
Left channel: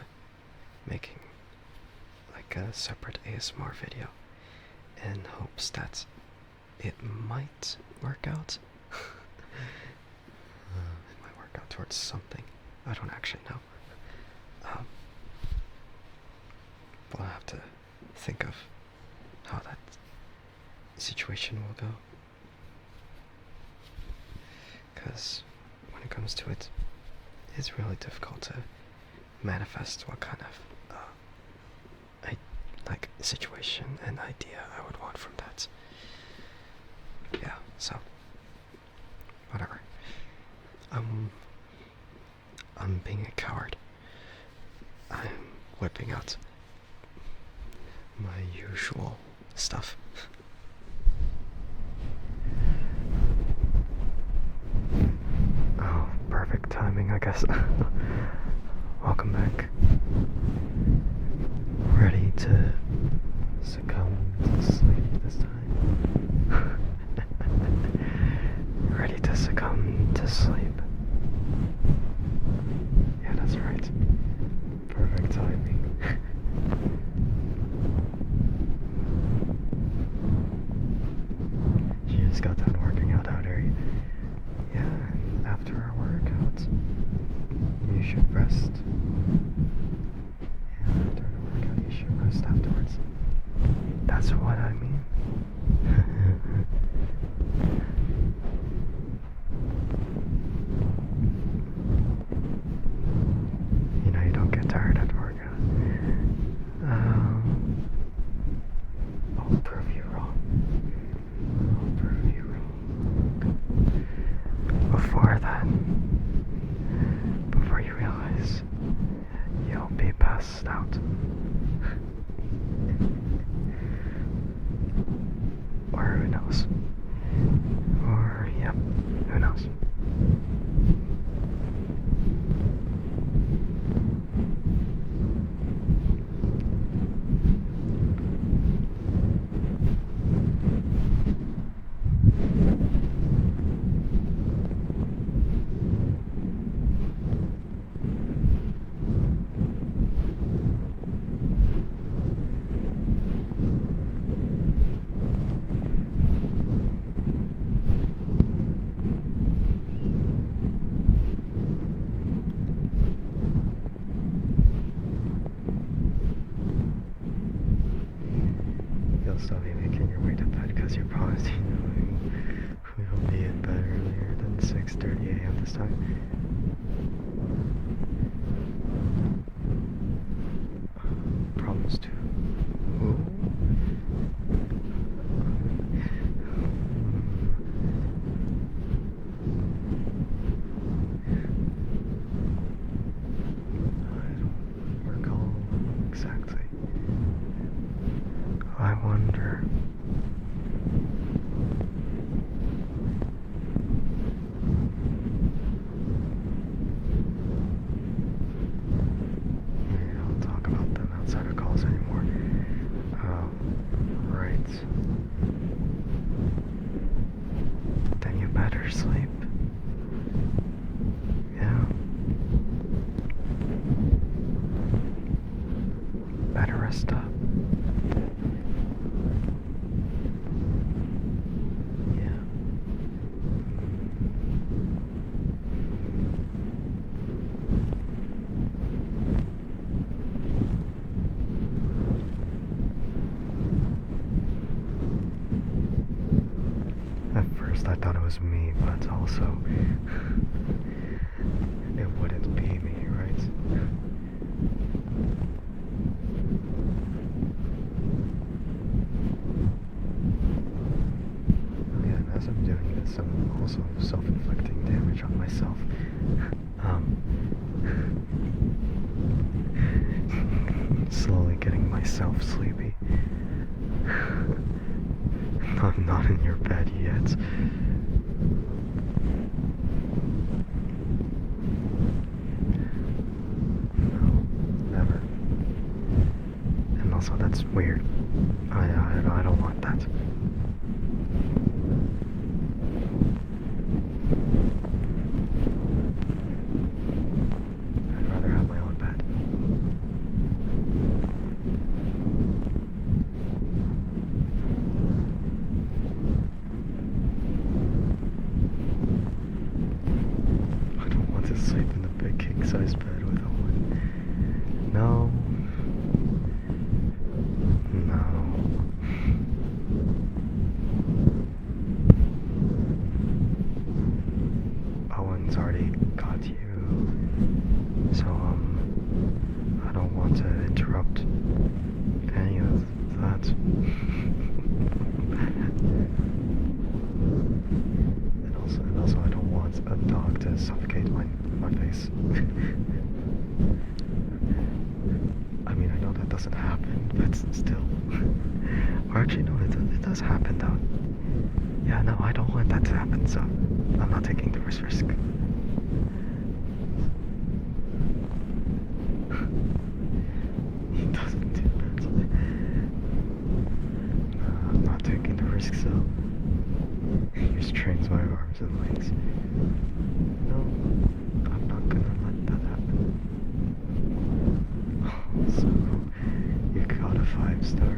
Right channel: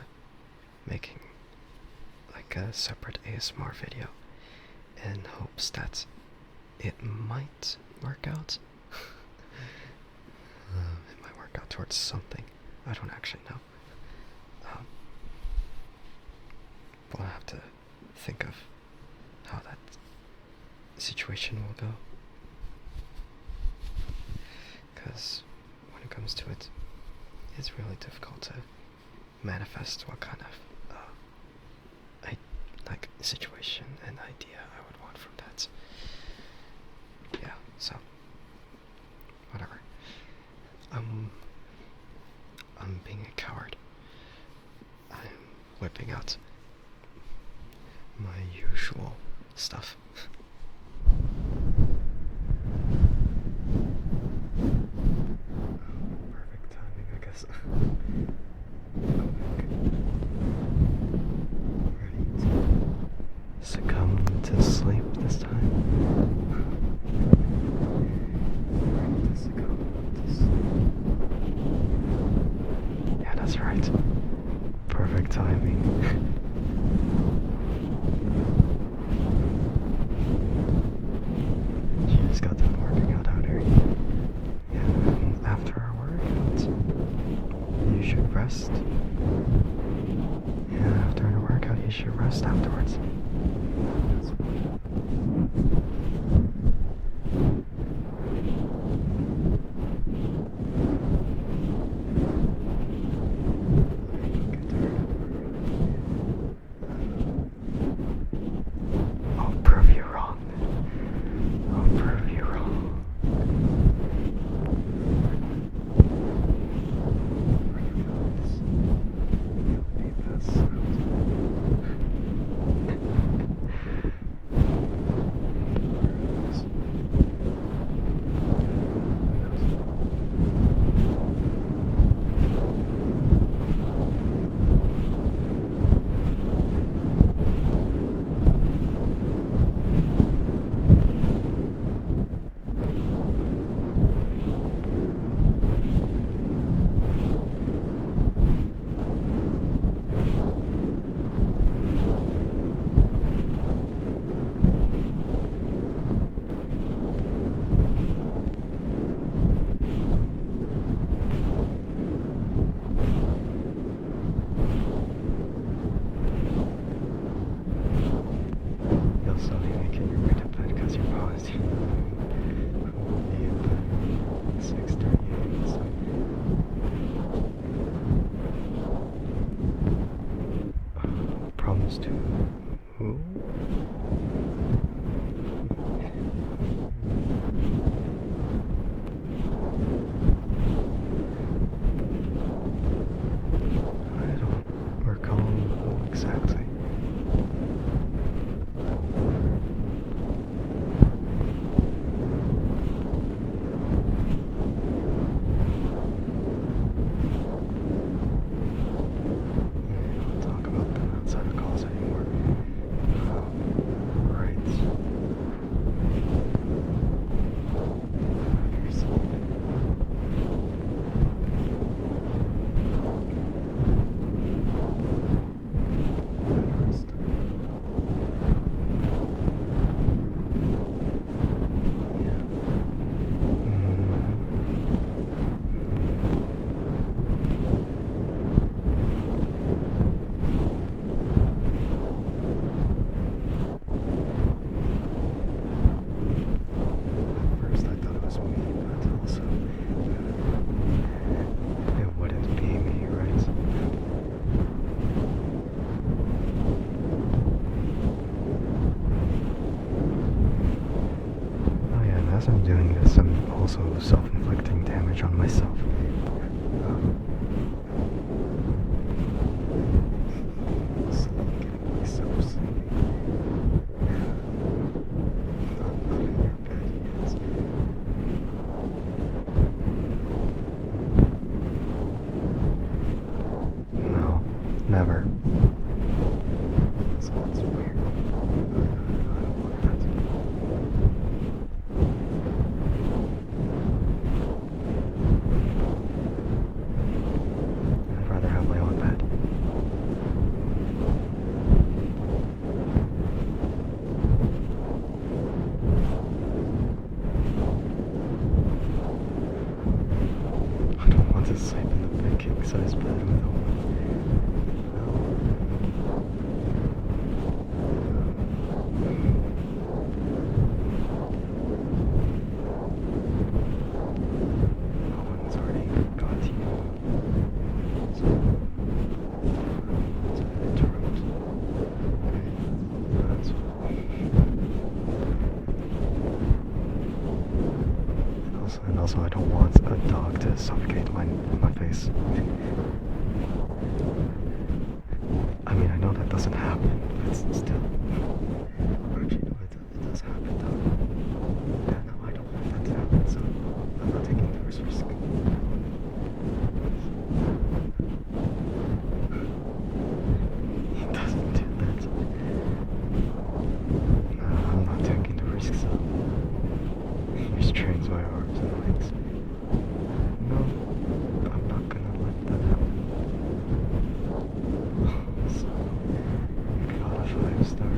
making like a separate ASMR video in hopes that it might work out. It might work out towards something. I don't actually know. But I'll have to think of how that situation will go. Because when it comes to it, it's really difficult to manifest what kind of situation and idea I would want from that. Yeah, so whatever. I'm being a coward. I'm whipping out my usual stuff. Oh, perfect timing, I guess. Welcome back. Ready to succumb to sleep this time? Ready to succumb to sleep? Yeah, that's right. Perfect timing. You just got done working out here. Yeah, and after our workout, you should rest. Yeah, after a workout, you should rest afterwards. That's what I mean. You know, you don't get tired after workout. I'll prove you wrong. I'll prove you wrong. Before that, before you realize you'll be passed out. Or who knows? Or, yeah, who knows? You'll still be making your way to bed because you're probably we'll be in bed earlier than 6:30 a.m. this time. Promise to who? I don't recall who exactly. I wonder. Yeah, don't talk about them outside of calls anymore. Oh, right. Then you better sleep. Yeah. Better rest up. Yeah. At first I thought it was me, but also it wouldn't be me, right? Oh yeah, and as I'm doing this, I'm also self-inflicting damage on myself. Slowly getting myself sleepy. I'm not in your bed yet. No, never. And also, that's weird. I don't want that. I'd rather have my own bed. want to sleep in a big king-size bed with a woman. No. No. Owen's already got you. So, I don't want to interrupt any of that. And also I don't want a dog to suffocate my face. I mean, I know that doesn't happen, but still. Or actually, no, it does happen though. Yeah, no, I don't want that to happen, so I'm not taking the first risk. He doesn't do that. I'm not taking the risk, so he just trains my arms and legs. No, I'm not gonna let that happen. So, you got a 5-star.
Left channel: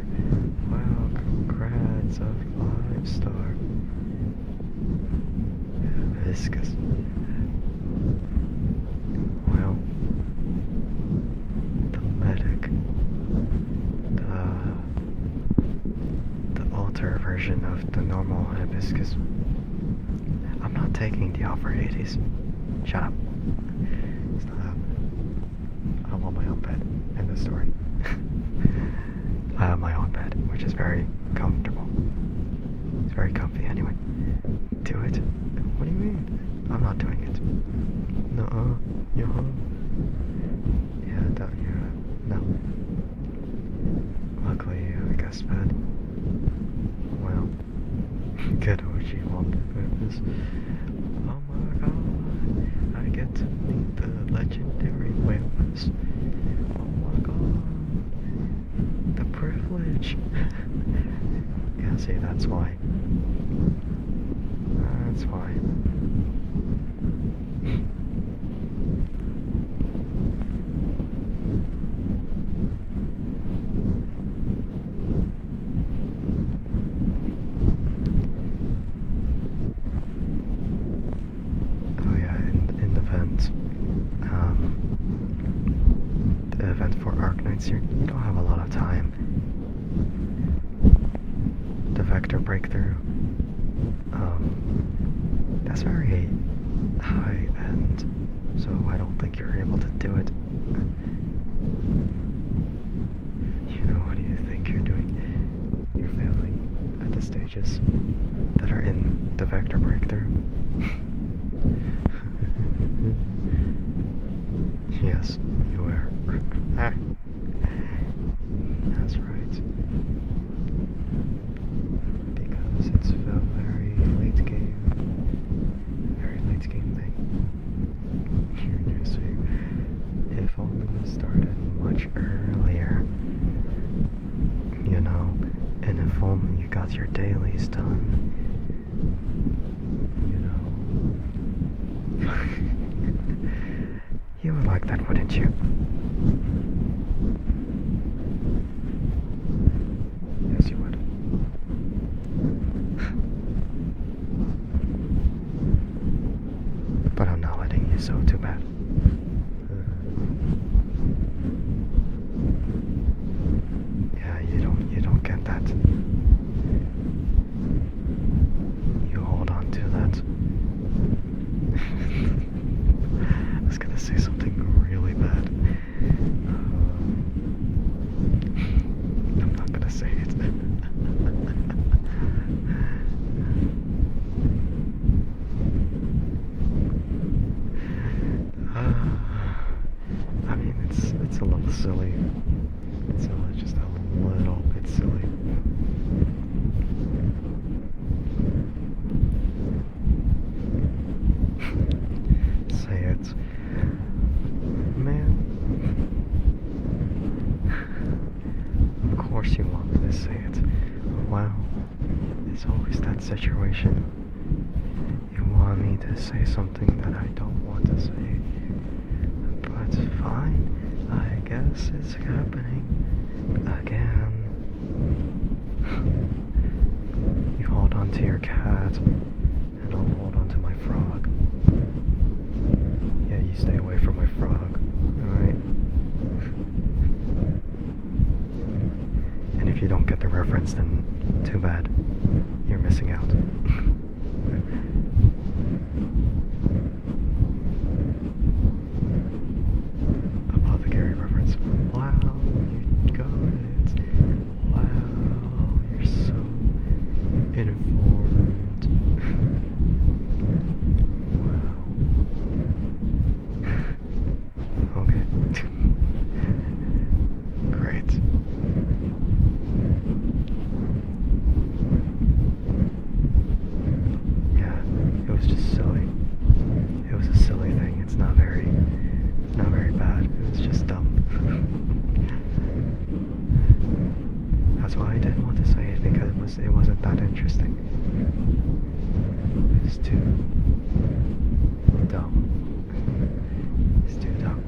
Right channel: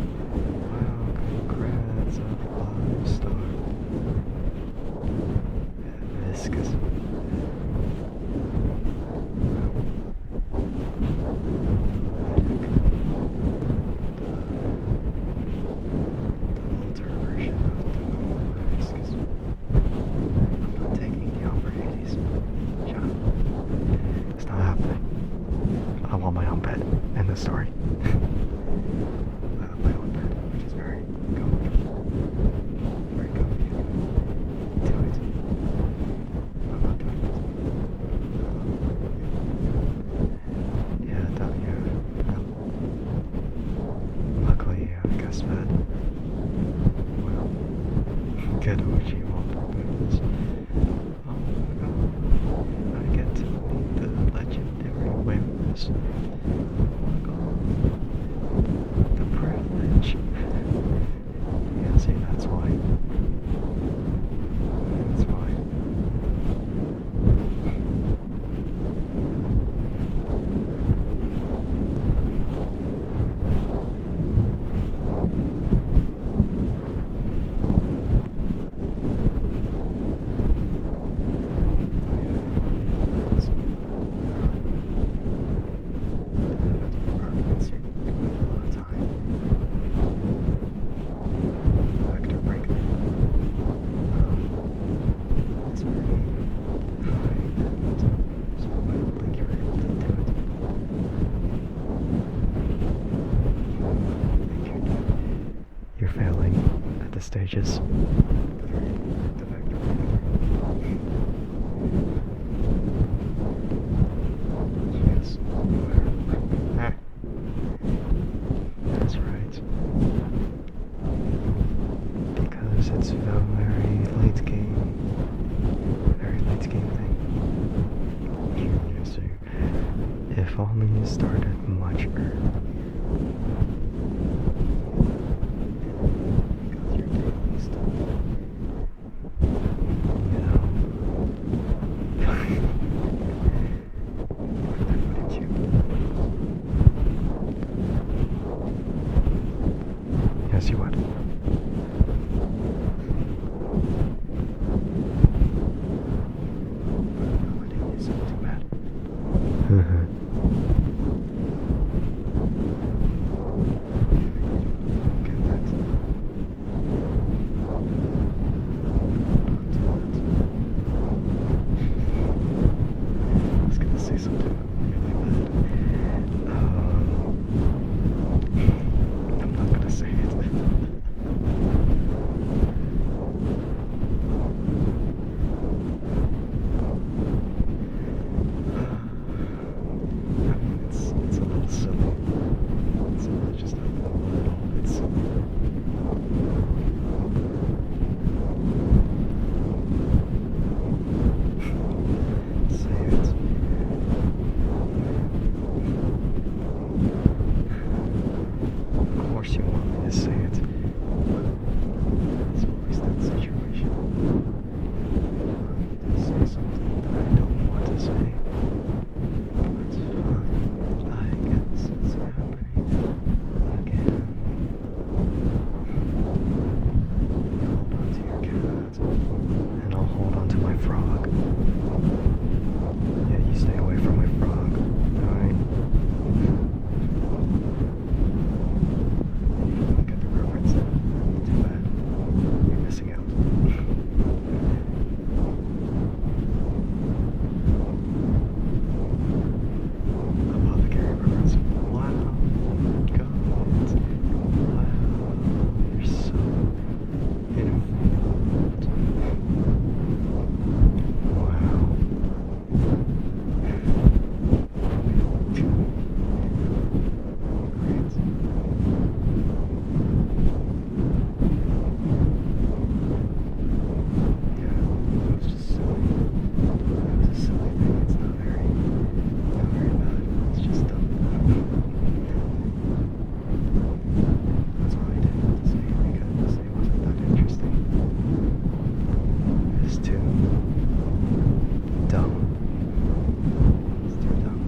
Wow, congrats, a 5-star. Viscous. Well, the medic, the alter version of the normal hibiscus. I'm not taking the offer, Hades. Shut up. It's not happening. I want my own bed. End the story. I have my own bed, which is very comfortable. It's very comfy anyway. Do it. What do you mean? I'm not doing it. No, you yeah, no. Luckily, I guess bed. Well, get what you want with this. Oh my god, I get to meet the legendary Wampus. Oh my god, the privilege. Yeah, see, that's why. That's why. You don't have a lot of time. The vector breakthrough. That's very high end, so I don't think you're able to do it. What do you think you're doing? You're failing at the stages that are in the vector breakthrough. Yes, you are. That's right. Because it's a very late game thing. You see, if only you started much earlier, you know, and if only you got your dailies done, you know. You would like that, wouldn't you? Yes, you would. But I'm not letting you, so too bad. Yeah, you don't get that. You hold on to that. I was gonna say something really bad. I'm not gonna say it. I mean, it's a little silly. It's just a little bit silly. Say it. Man. Of course you want me to say it. Well, it's always that situation. You want me to say something that I don't want to say. But fine. I guess it's happening again. You hold on to your cat, and I'll hold on to my frog. Yeah, too dumb. It's too dumb.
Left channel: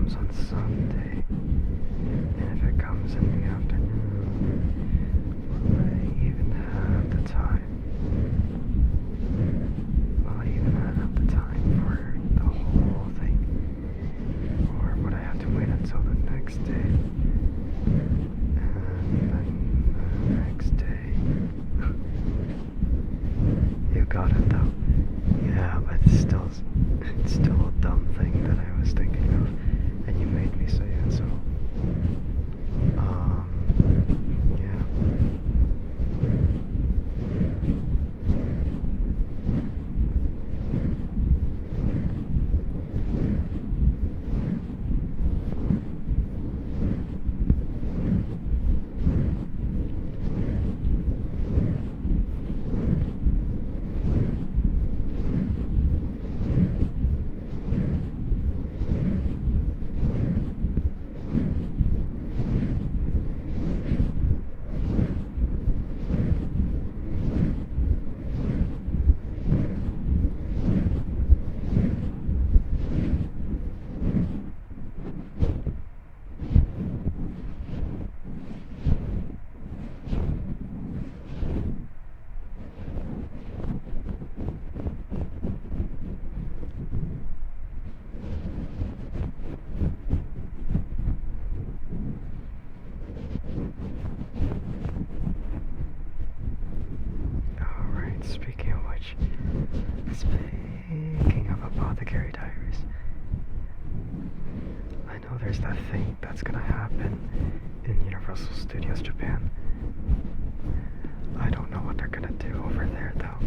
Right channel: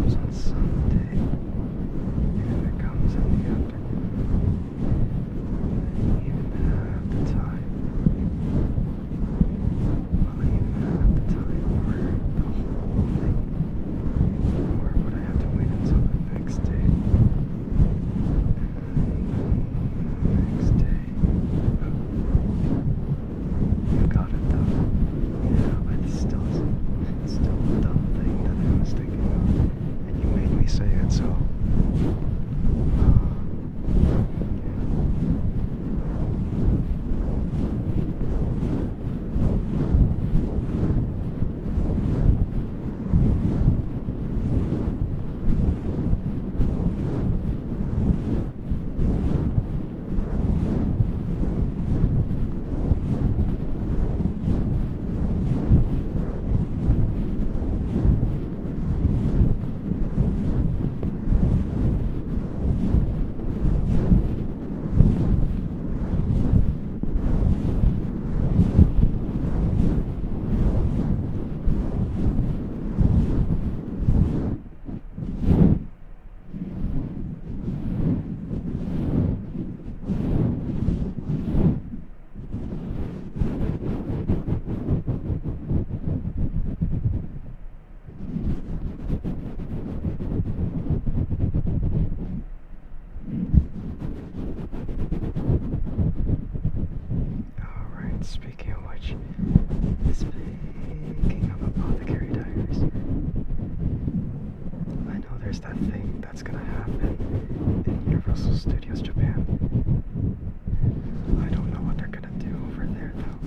On Sunday, and if it comes in the afternoon, will I even have the time? Will I even have the time for the whole thing? Or would I have to wait until the next day? And then the next day. You got it though. Yeah, but it's still a dumb thing that I was thinking of. And you made me say it, so, yeah. Speaking of which, speaking of Apothecary Diaries, I know there's that thing that's gonna happen in Universal Studios Japan. I don't know what they're gonna do over there though.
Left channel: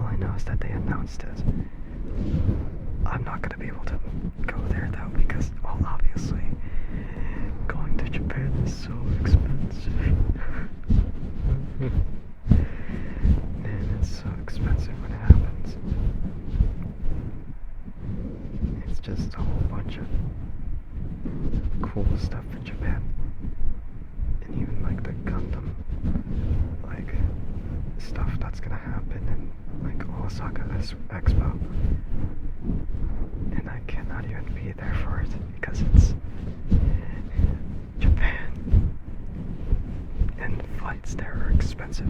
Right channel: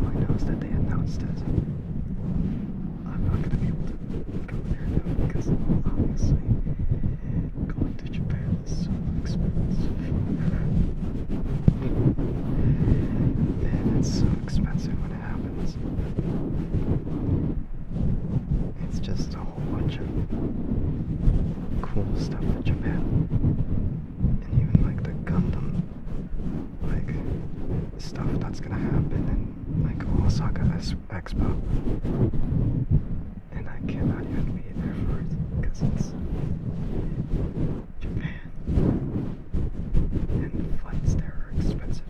All I know is that they announced it. I'm not gonna be able to go there though because, well, obviously, going to Japan is so expensive. Man, it's so expensive when it happens. It's just a whole bunch of cool stuff in Japan. And even like the Gundam, like, stuff that's gonna happen in like Osaka Expo. And I cannot even be there for it because it's Japan. And flights there are expensive.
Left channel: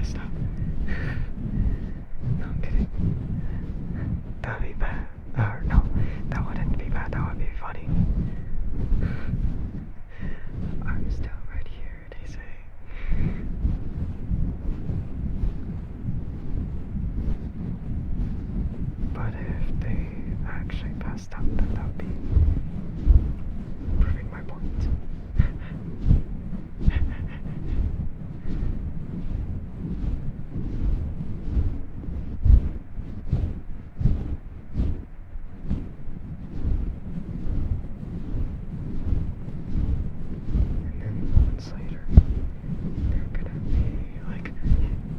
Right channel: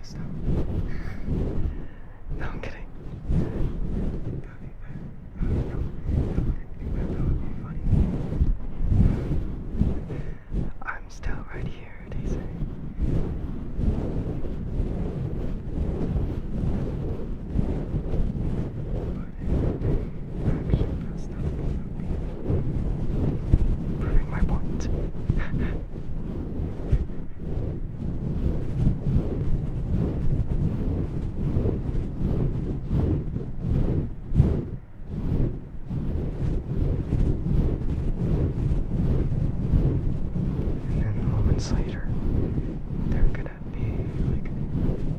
passed out. No, I'm kidding. That'd be bad. Or no, that wouldn't be bad. That would be funny. I'm still right here, they say. But if they actually passed out, then that would be proving my point. And then moments later, they're gonna be like,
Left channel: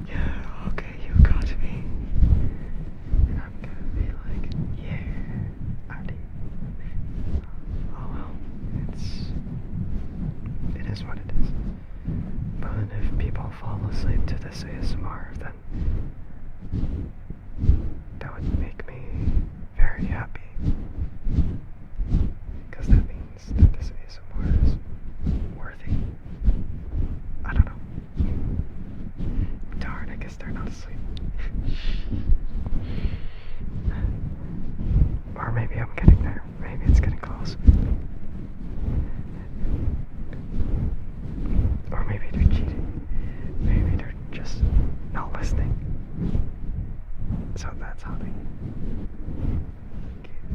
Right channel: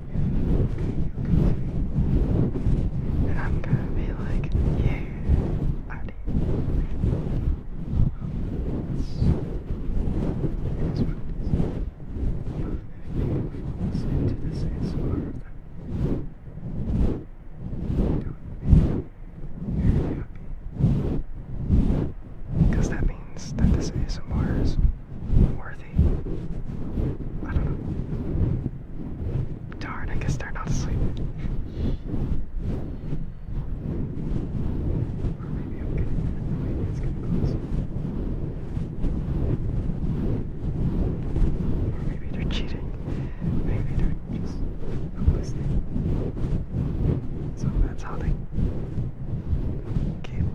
yeah, okay, you got me. And I'm gonna be like, yeah, I did. Oh well, it is what it is. But if people fall asleep to this ASMR, then that would make me very happy. Because that means that this ASMR is worthy. I don't know. Darn, I guess they're not asleep. Or maybe I'm getting there. Maybe it's getting close. Or maybe they're cheating. Maybe they're just not listening. So that's how they keep,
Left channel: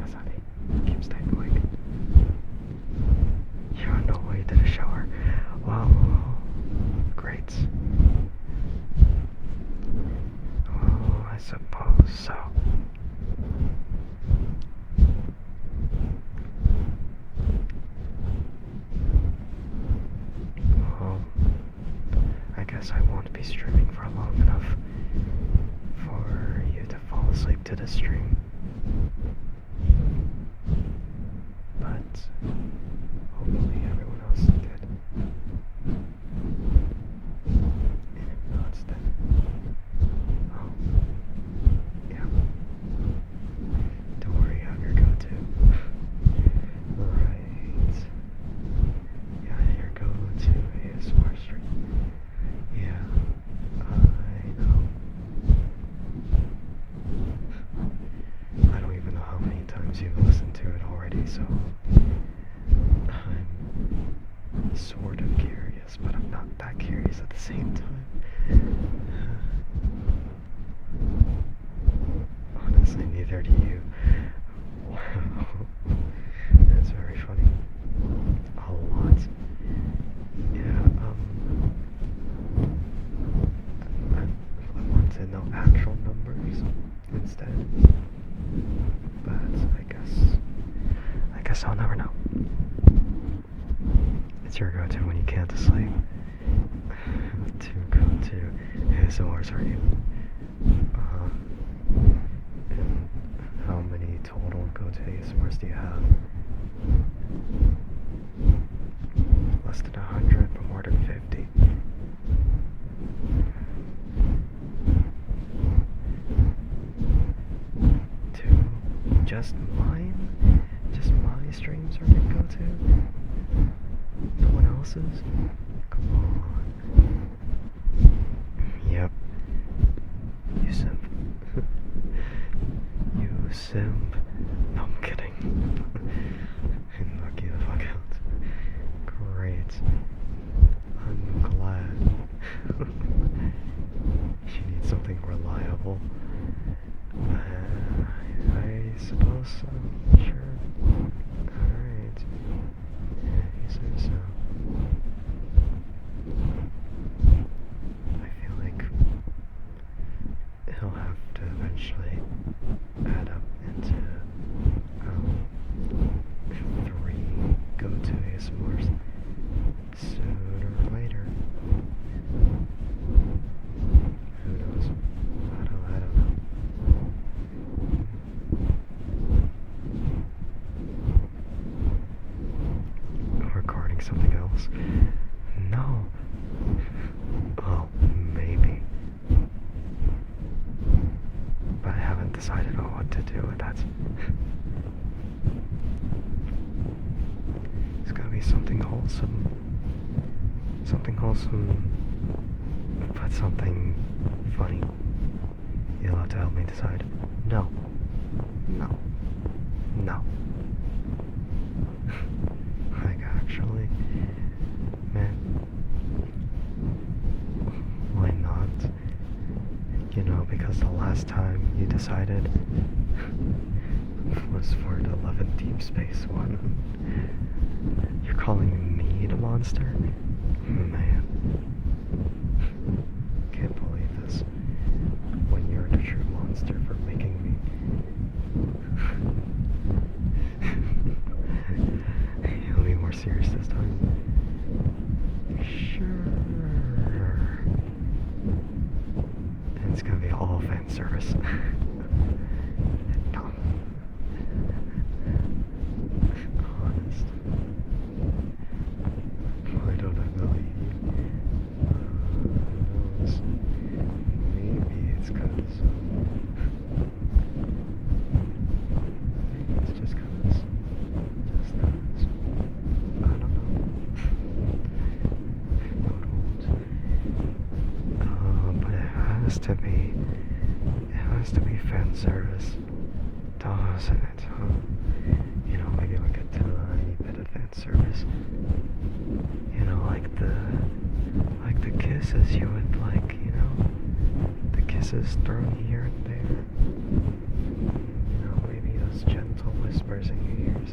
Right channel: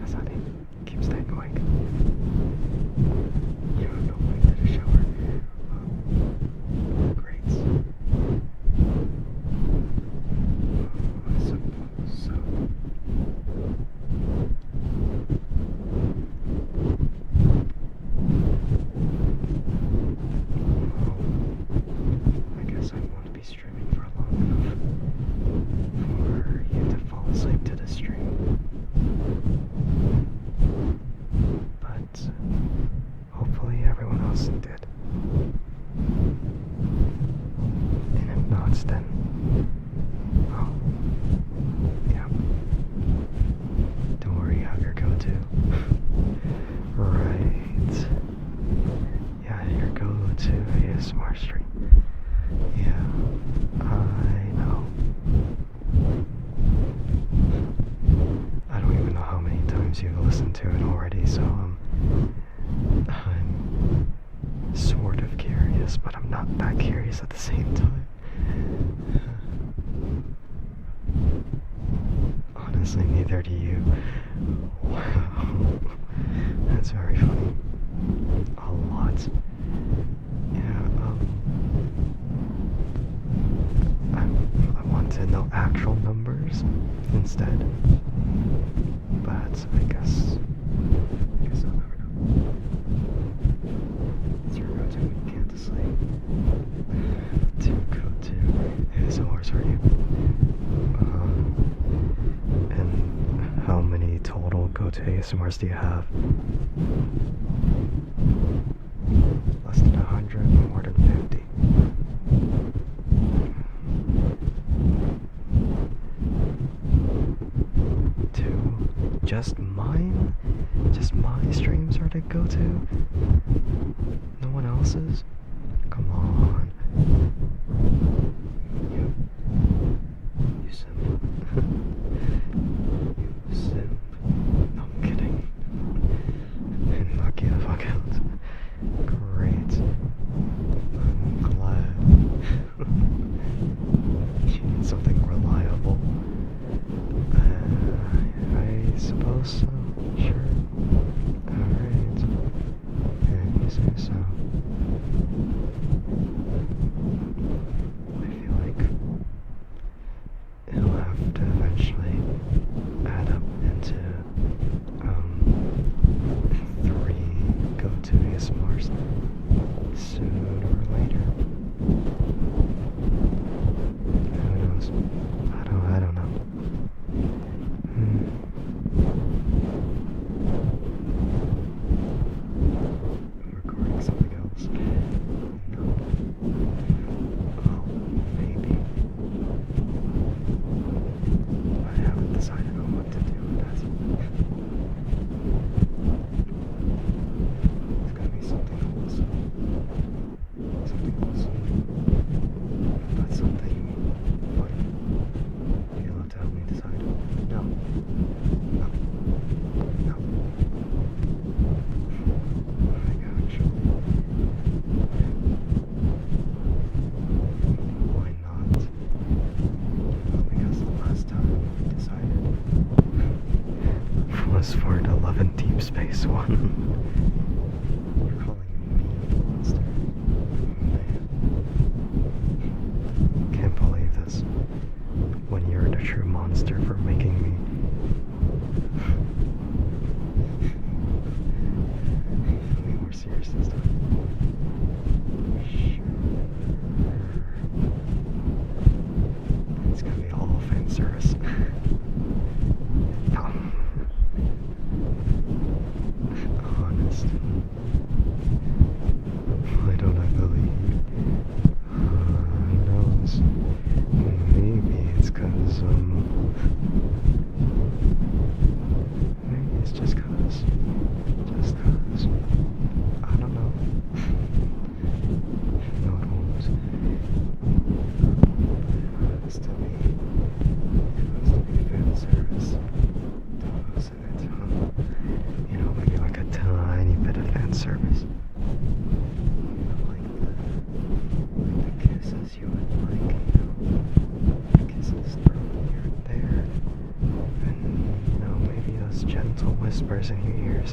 that's how they keep staying awake. You're on the way to the shower. Well, great. Well, I suppose so. Well, I guess I won't be streaming for long enough for you to fall asleep to the stream. But hopefully everyone else did. And if not, then, oh, yeah. Don't worry, have your go-to. Right. Yeah, your go-to ASMR stream. Yeah, I know. I don't even know how many times you've listened to it already, so I'm sort of curious, but I'm not that curious at the same time. Honestly, neither do you. Wow. That's very funny. A lot. Yeah, I want to know actual numbers instead. But I guess I'll never know. It's your go-to when you can't sleep. To go to ASMRs, are you? And how many total go-to ASMRs do you have? Less than 100, more than 50. Two? Just mine? Just my streams are the go-to? No one else's? Come on. Yep. You simp. You simp. No, I'm kidding. Knock you the fuck out. Great. I'm glad. You need something reliable. I suppose so. Sure. Alright. Yeah, you say so. I feel like it'll have to eventually add up into 3 go-to ASMRs sooner or later. Who knows? I don't know. I'm recording something else. something wholesome, but something funny. You'll have to help me decide. No. No. No. Like, actually, man, why not? You know, because the last time you decided was for the Love and Deep Space one. You're calling me the monster? Man. Can't believe this. When you're the true monster for making me. You'll be more serious this time. Sure. It's gonna be all fan service. No. Honest. Why don't I believe you? Who knows? Maybe it's cause, maybe it's just cause. Just cause. I don't know. No, it won't. But it has to be. It has to be fan service. Doesn't it, huh? You know, maybe like a tiny bit of fan service. You know, like the kisses you would like, you know, the kisses thrown here and there, and you know, maybe those gentle whispers in your ears,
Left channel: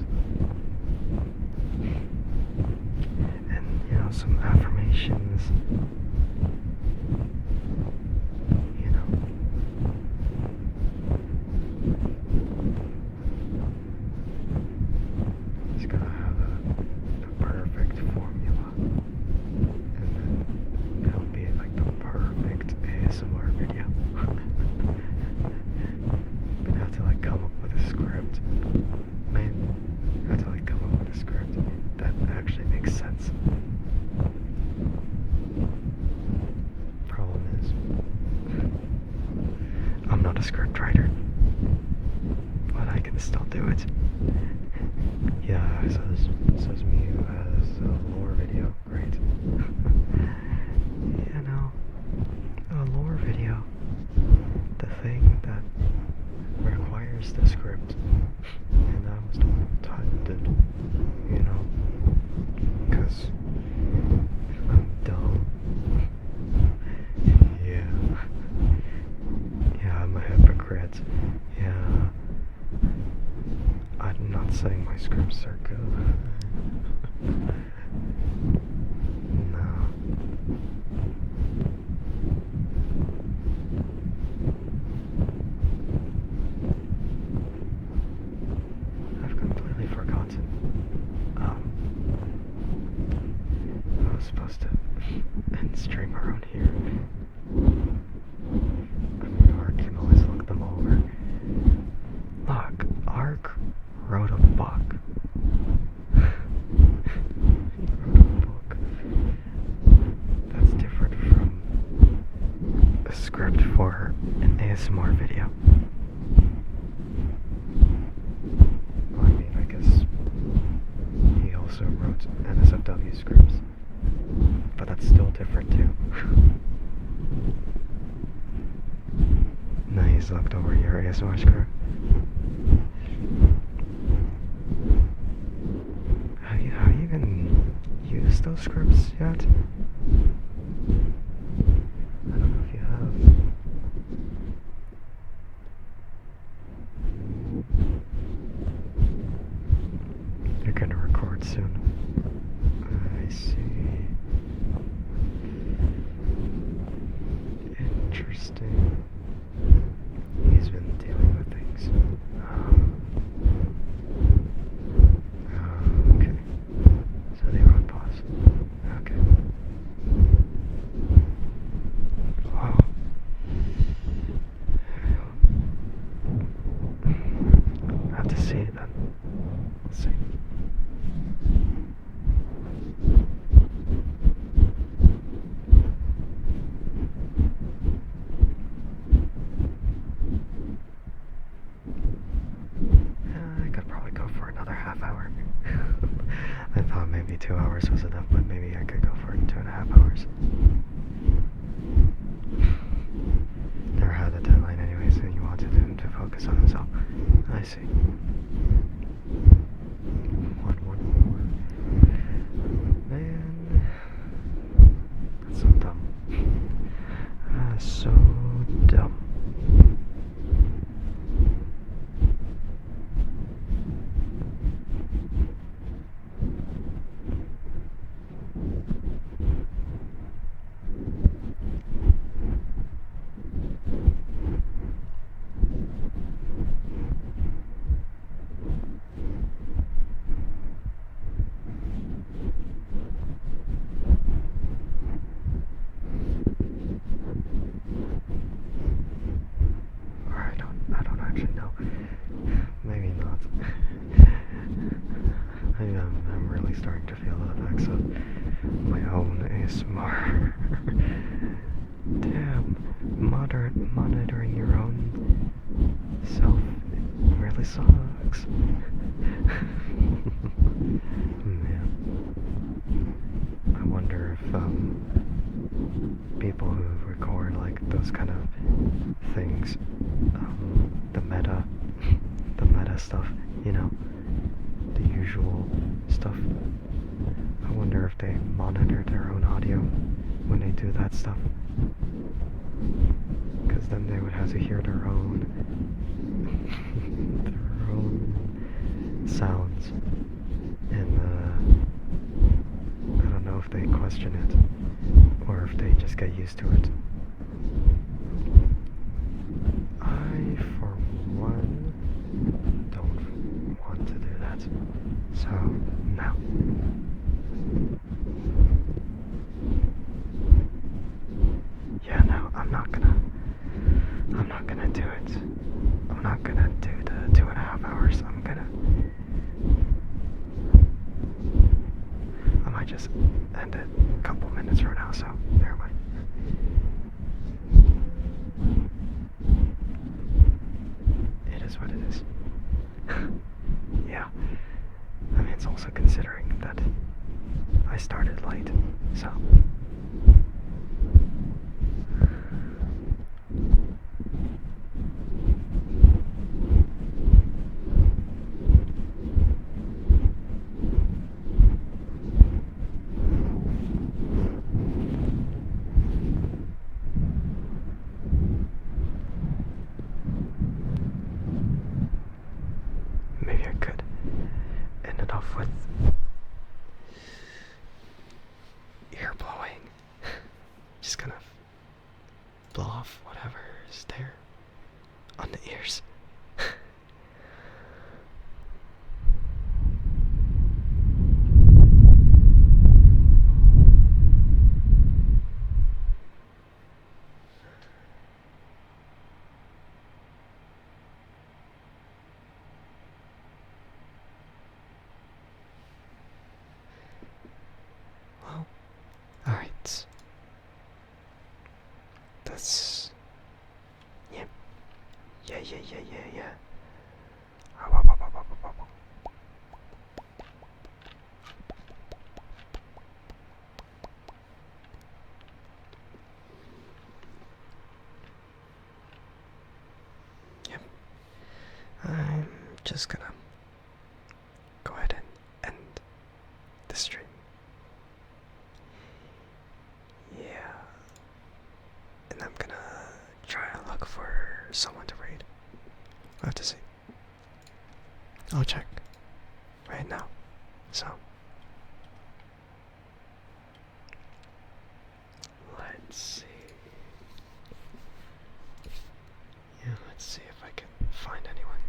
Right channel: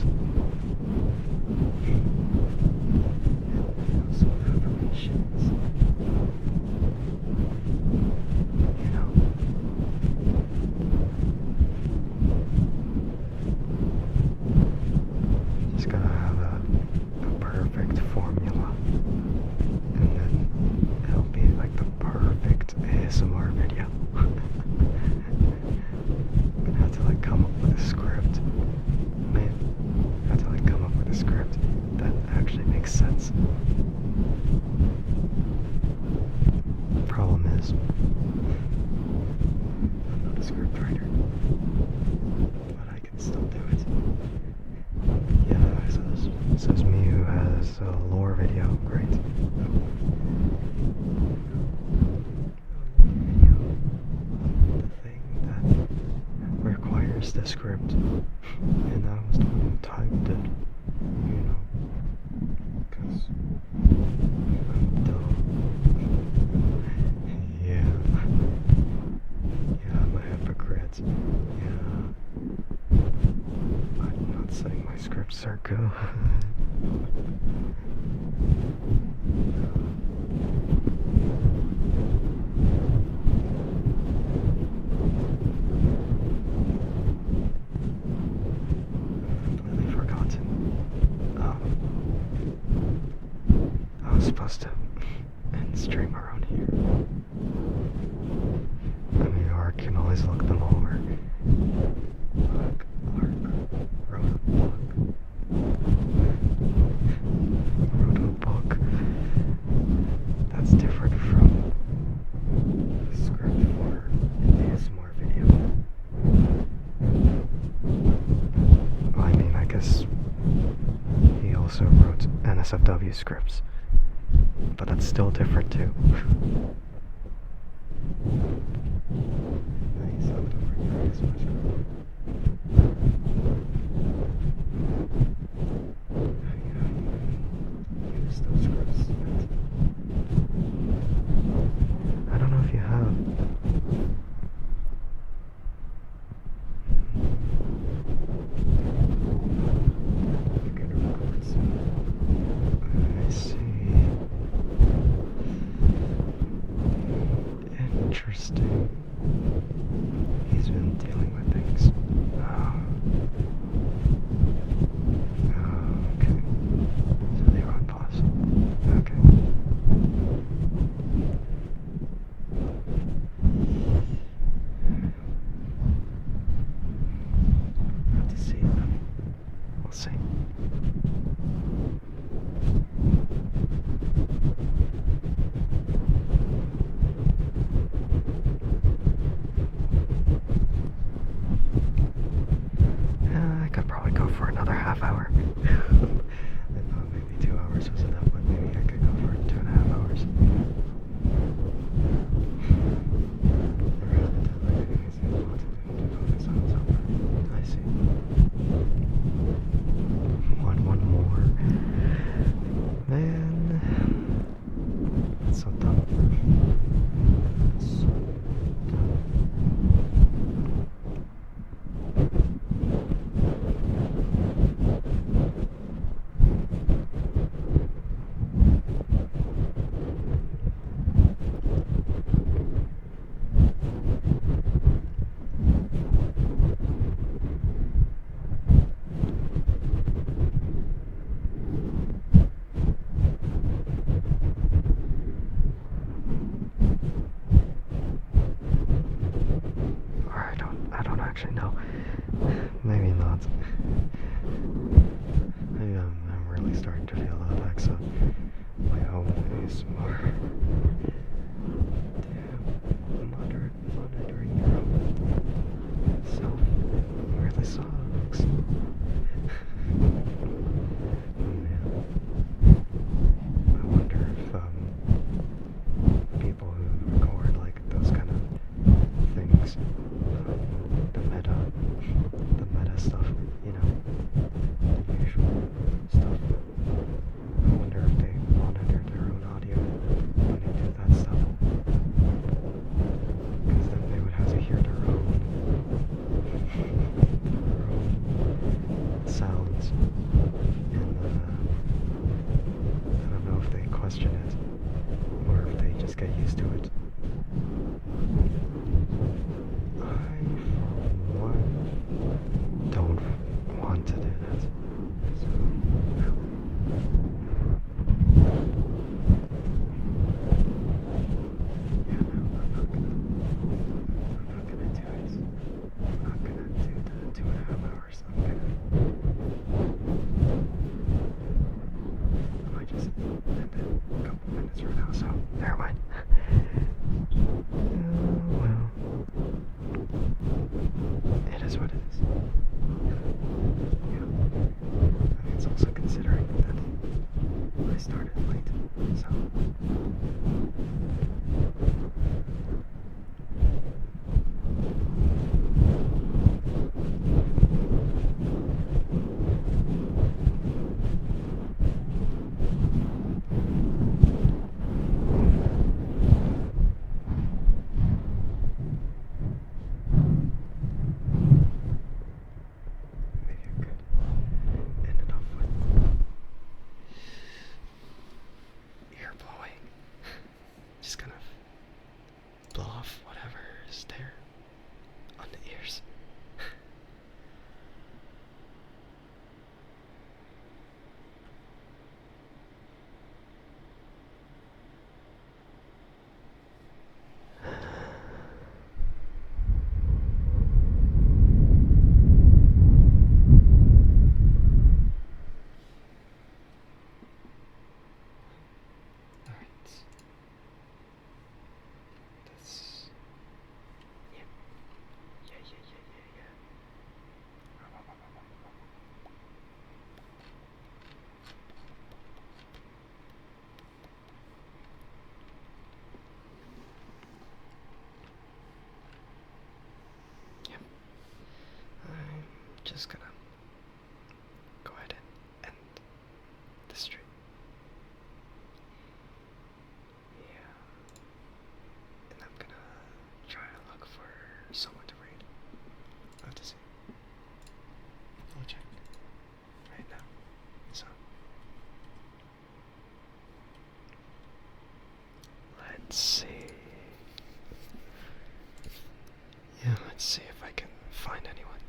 and you know, some affirmations, you know. Just gotta have a perfect formula, and then it'll be like the perfect ASMR video. Gonna have to like come up with a script. Man, I have to like come up with a script that actually makes sense. Problem is, I'm not a script writer, but I can still do it. Yeah, says me who has a lore video. Great. You know, a lore video, the thing that requires the script, and I was the one who typed it, you know, because I'm dumb. Yeah. Yeah, I'm a hypocrite. Yeah. I'm not saying my scripts are good. No. I've completely forgotten. I was supposed to end stream around here. I mean, Ark can always look them over. Look, Ark wrote a book. Wrote a book that's different from a script for an ASMR video. Well, I mean, I guess he also wrote NSFW scripts, but that's still different too. Now he's looked over your ASMR script. Have you even used those scripts yet? I don't know if you have. You're gonna record soon. I see. Interesting. He's been dealing with things. Okay. So they were on pause. Okay. Wow. I have to see them. We'll see. So dumb. Or I don't actually know. Maybe not. I'm really starting to feel the effects of my own ASMR. Damn, monitoring your own self really sucks. Man, I wonder if people who record like those kind of things, the meta stuff, you know, the usual stuff. I wonder if they monitor their own audio when they do that stuff. Because then they would have to hear their own sounds. And I don't know if they question it or if they just get used to it. I, for one, don't want to do that. So, no. Yeah, no, I'm not gonna do it. I'm not gonna do the 2.5 hours. I might just end it a couple minutes from now, so never mind. It is what it is. Yeah. I mean, it's also considering that I started late, so. Maybe I could end it off with ear blowing. Just kind of blow off whatever is there on the ears. Well, alright. That's... yeah. Yeah. Yep. I'm just gonna go ahead and end the stream. Yeah. And I'm gonna try and look for someone to raid. I'll have to see. I'll check right now. So let's see. Yeah, let's see if I can find anyone.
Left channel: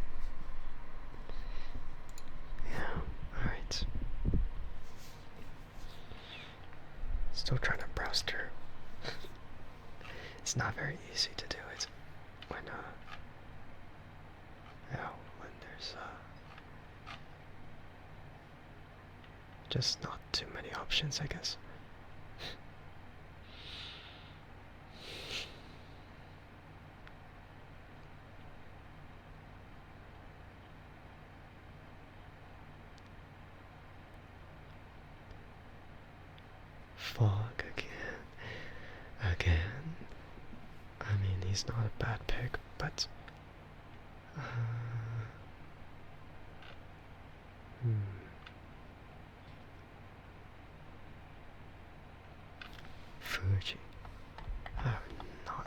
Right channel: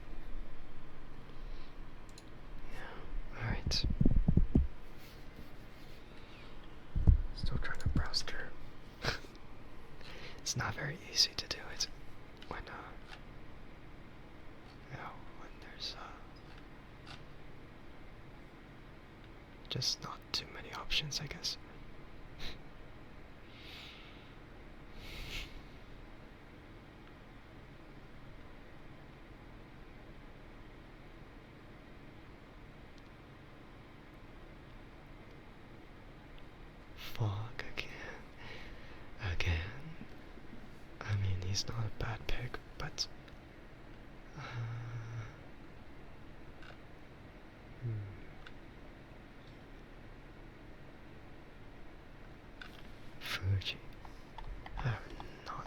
Yeah, alright. Still trying to browse through. It's not very easy to do it when when there's just not too many options, I guess. Fog again. I mean, he's not a bad pick, but Fuji. I have not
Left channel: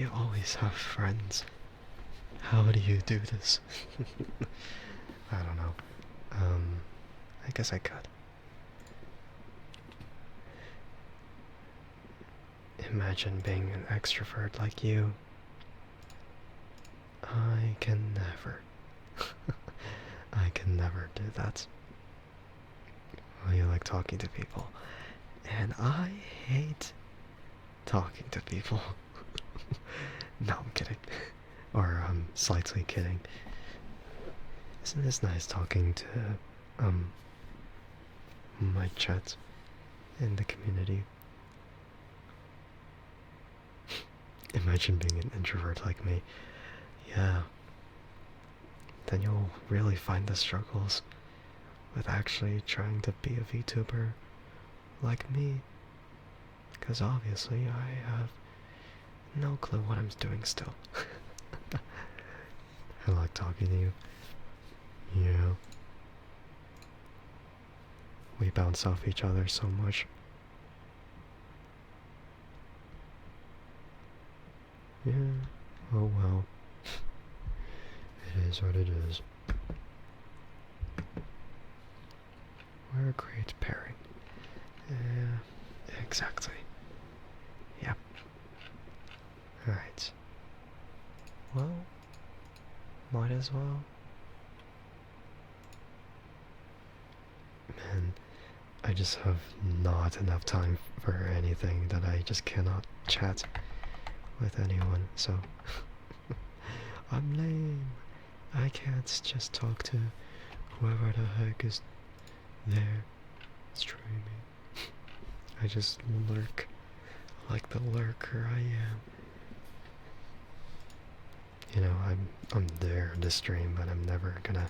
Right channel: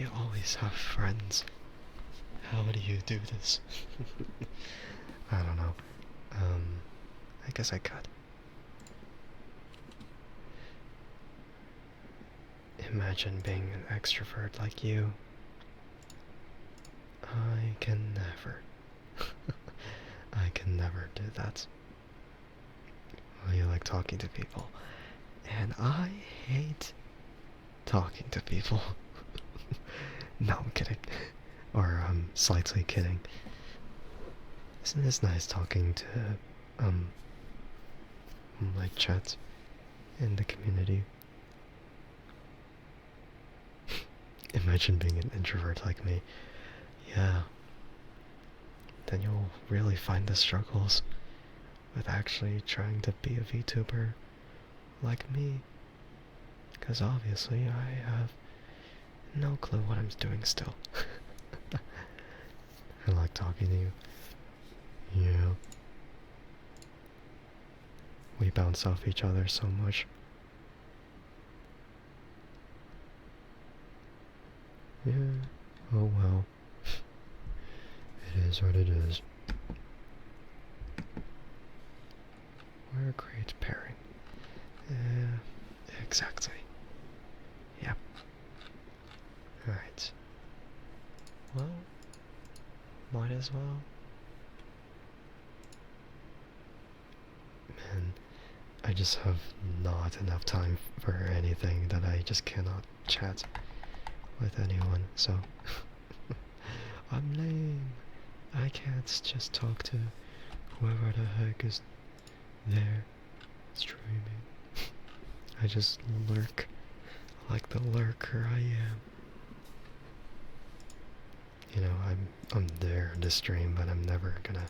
You always have friends. How do you do this? I don't know. I guess I could. Imagine being an extrovert like you. I can never. I can never do that. Well, you like talking to people. And I hate talking to people. No, I'm kidding. Or, slightly kidding. Isn't this nice talking to, my chat in the community? Imagine being an introvert like me. Yeah. Then you'll really find the struggles with actually trying to be a VTuber like me. Because obviously I have no clue what I'm doing still. I like talking to you. Yeah. We bounce off each other so much. Yeah. Oh well. It is what it is. We're a great pairing. Exactly. Yep. Alright. Well, might as well. Man, I just have not enough time for anything that I just cannot chat with anyone, so I'm lame. I can't just talk to whoever the heck is there streaming. I just lurk like the lurker I am. You know, I'm there to stream, but I'm never gonna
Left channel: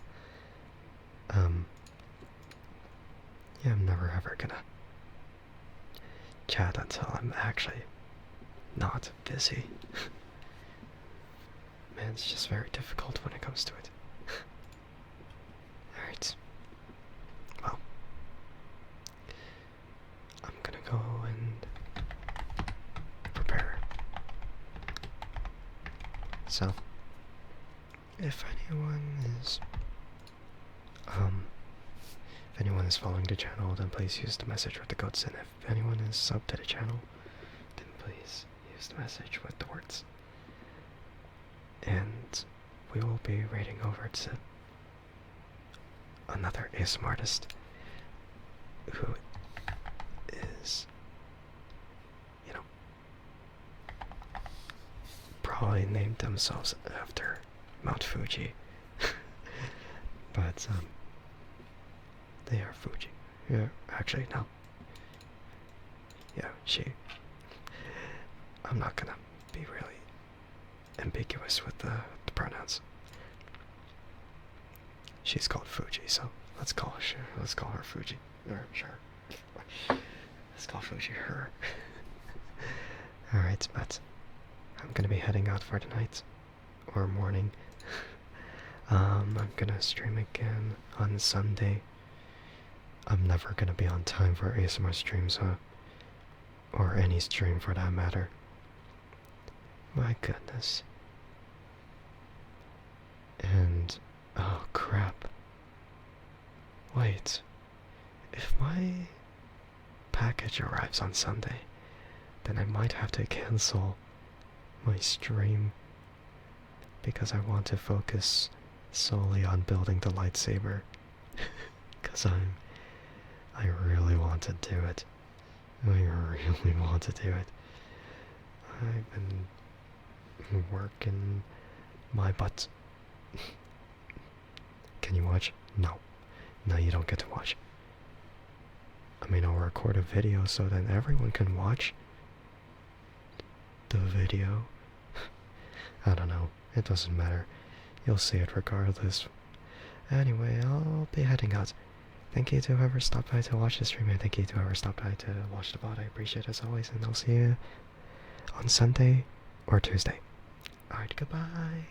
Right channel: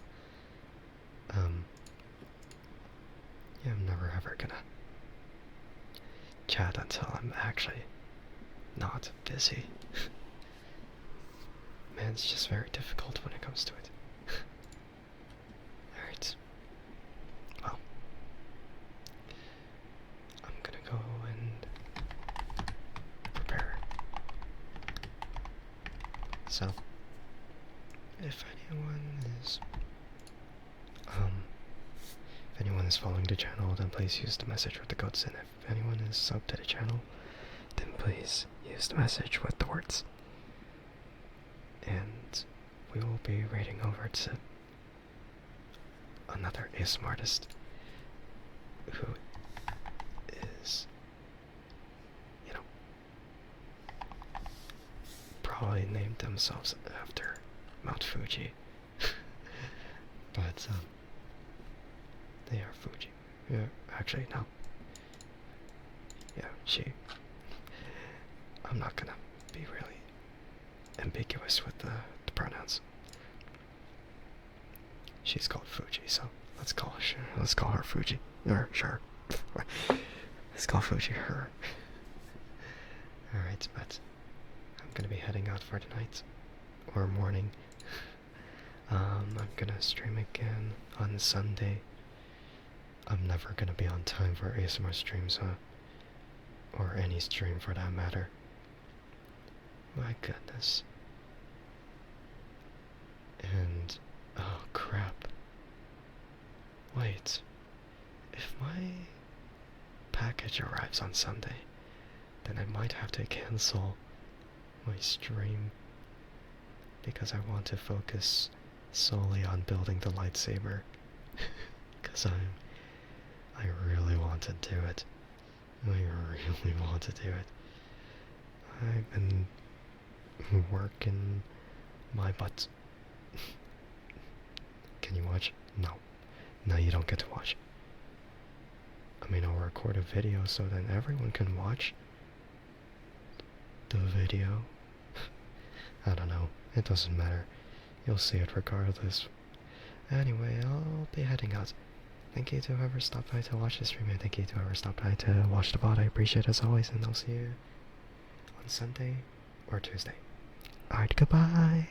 yeah, I'm never ever gonna chat until I'm actually not busy. Man, it's just very difficult when it comes to it. Alright. Well, I'm gonna go and prepare. So, if anyone is following the channel, then please use the message with the codes, and if anyone is subbed to the channel, then please use the message with the words. And we will be raiding over to another ASMR artist who is, you know, probably named themselves after Mount Fuji. But, they are Fuji. Yeah, actually, no. Yeah, she. I'm not gonna be really ambiguous with the pronouns. She's called Fuji, so let's call her Fuji. Or sure. Let's call Fuji her. Alright, but I'm gonna be heading out for tonight. Or morning. I'm gonna stream again on Sunday. I'm never gonna be on time for ASMR streams, or any stream for that matter. My goodness. And, oh crap. Wait. If my package arrives on Sunday, then I might have to cancel my stream because I want to focus solely on building the lightsaber. Because I really want to do it. I really want to do it. I've been working my butt. Can you watch? No. No, you don't get to watch. I mean, I'll record a video so then everyone can watch the video. I don't know. It doesn't matter. You'll see it regardless. Anyway, I'll be heading out. Thank you to whoever stopped by to watch the stream, and thank you to whoever stopped by to watch the VOD. I appreciate it as always, and I'll see you on Sunday or Tuesday. Alright, goodbye.